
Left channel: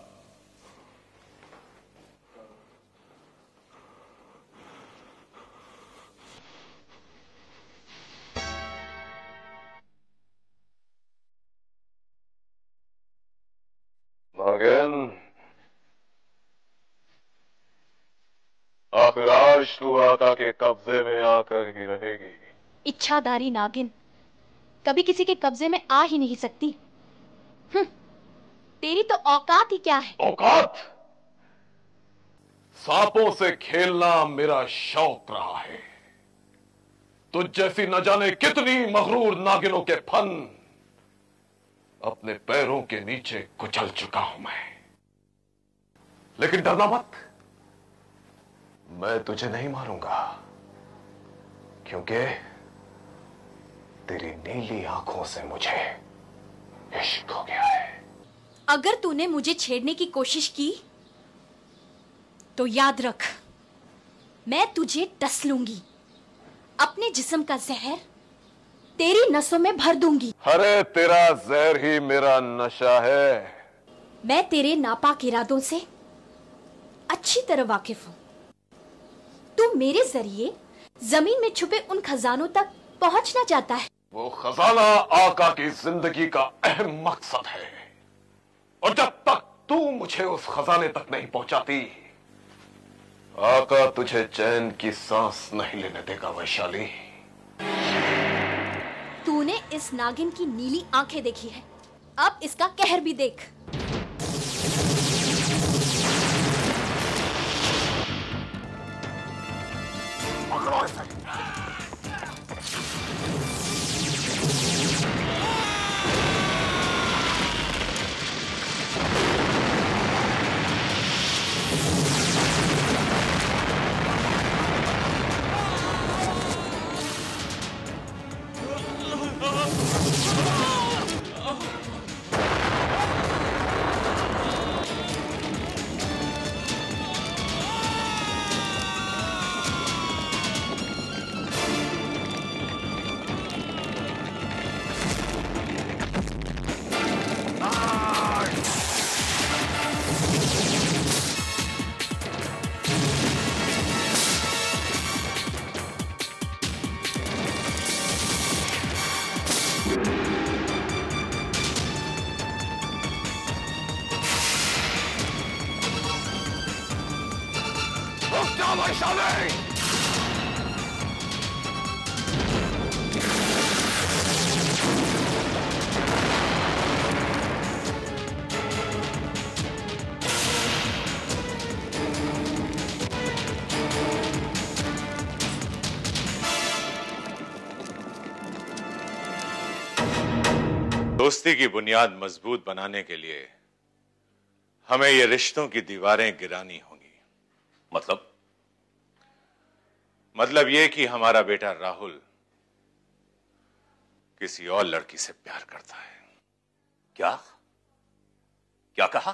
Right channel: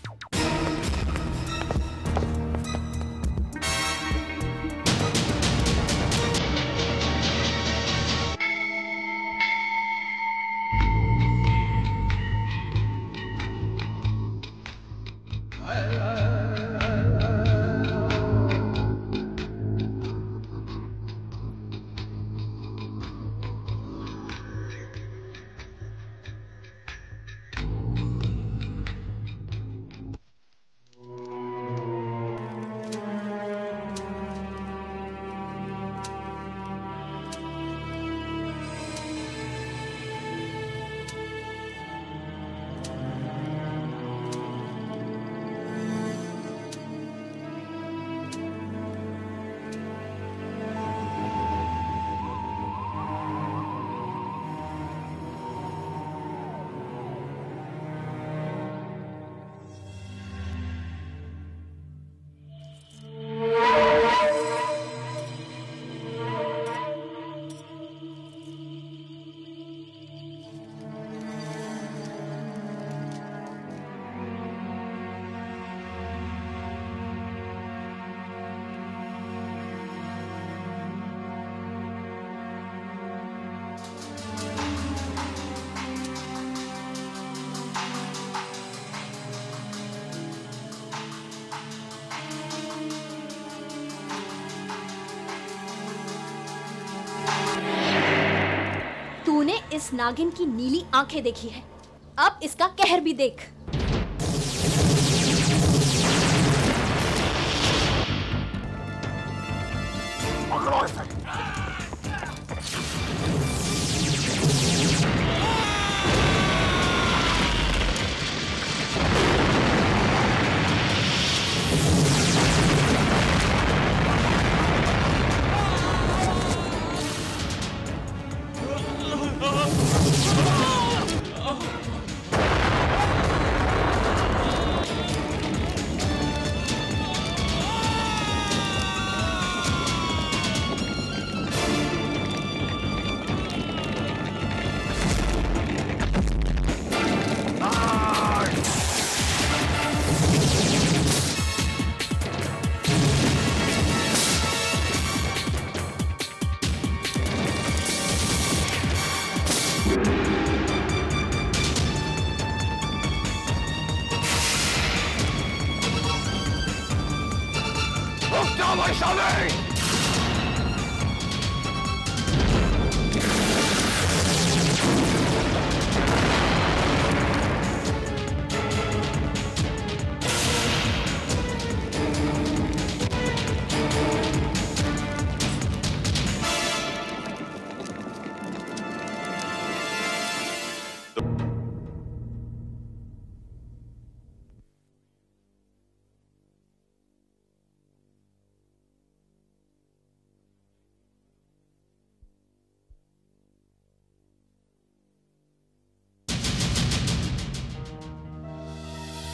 अब राज तू आका के कब्जे में आकर ही रहेगी। इच्छाधारी नागिन कभी किसी के कब्जे में आ ही नहीं सकती। तेरी तो औकात ही क्या है? औकात? सांपों से खेलना मेरा शौक रहा है। तुझ जैसी न जाने कितनी मगरूर नागिनों के फन अपने पैरों के नीचे कुचल चुका हूं मैं। लेकिन डरना मत, मैं तुझे नहीं मारूंगा, क्योंकि तेरी नीली आंखों से मुझे इश्क हो गया है। अगर तूने मुझे छेड़ने की कोशिश की तो याद रख, मैं तुझे डस लूंगी। अपने जिस्म का जहर तेरी नसों में भर दूंगी। अरे तेरा जहर ही मेरा नशा है। मैं तेरे नापाक इरादों से अच्छी तरह वाकिफ हूँ। तू मेरे जरिए जमीन में छुपे उन खजानों तक पहुंचना चाहता है। वो खजाना आका की जिंदगी का अहम मकसद है, और जब तक तू मुझे उस खजाने तक नहीं पहुंचाती, आका तुझे चैन की सांस नहीं लेने देगा वैशाली। तूने इस नागिन की नीली आंखें देखी है, अब इसका कहर भी देख। पकड़ो इसे। वैशाली! दोस्ती की बुनियाद मजबूत बनाने के लिए हमें ये रिश्तों की दीवारें गिरानी होंगी। मतलब ये कि हमारा बेटा राहुल किसी और लड़की से प्यार करता है। क्या कहा?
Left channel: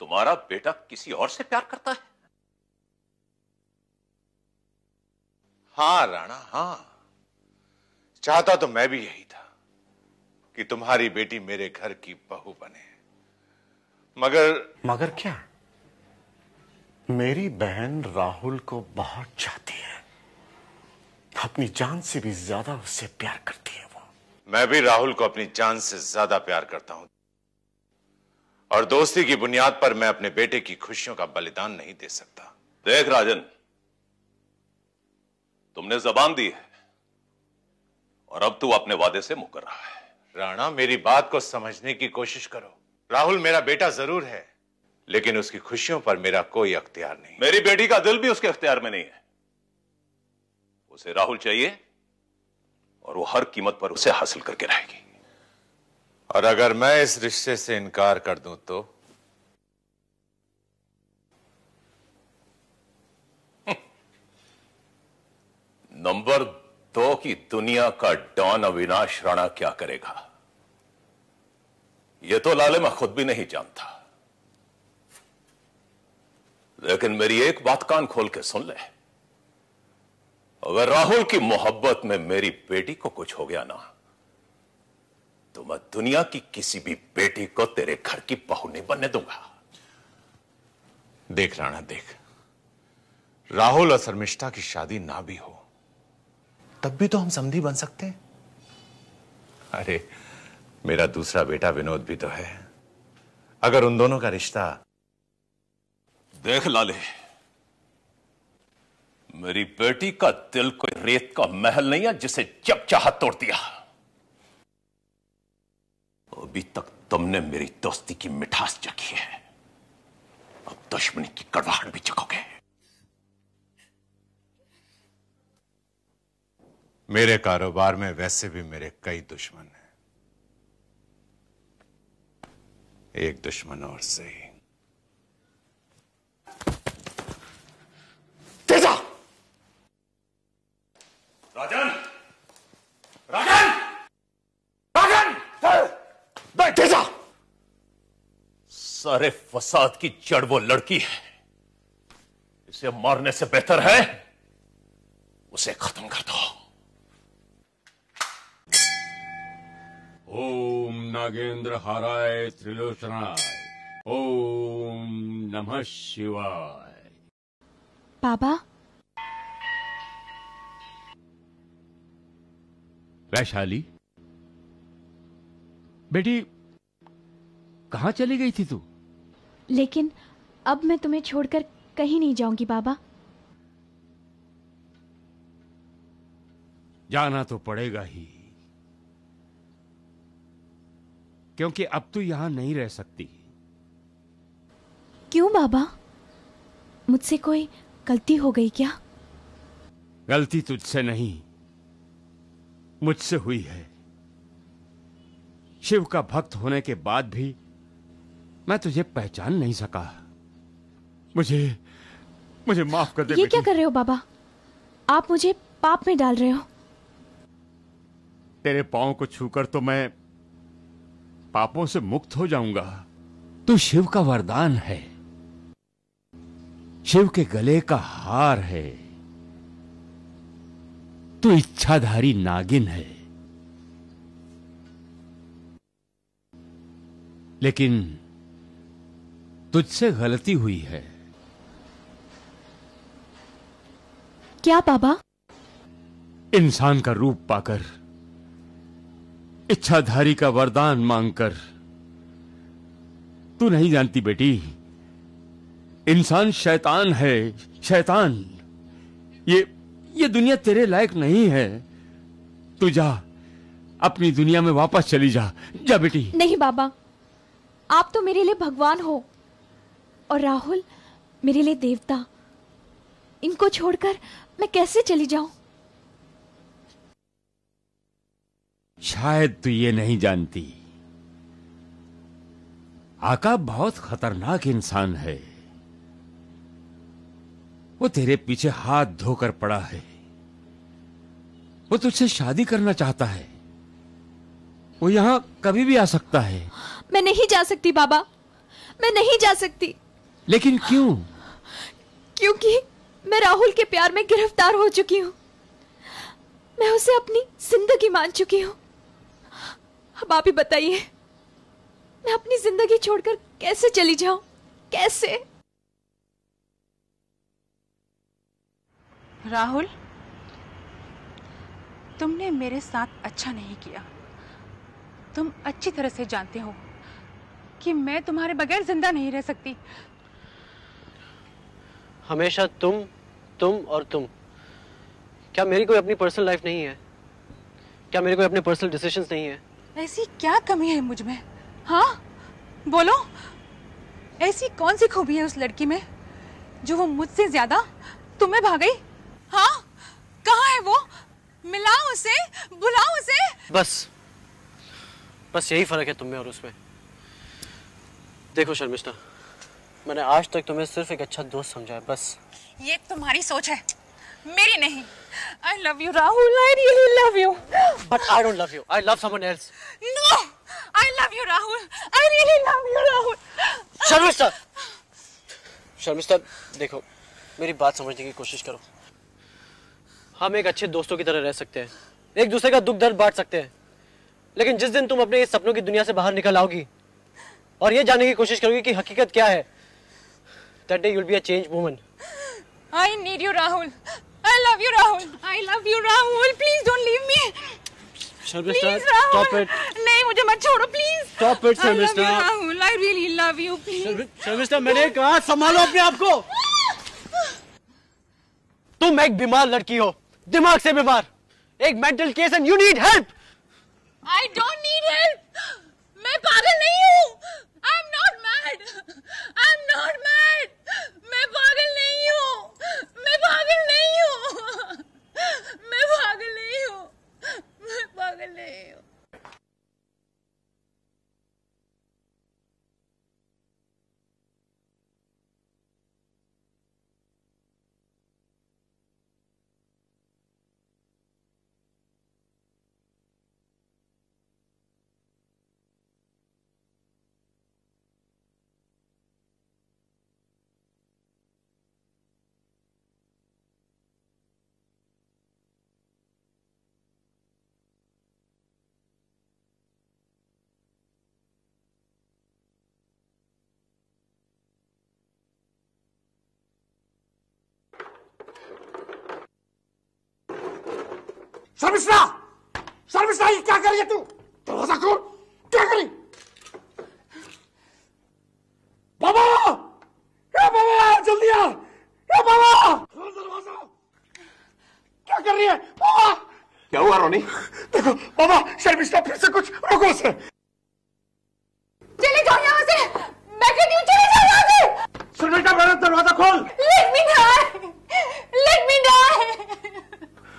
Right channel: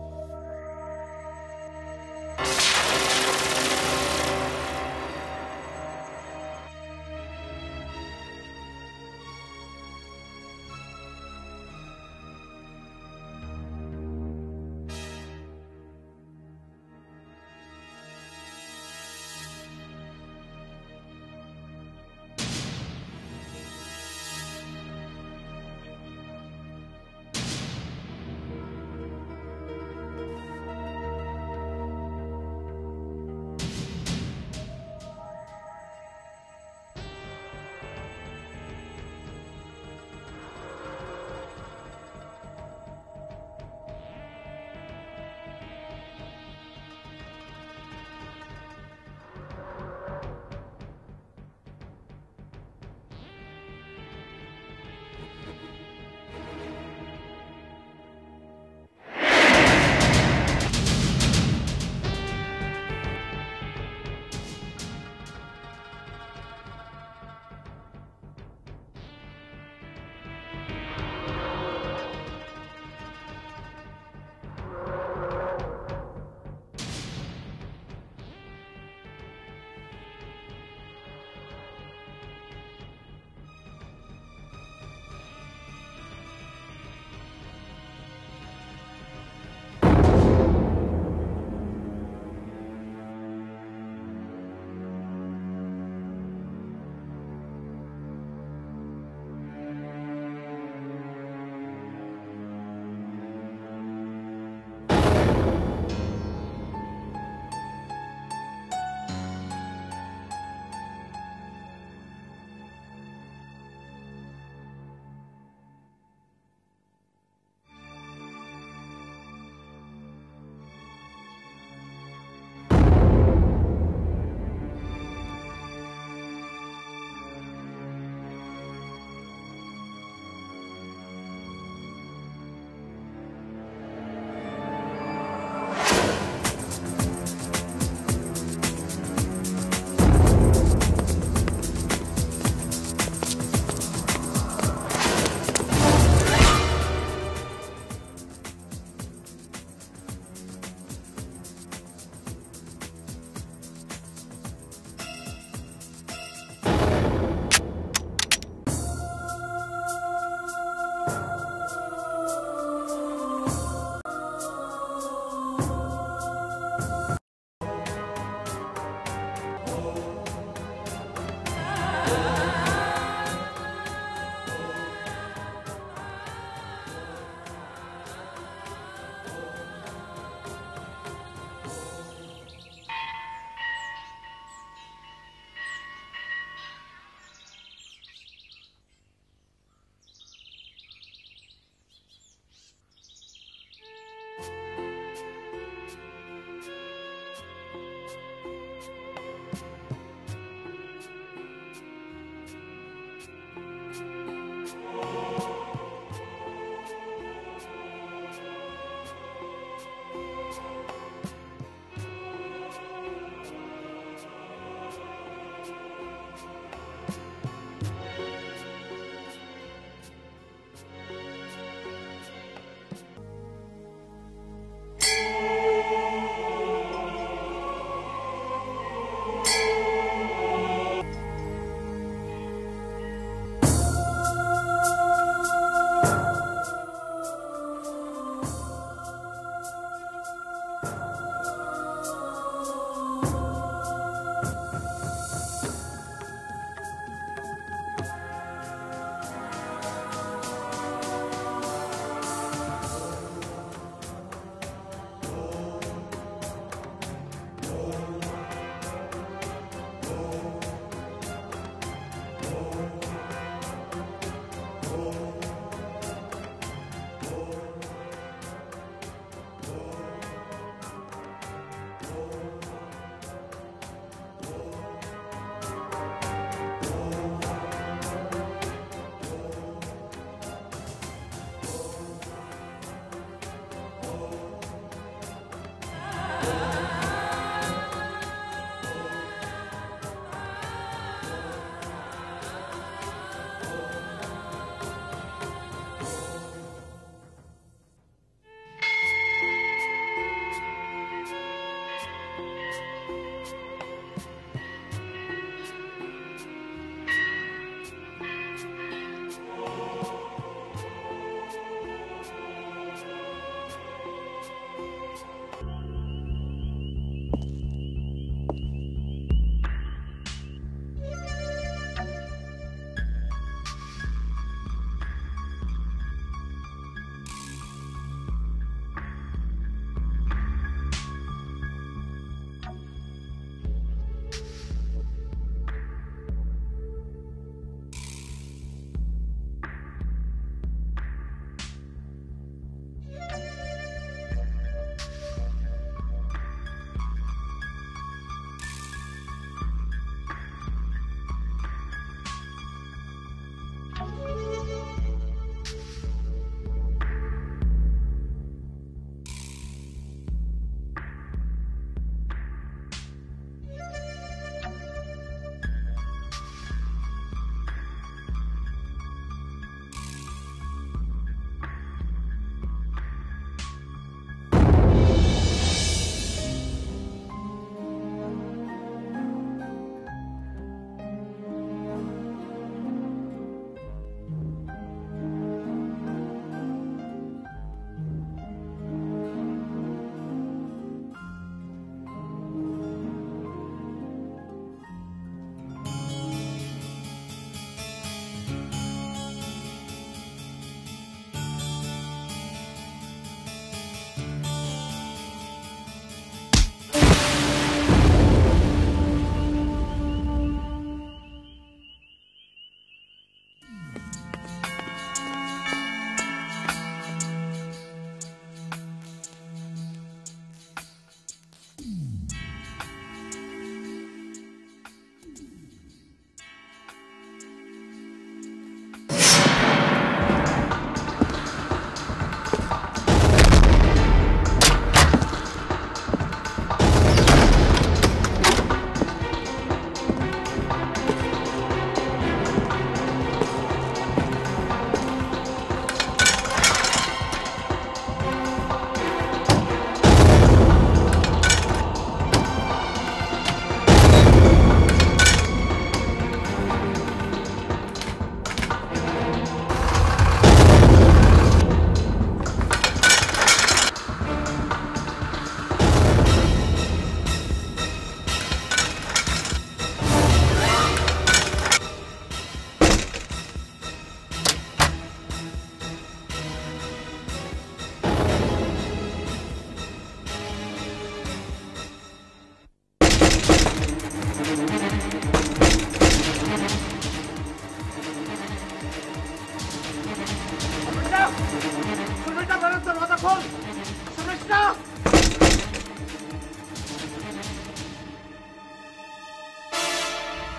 तुम्हारा बेटा किसी और से प्यार करता है? हाँ राणा, हाँ। चाहता तो मैं भी यही था कि तुम्हारी बेटी मेरे घर की बहू बने, मगर क्या? मेरी बहन राहुल को बहुत चाहती है, अपनी जान से भी ज्यादा उससे प्यार करती है। मैं भी राहुल को अपनी जान से ज्यादा प्यार करता हूं, और दोस्ती की बुनियाद पर मैं अपने बेटे की खुशियों का बलिदान नहीं दे सकता। देख राजन, तुमने जबान दी है और अब तू अपने वादे से मुकर रहा है। राणा, मेरी बात को समझने की कोशिश करो। राहुल मेरा बेटा जरूर है, लेकिन उसकी खुशियों पर मेरा कोई अख्तियार नहीं। मेरी बेटी का दिल भी उसके अख्तियार में नहीं है। उसे राहुल चाहिए और वो हर कीमत पर उसे हासिल करके रहेगी। और अगर मैं इस रिश्ते से इनकार कर दूं तो? नंबर 2 की दुनिया का डॉन अविनाश राणा क्या करेगा, यह तो लाले मैं खुद भी नहीं जानता। लेकिन मेरी एक बात कान खोल के सुन ले, अगर राहुल की मोहब्बत में मेरी बेटी को कुछ हो गया ना, तो मैं दुनिया की किसी भी बेटी को तेरे घर की बहू नहीं बनने दूंगा। देख राणा, देख, राहुल और शर्मिष्ठा की शादी ना भी हो तब भी तो हम समधी बन सकते हैं। अरे, मेरा दूसरा बेटा विनोद भी तो है। अगर उन दोनों का रिश्ता... देख लाले, मेरी बेटी का दिल कोई रेत का महल नहीं है जिसे जब चाहा तोड़ दिया। अभी तक तुमने मेरी दोस्ती की मिठास चखी है, अब दुश्मनी की कड़वाहट भी चखोगे। मेरे कारोबार में वैसे भी मेरे कई दुश्मन हैं। एक दुश्मन और सही। तेजा! तेजा! सारे फसाद की जड़ वो लड़की है। उसे मारने से बेहतर है उसे खत्म कर दो। ओम नागेंद्र हाराय त्रिलोचना, ओम नमः शिवाय। बाबा, वैशाली बेटी, कहाँ चली गई थी तू? लेकिन अब मैं तुम्हें छोड़कर कहीं नहीं जाऊंगी बाबा। जाना तो पड़ेगा ही, क्योंकि अब तू यहां नहीं रह सकती। क्यों बाबा, मुझसे कोई गलती हो गई क्या? गलती तुझसे नहीं, मुझसे हुई है। शिव का भक्त होने के बाद भी मैं तुझे पहचान नहीं सका। मुझे माफ कर दे। ये क्या कर रहे हो बाबा? आप मुझे पाप में डाल रहे हो। तेरे पांव को छूकर तो मैं पापों से मुक्त हो जाऊंगा। तू शिव का वरदान है, शिव के गले का हार है। तू इच्छाधारी नागिन है, लेकिन तुझसे गलती हुई है। क्या बाबा? इंसान का रूप पाकर, इच्छाधारी का वरदान मांगकर। तू नहीं जानती बेटी, इंसान शैतान है, शैतान। ये दुनिया तेरे लायक नहीं है। तू जा, अपनी दुनिया में वापस चली जा। जा बेटी। नहीं बाबा, आप तो मेरे लिए भगवान हो और राहुल मेरे लिए देवता। इनको छोड़कर मैं कैसे चली जाऊं? शायद तू ये नहीं जानती, आका बहुत खतरनाक इंसान है। वो तेरे पीछे हाथ धोकर पड़ा है। वो तुझसे शादी करना चाहता है। वो यहाँ कभी भी आ सकता है। मैं नहीं जा सकती बाबा, मैं नहीं जा सकती। लेकिन क्यों? क्योंकि मैं राहुल के प्यार में गिरफ्तार हो चुकी हूँ। मैं उसे अपनी जिंदगी मान चुकी हूँ। अब आप ही बताइए, मैं अपनी जिंदगी छोड़कर कैसे चली जाऊं? कैसे? राहुल, तुमने मेरे साथ अच्छा नहीं किया। तुम अच्छी तरह से जानते हो कि मैं तुम्हारे बगैर जिंदा नहीं रह सकती। हमेशा तुम और तुम। क्या मेरी कोई अपनी पर्सनल लाइफ नहीं है? क्या मेरे कोई अपने पर्सनल डिसीजंस नहीं है? ऐसी क्या कमी है मुझ में? हाँ, बोलो। ऐसी कौन सी खूबी है उस लड़की में जो वो मुझसे ज्यादा तुम्हें भा गई? हाँ, कहाँ है वो? मिलाओ उसे, बुलाओ उसे। बस यही फर्क है तुम में और उसमें। देखो शर्मिष्ठा, मैंने आज तक तुम्हें सिर्फ एक अच्छा दोस्त समझा है, बस। ये तुम्हारी सोच है, मेरी नहीं। I love you, Rahul. I really love you. But I don't love you. I love someone else. No, I love you, Rahul. I really love you, Rahul. Sharmishtha, देखो, मेरी बात समझने की कोशिश करो। हम एक अच्छे दोस्तों की तरह रह सकते हैं, एक दूसरे का दुख दर्द बांट सकते हैं, लेकिन जिस दिन तुम अपने इस सपनों की दुनिया से बाहर निकल आओगी और ये जानने की कोशिश करोगी कि हकीकत क्या है, that day you'll be a changed woman. I need you, Rahul. I love you, Rahul. I love you, Rahul. Please don't leave me. Sharmishtha, Please, Rahul. stop it. नहीं, मुझे मत छोड़ो, please. Stop it, I love you, Sharmishtha. Rahul. I really love you, please. Sharmishtha, मैंने कहा संभालो अपने आप को। तुम एक बीमार लड़की हो, दिमाग से बीमार, एक mental case and you need help. I don't need help. मैं पागल नहीं हूँ। I'm not mad. I'm not mad. मैं पागल नहीं हूँ। मैं पागल नहीं हूँ। मैं पागल नहीं हूँ। मैं पागल नहीं हूँ। शर्मिष्ठा, ये क्या कर रही है तू? दरवाजा खोल, क्या करी? बाबा! क्या बाबा? जल्दी आ! क्या बाबा? क्या कर रही है? बाबा! क्या हुआ रोनी? देखो बाबा, शर्मिष्ठा फिर से कुछ रोको उसे। चले जाओ यहाँ से। मैं कहती हूँ चले जाओ यहाँ से। शर्मिष्ठा, मेरा दरवाजा खोल। Let me die. Let me die.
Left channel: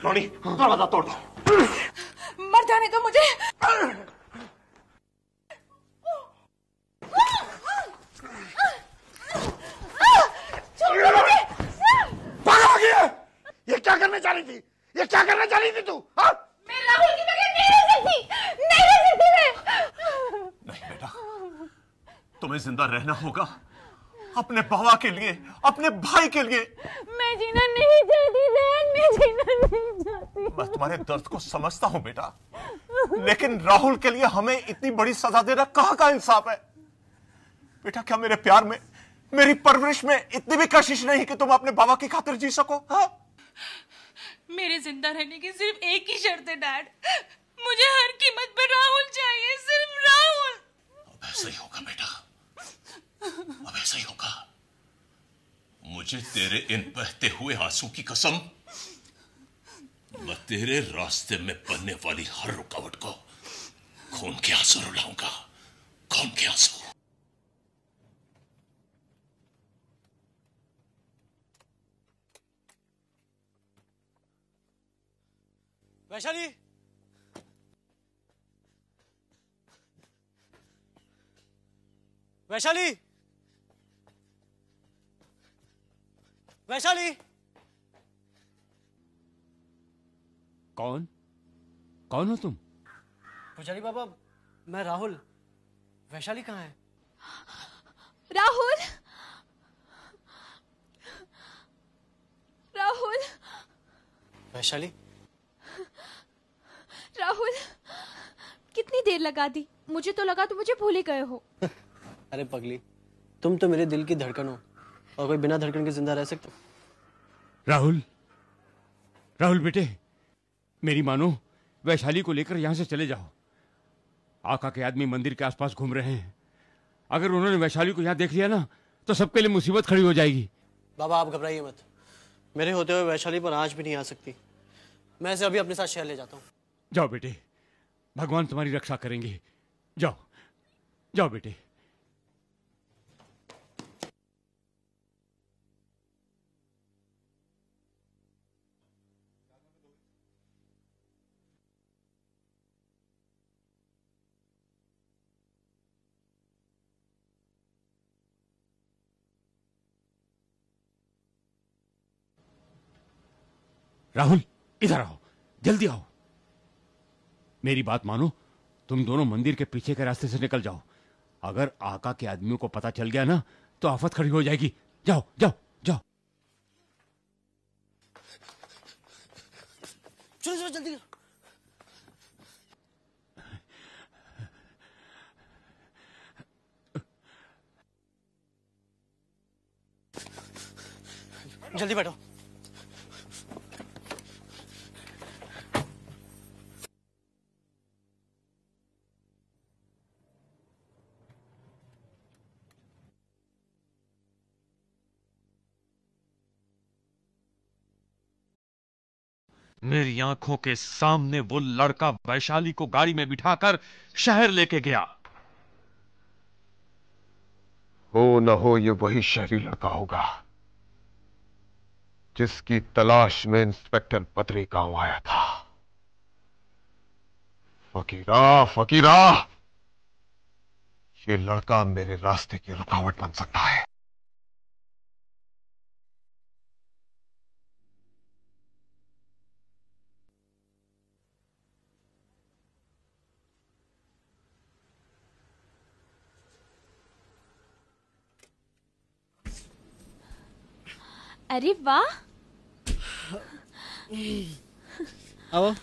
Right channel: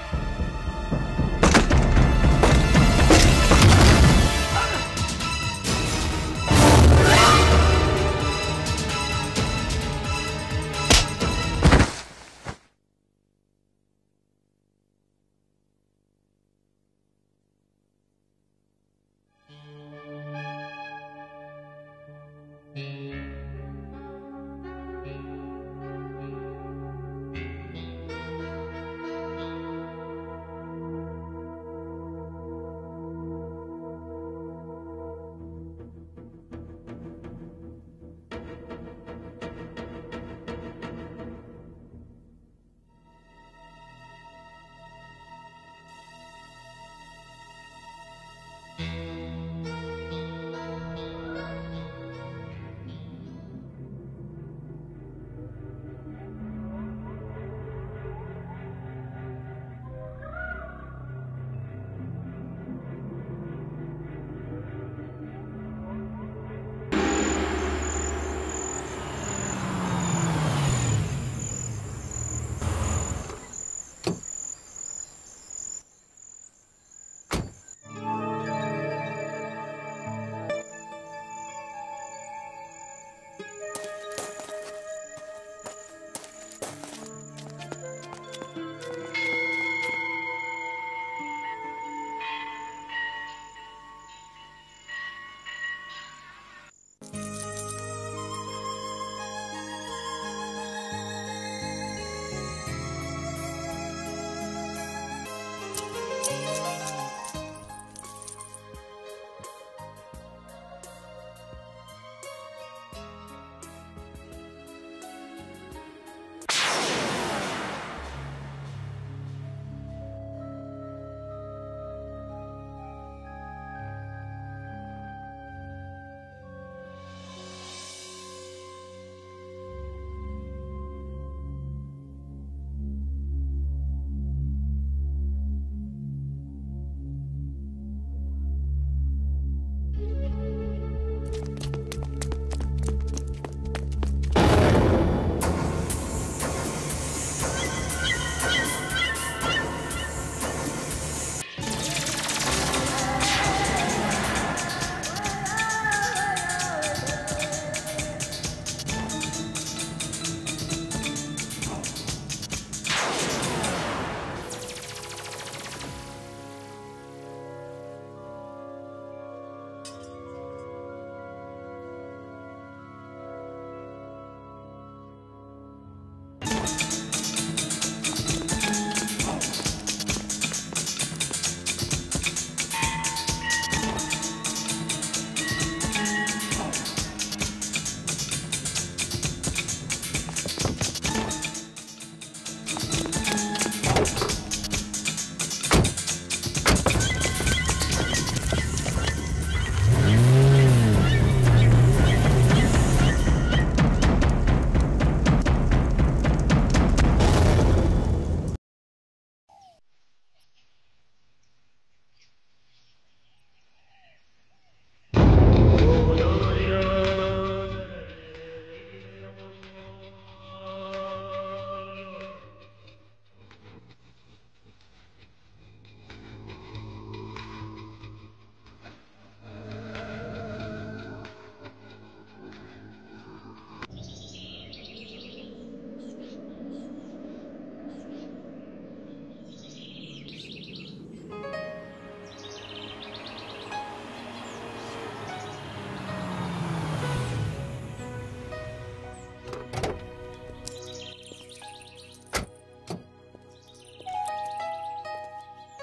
रोनी, दरवाजा तोड़। मत जाने दो मुझे। पागल हो गई है? ये क्या करने जा रही थी? ये क्या करने जा रही थी तू? हाँ? मैं राहुल की बगैर नहीं रह सकती। नहीं रह सकती मैं। तुम्हें जिंदा रहना होगा अपने बाबा के लिए, अपने भाई के लिए। मैं जीना नहीं चाहती डैड, मैं जीना नहीं चाहती। मैं तुम्हारे दर्द को समझता हूं बेटा, लेकिन राहुल के लिए हमें इतनी बड़ी सजा देना कहाँ का इंसाफ है? बेटा, क्या मेरे प्यार में, मेरी परवरिश में इतनी भी कशिश नहीं कि तुम अपने बाबा की खातिर जी सको? हाँ? मेरे जिंदा रहने की सिर्फ एक ही शर्त है डैड। मुझे हर कीमत पर राहुल चाहिए, सिर्फ राहुल। ऐसा ही होगा बेटा, अब ऐसा ही होगा। मुझे तेरे इन बहते हुए आंसू की कसम, और तेरे रास्ते में बनने वाली हर रुकावट को खून के आंसू रुलाऊंगा, खून के आंसू। वैशाली, वैशाली, वैशाली। कौन? कौन हो तुम? पुजारी बाबा, मैं राहुल। वैशाली कहाँ है? राहुल, राहुल, वैशाली। राहुल, कितनी देर लगा दी? मुझे तो लगा तुम मुझे भूल ही गए हो। अरे पगली, तुम तो मेरे दिल की धड़कन हो, और कोई बिना धड़कन के जिंदा रह सकता? राहुल, राहुल बेटे, मेरी मानो, वैशाली को लेकर यहाँ से चले जाओ। आका के आदमी मंदिर के आसपास घूम रहे हैं। अगर उन्होंने वैशाली को यहाँ देख लिया ना, तो सबके लिए मुसीबत खड़ी हो जाएगी। बाबा आप घबराइए मत, मेरे होते हुए वैशाली पर आंच भी नहीं आ सकती। मैं इसे अभी अपने साथ शहर ले जाता हूँ। जाओ बेटे, भगवान तुम्हारी रक्षा करेंगे। जाओ, जाओ बेटे। राहुल, इधर आओ, जल्दी आओ। मेरी बात मानो, तुम दोनों मंदिर के पीछे के रास्ते से निकल जाओ। अगर आका के आदमियों को पता चल गया ना, तो आफत खड़ी हो जाएगी। जाओ, जाओ, जाओ। जल्दी बैठो। मेरी आंखों के सामने वो लड़का वैशाली को गाड़ी में बिठाकर शहर लेके गया। हो न हो ये वही शहरी लड़का होगा जिसकी तलाश में इंस्पेक्टर बद्री गांव आया था। फकीरा, फकीरा, ये लड़का मेरे रास्ते की रुकावट बन सकता है। अरे वाह, आओ।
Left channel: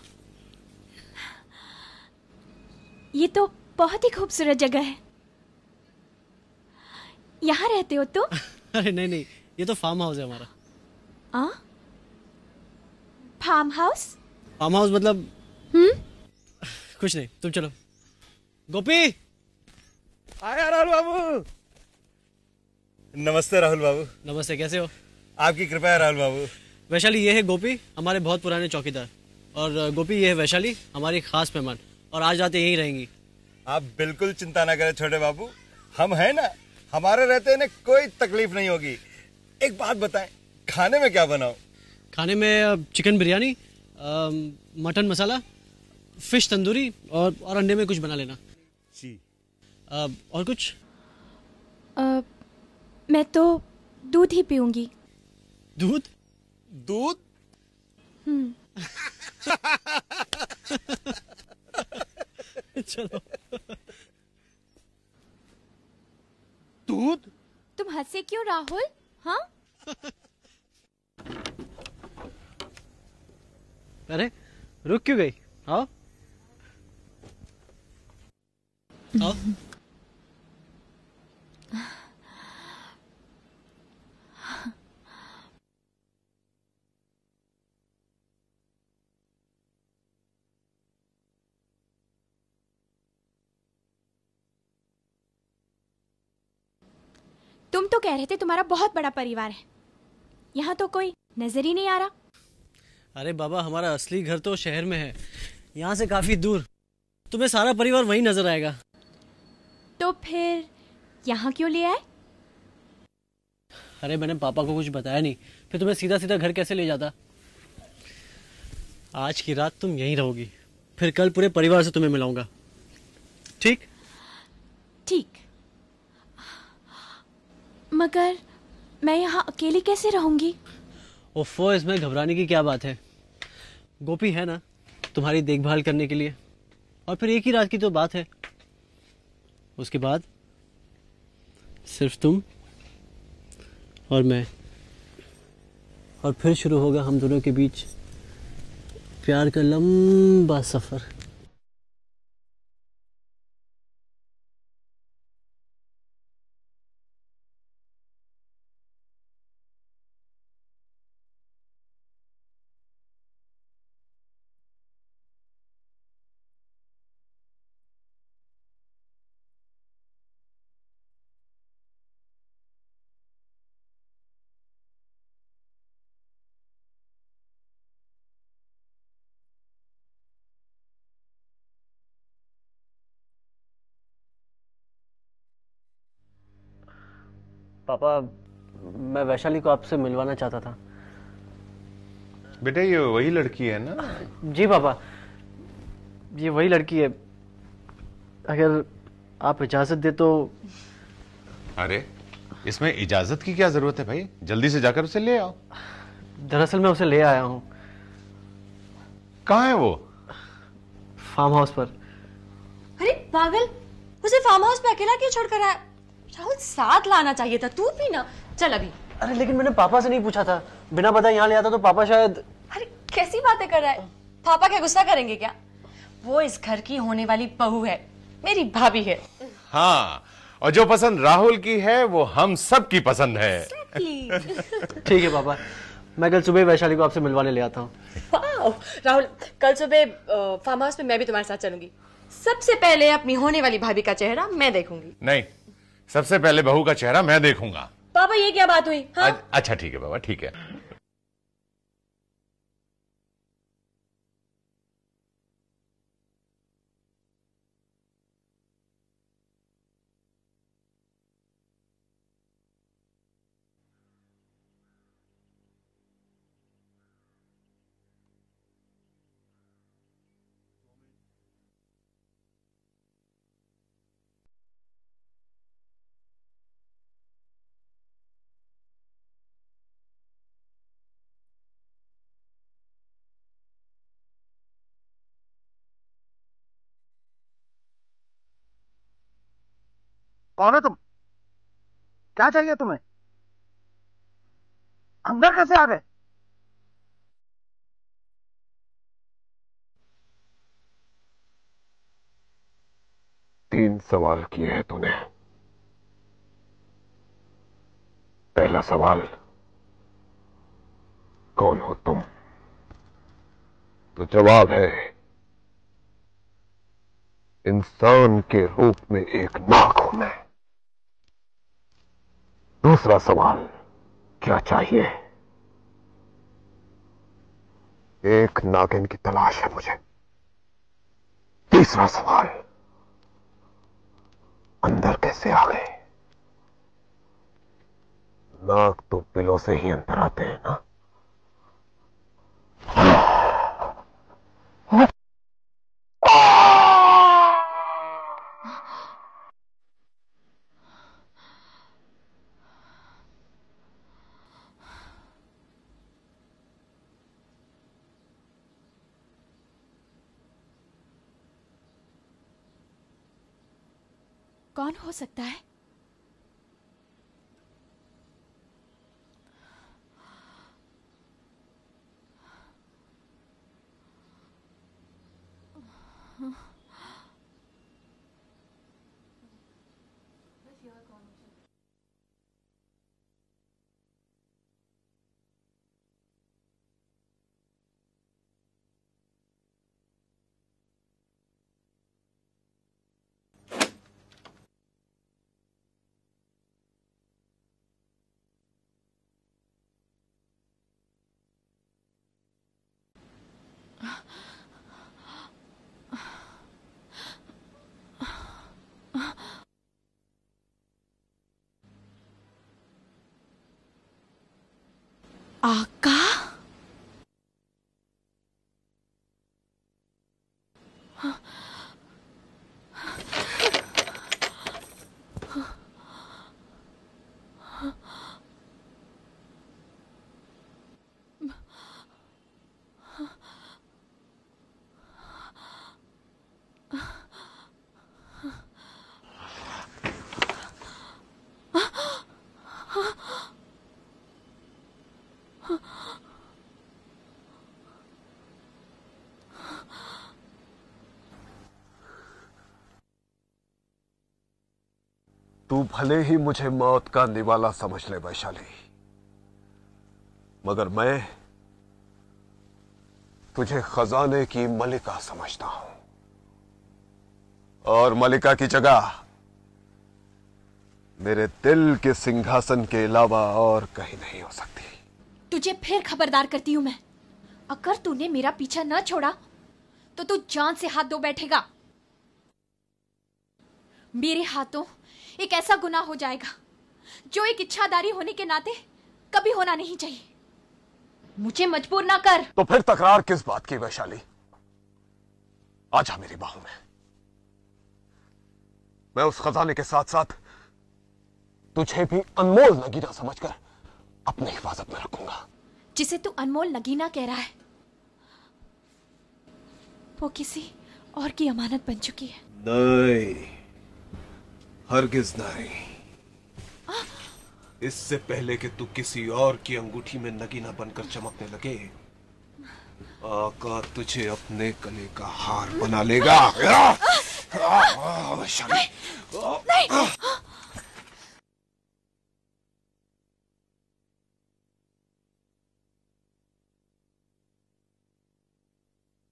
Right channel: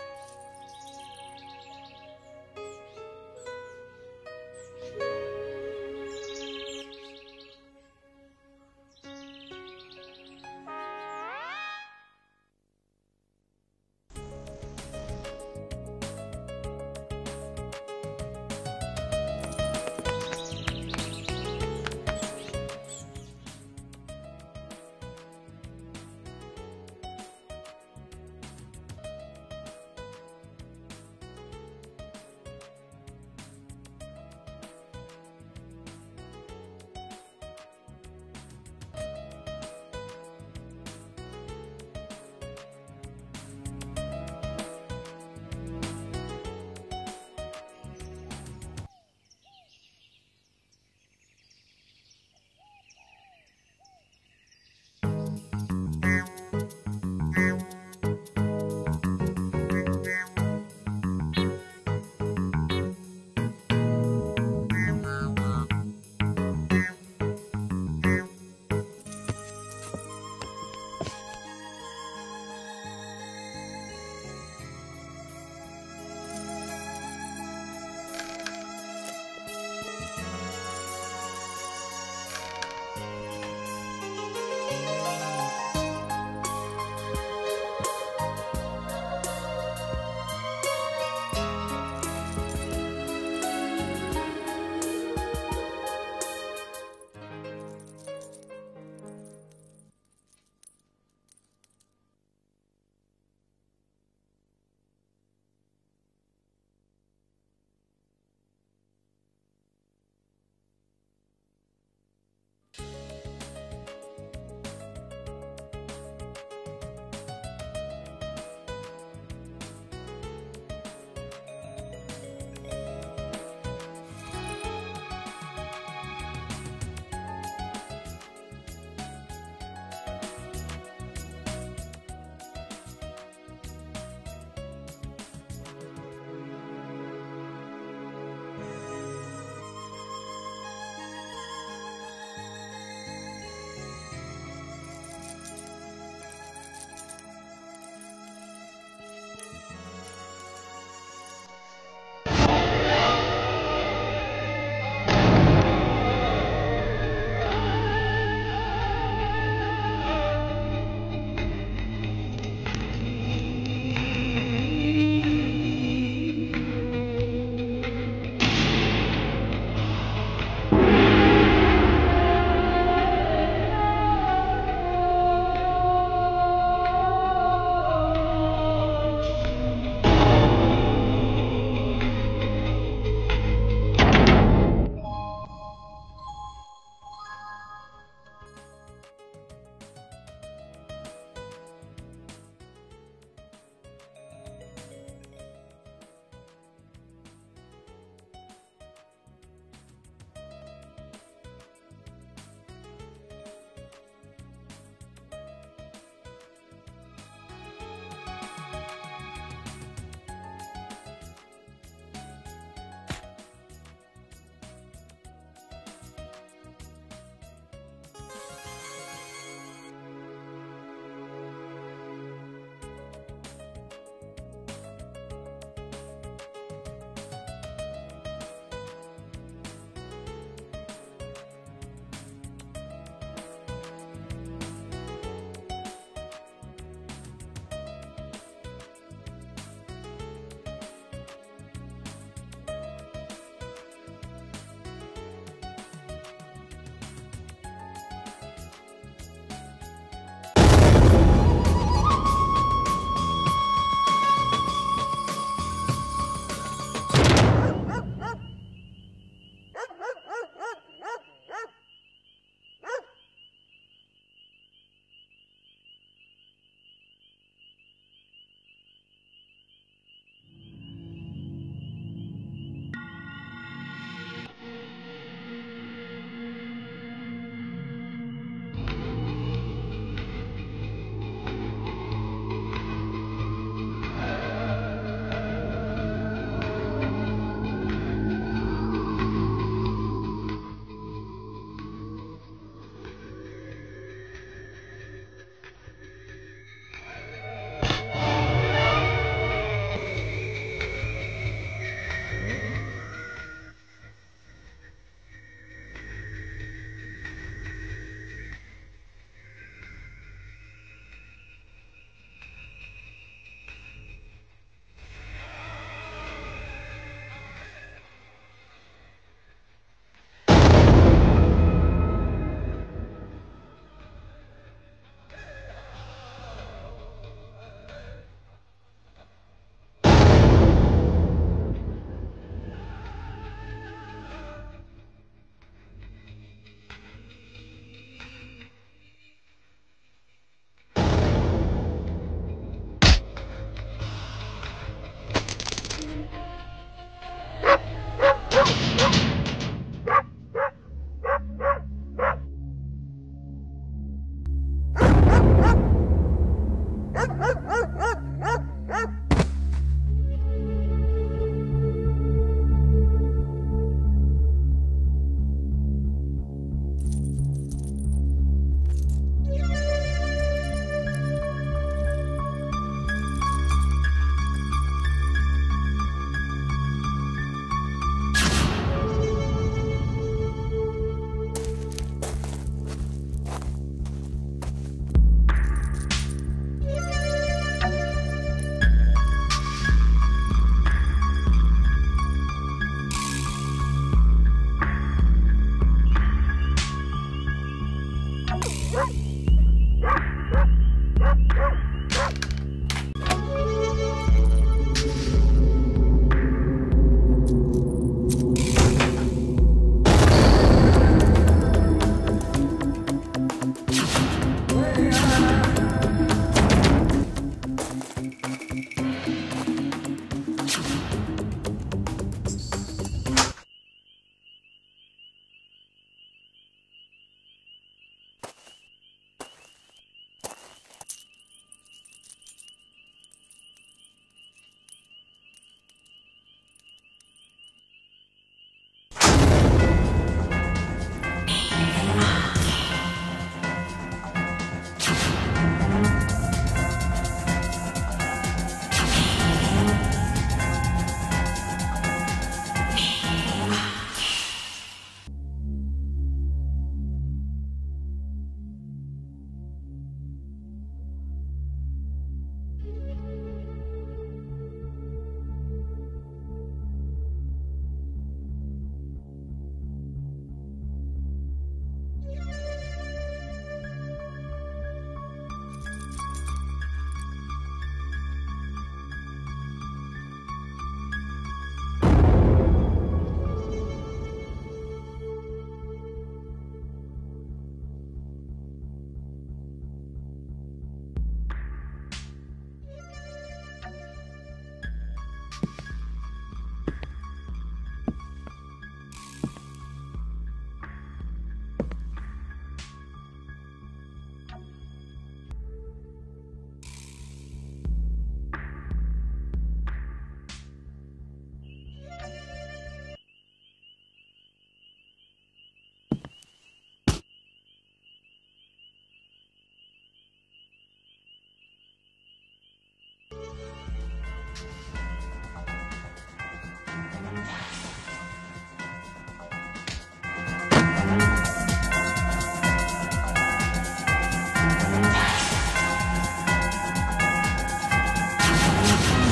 ये तो बहुत ही खूबसूरत जगह है। यहाँ रहते हो तुम? अरे नहीं नहीं, ये तो फार्म हाउस है हमारा। आ? Farm house? फार्म हाउस मतलब? कुछ नहीं, तुम चलो। गोपी, अरे राहुल बाबू। नमस्ते राहुल बाबू। नमस्ते, कैसे हो? आपकी कृपा है राहुल बाबू। वैशाली, ये है गोपी, हमारे बहुत पुराने चौकीदार। और गोपी, ये है वैशाली, हमारी खास मेहमान, और आज रात यहीं रहेंगी। आप बिल्कुल चिंता ना करें छोटे बाबू, हम हैं ना, हमारे रहते इन्हें कोई तकलीफ नहीं होगी। एक बात बताएं, खाने में क्या बनाओ? खाने में चिकन बिरयानी, मटन मसाला, फिश तंदूरी और अंडे में कुछ बना लेना। जी। और कुछ? मैं तो दूध ही पीऊंगी। दूध? दूध? चलो। दूध? तुम हंसे क्यों राहुल? हाँ? अरे रुक क्यों गई? आओ आओ। तुम तो कह रहे थे तुम्हारा बहुत बड़ा परिवार है, यहाँ तो कोई नजर ही नहीं आ रहा। अरे बाबा, हमारा असली घर तो शहर में है, यहाँ से काफी दूर। तुम्हें सारा परिवार वहीं नजर आएगा। तो फिर यहाँ क्यों ले आए? अरे मैंने पापा को कुछ बताया नहीं, फिर तुम्हें सीधा सीधा घर कैसे ले जाता। आज की रात तुम यहीं रहोगी, फिर कल पूरे परिवार से तुम्हें मिलाऊंगा। ठीक? ठीक। मगर मैं यहाँ अकेली कैसे रहूंगी? ओफो, इसमें घबराने की क्या बात है? गोपी है ना तुम्हारी देखभाल करने के लिए। और फिर एक ही रात की तो बात है, उसके बाद सिर्फ तुम और मैं, और फिर शुरू होगा हम दोनों के बीच प्यार का लंबा सफर। पापा, मैं वैशाली को आपसे मिलवाना चाहता था। बेटा ये वही लड़की है ना? जी पापा, ये वही लड़की है। अगर आप इजाजत दे तो। अरे इसमें इजाजत की क्या जरूरत है भाई, जल्दी से जाकर उसे ले आओ। दरअसल मैं उसे ले आया हूँ। कहाँ है वो? फार्म हाउस पर। अरे पागल, उसे फार्म हाउस पे अकेला क्यों छोड़कर आया? राहुल, साथ लाना चाहिए था, तू भी ना। चल अभी। अरे लेकिन मैंने पापा से नहीं पूछा था, बिना बताए यहाँ ले आता तो पापा शायद। अरे कैसी बातें कर रहा है? पापा क्या गुस्सा करेंगे क्या? वो इस घर की होने वाली बहू है, मेरी भाभी है। हाँ, और जो पसंद राहुल की है वो हम सब की पसंद है। ठीक है पापा, मैं कल सुबह वैशाली को आपसे मिलवाने ले आता हूँ। राहुल, कल सुबह फार्म हाउस पे मैं भी तुम्हारे साथ चलूंगी। सबसे पहले अपनी होने वाली भाभी का चेहरा मैं देखूंगी। नहीं, सबसे पहले बहू का चेहरा मैं देखूंगा। पापा ये क्या बात हुई? हाँ? अच्छा ठीक है बाबा, ठीक है। कौन हो तुम? क्या चाहिए तुम्हें? अंदर कैसे आ गए? तीन सवाल किए हैं तूने। पहला सवाल, कौन हो तुम? तो जवाब है, इंसान के रूप में एक नाग हूं मैं। दूसरा सवाल, क्या चाहिए? एक नागिन की तलाश है मुझे। तीसरा सवाल, अंदर कैसे आ गए? नाग तो बिलों से ही अंदर आते हैं ना। कौन हो सकता है? तू भले ही मुझे मौत का निवाला समझ ले वैशाली, मगर मैं तुझे खजाने की मलिका समझता हूं, और मलिका की जगह मेरे दिल के सिंहासन के अलावा और कहीं नहीं हो सकती। तुझे फिर खबरदार करती हूं मैं, अगर तूने मेरा पीछा न छोड़ा तो तू जान से हाथ धो बैठेगा। मेरे हाथों एक ऐसा गुनाह हो जाएगा जो एक इच्छाधारी होने के नाते कभी होना नहीं चाहिए। मुझे मजबूर ना कर। तो फिर तकरार किस बात की वैशाली? आजा मेरी बाहों में। मैं उस खजाने के साथ साथ तुझे भी अनमोल नगीना समझकर अपनी हिफाजत में रखूंगा। जिसे तू अनमोल नगीना कह रहा है वो किसी और की अमानत बन चुकी है। नहीं, हरगिज नहीं। इससे पहले कि तू किसी और की अंगूठी में नगीना बनकर चमकने लगे, आका तुझे अपने गले का हार बना लेगा।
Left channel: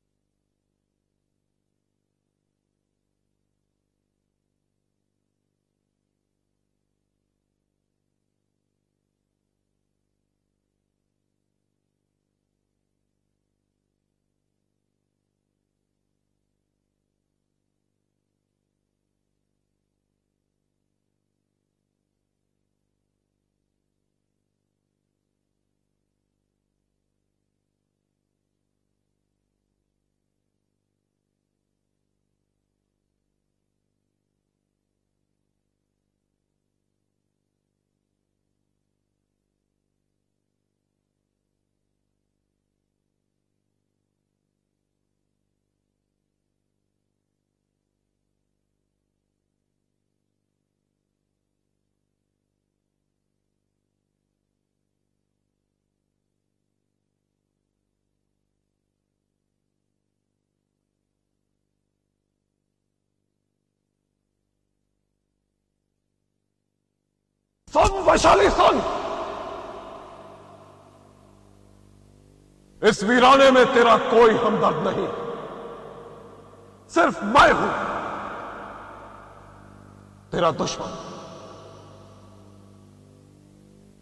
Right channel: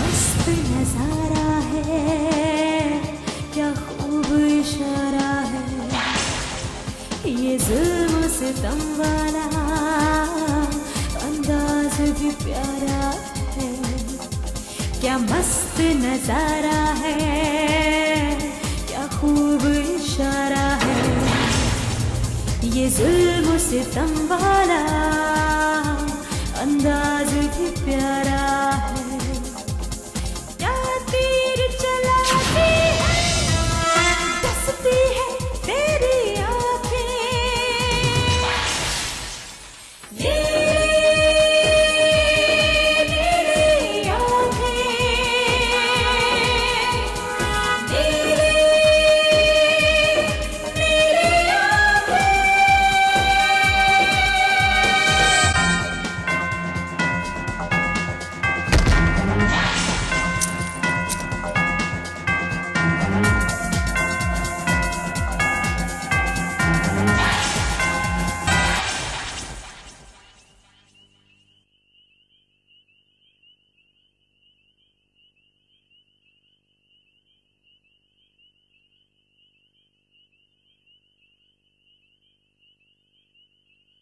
मस्त नजारा है, क्या खूब इशारा है, ये जुल्म सितम वाला अंदाज भी प्यारा है। क्या मस्त नजारा है, क्या खूब इशारा है, ये जुल्म सितम वाला अंदाज भी प्यारा है। क्या तीर चलाती है, डसती है तेरी वैशाली सुन, इस वीराने में तेरा कोई हमदर्द नहीं, सिर्फ मैं हूं तेरा दुश्मन।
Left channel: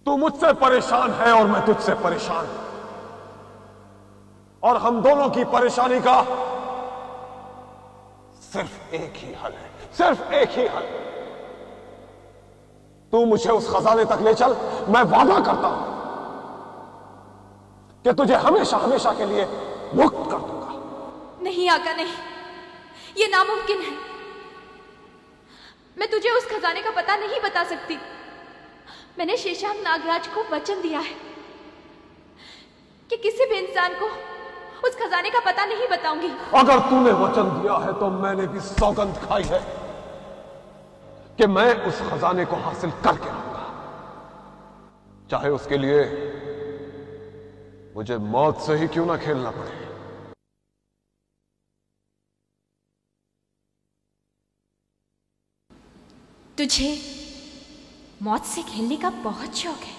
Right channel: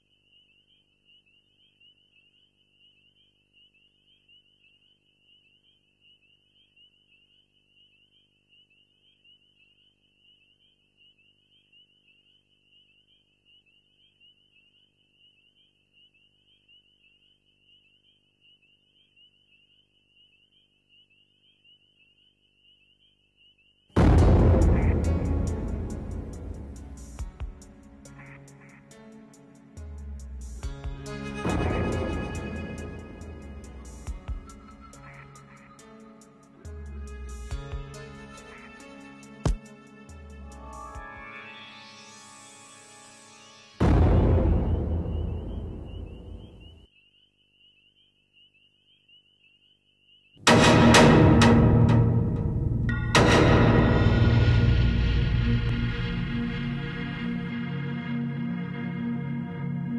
तू मुझसे परेशान है और मैं तुझसे परेशान हूं, और हम दोनों की परेशानी का सिर्फ एक ही हल है, सिर्फ एक ही हल। तू मुझे उस खजाने तक ले चल, मैं वादा करता हूं कि तुझे हमेशा हमेशा के लिए मुक्त कर दूंगा। नहीं आका, नहीं, ये नामुमकिन है। मैं तुझे उस खजाने का पता नहीं बता सकती। मैंने शेषांग नागराज को वचन दिया है कि किसी भी इंसान को उस खजाने का पता नहीं बताऊंगी। अगर तूने वचन दिया है तो मैंने भी सौगंध खाई है कि मैं उस खजाने को हासिल करके रहूंगा, चाहे उसके लिए मुझे मौत से ही क्यों ना खेलना पड़े। तुझे मौत से खेलने का बहुत शौक है,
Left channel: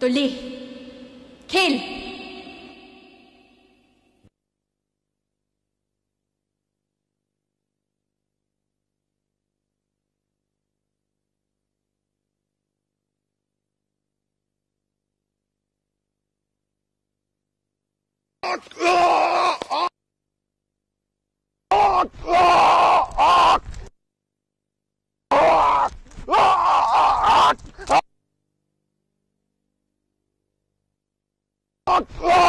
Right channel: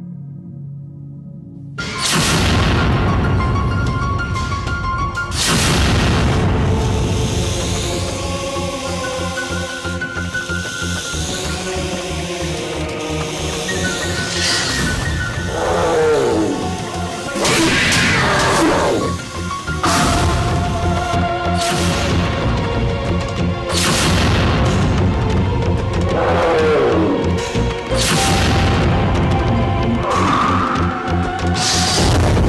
तो ले खेल। Oh!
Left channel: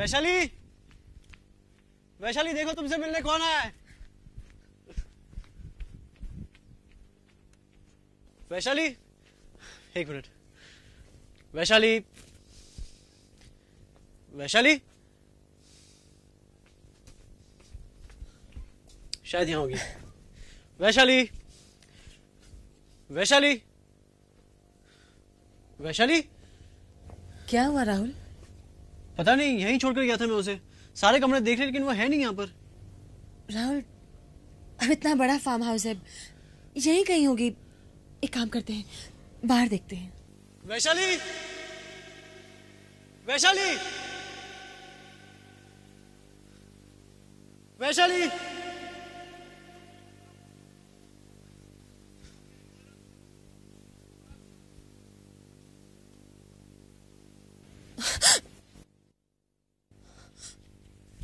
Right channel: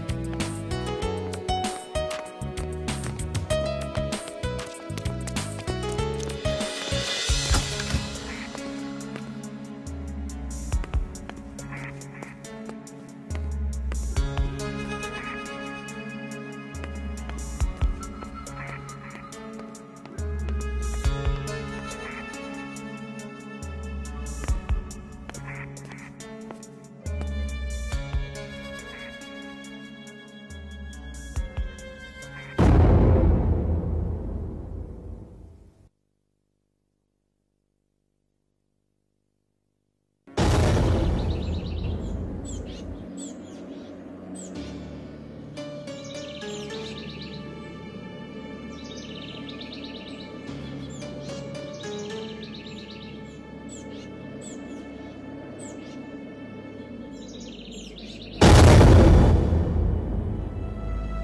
वैशाली, वैशाली देखो तुमसे मिलने कौन आया है। वैशाली, एक मिनट। वैशाली, वैशाली, शायद यहाँ होगी। वैशाली, वैशाली, वैशाली, क्या हुआ राहुल? पता नहीं, यहीं छोड़कर गया था मैं उसे। सारे कमरे देख लिए लेकिन वो है नहीं यहाँ पर। राहुल, अब इतना बड़ा फार्म हाउस है, यहीं कहीं होगी। एक काम करते हैं, बाहर देखते हैं। वैशाली, वैशाली, वैशाली,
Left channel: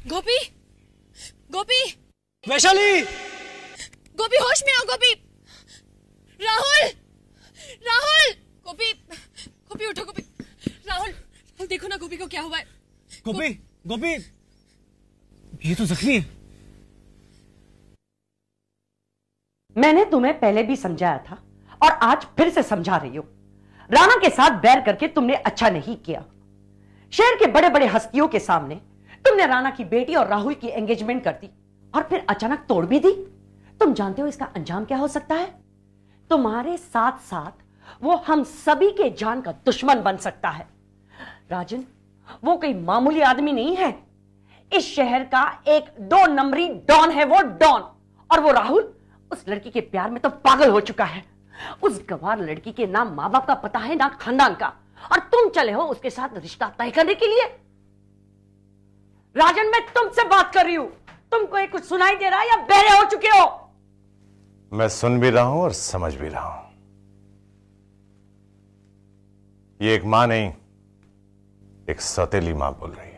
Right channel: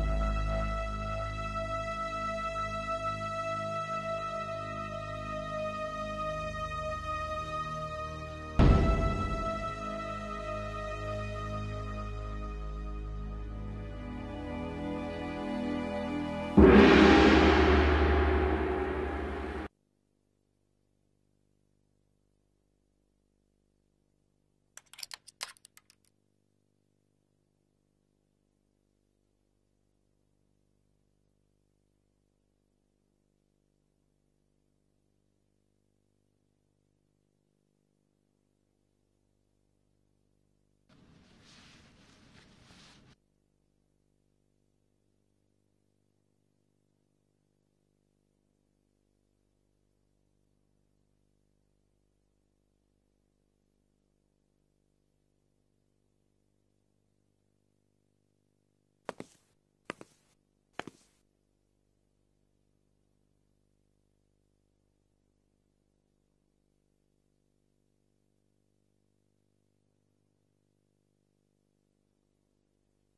गोपी, गोपी, वैशाली, गोपी होश में आओ। गोपी, राहुल, राहुल, गोपी, गोपी उठो। गोपी, राहुल देखो ना गोपी को क्या हुआ है। गोपी, गोपी, ये तो जख्मी है। मैंने तुम्हें पहले भी समझाया था और आज फिर से समझा रही हूं। राणा के साथ बैर करके तुमने अच्छा नहीं किया। शहर के बड़े बड़े हस्तियों के सामने तुमने राणा की बेटी और राहुल की एंगेजमेंट कर दी और फिर अचानक तोड़ भी दी। तुम जानते हो इसका अंजाम क्या हो सकता है? तुम्हारे साथ साथ वो हम सभी के जान का दुश्मन बन सकता है। राजन, वो कोई मामूली आदमी नहीं है। इस शहर का एक 2 नंबरी डॉन है वो, डॉन। और वो राहुल उस लड़की के प्यार में तो पागल हो चुका है। उस गंवार लड़की के ना माँ बाप का पता है ना खानदान का, और तुम चले हो उसके साथ रिश्ता तय करने के लिए। राजन, मैं तुमसे बात कर रही हूं। तुमको ये कुछ सुनाई दे रहा है या बहरे हो चुके हो? मैं सुन भी रहा हूं और समझ भी रहा हूं। ये एक मां नहीं, एक सौतेली मां बोल रही है।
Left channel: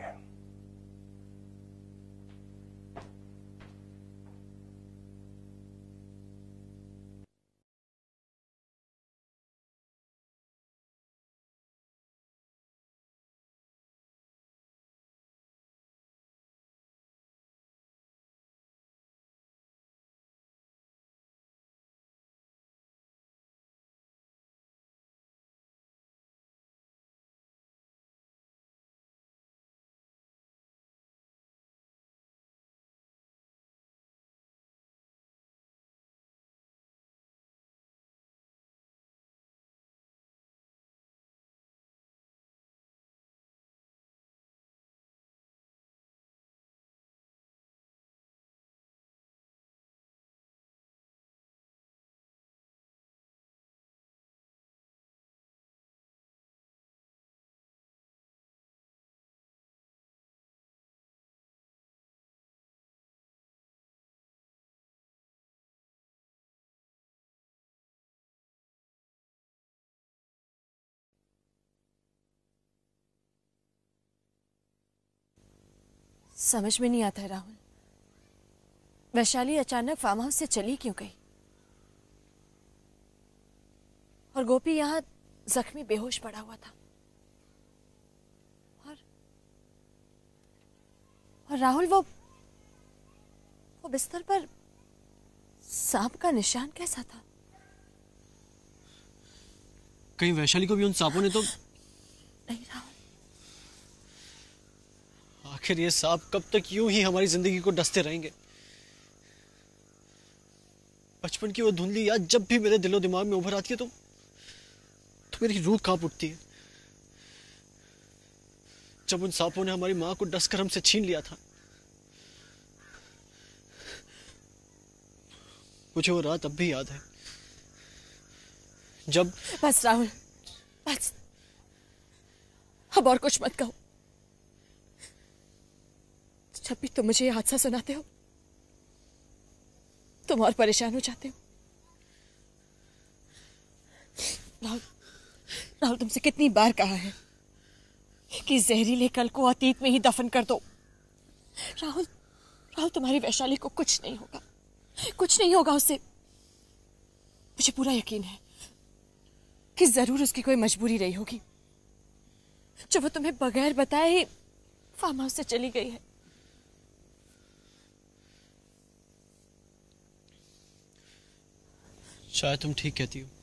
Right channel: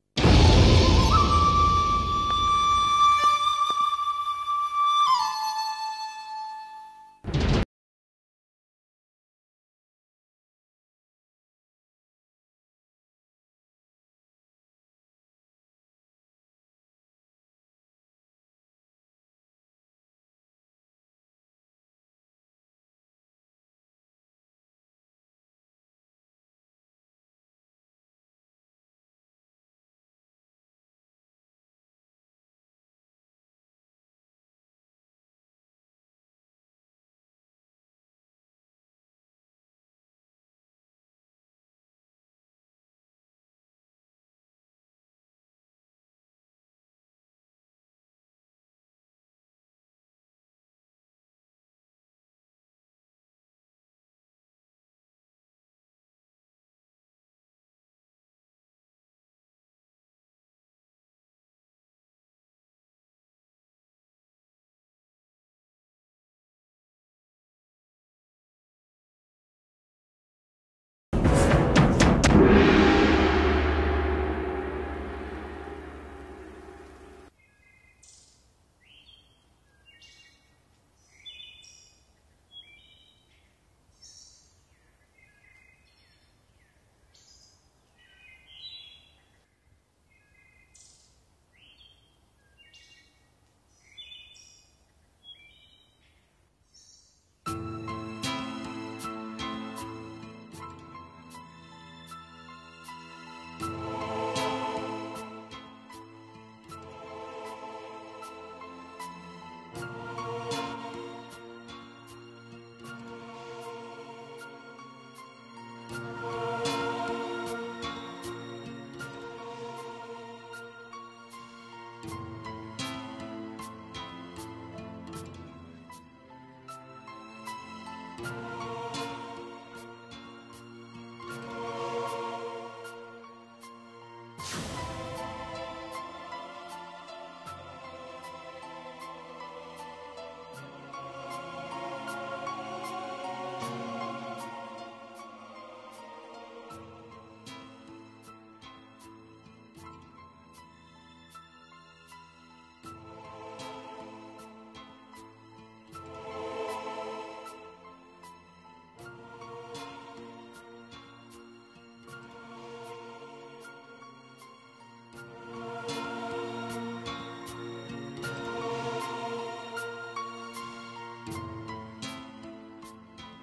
समझ में नहीं आता है राहुल, वैशाली अचानक फार्म हाउस से चली क्यों गई? और गोपी यहाँ जख्मी बेहोश पड़ा हुआ था। और राहुल वो बिस्तर पर सांप का निशान कैसा था? कहीं वैशाली को भी उन सांपों ने तो... आखिर ये सांप कब तक यूं ही हमारी जिंदगी को डसते रहेंगे? बचपन की वो धुंधली याद जब भी मेरे दिलो दिमाग में उभर आती है तो मेरी रूह कांप उठती है। जब उन सांपों ने हमारी मां को डसकर हमसे छीन लिया था, मुझे वो रात अब भी याद है जब... बस राहुल, बस, अब और कुछ मत कहो। जब भी तुम मुझे ये हादसा सुनाते हो तुम और परेशान हो जाते हो। राहुल, तुमसे कितनी बार कहा है कि जहरीले कल को अतीत में ही दफन कर दो। राहुल, तुम्हारी वैशाली को कुछ नहीं होगा, कुछ नहीं होगा उससे। मुझे पूरा यकीन है कि जरूर उसकी कोई मजबूरी रही होगी जो वो तुम्हें बगैर बताए फार्म हाउस से चली गई। शायद तुम ठीक कहती हो।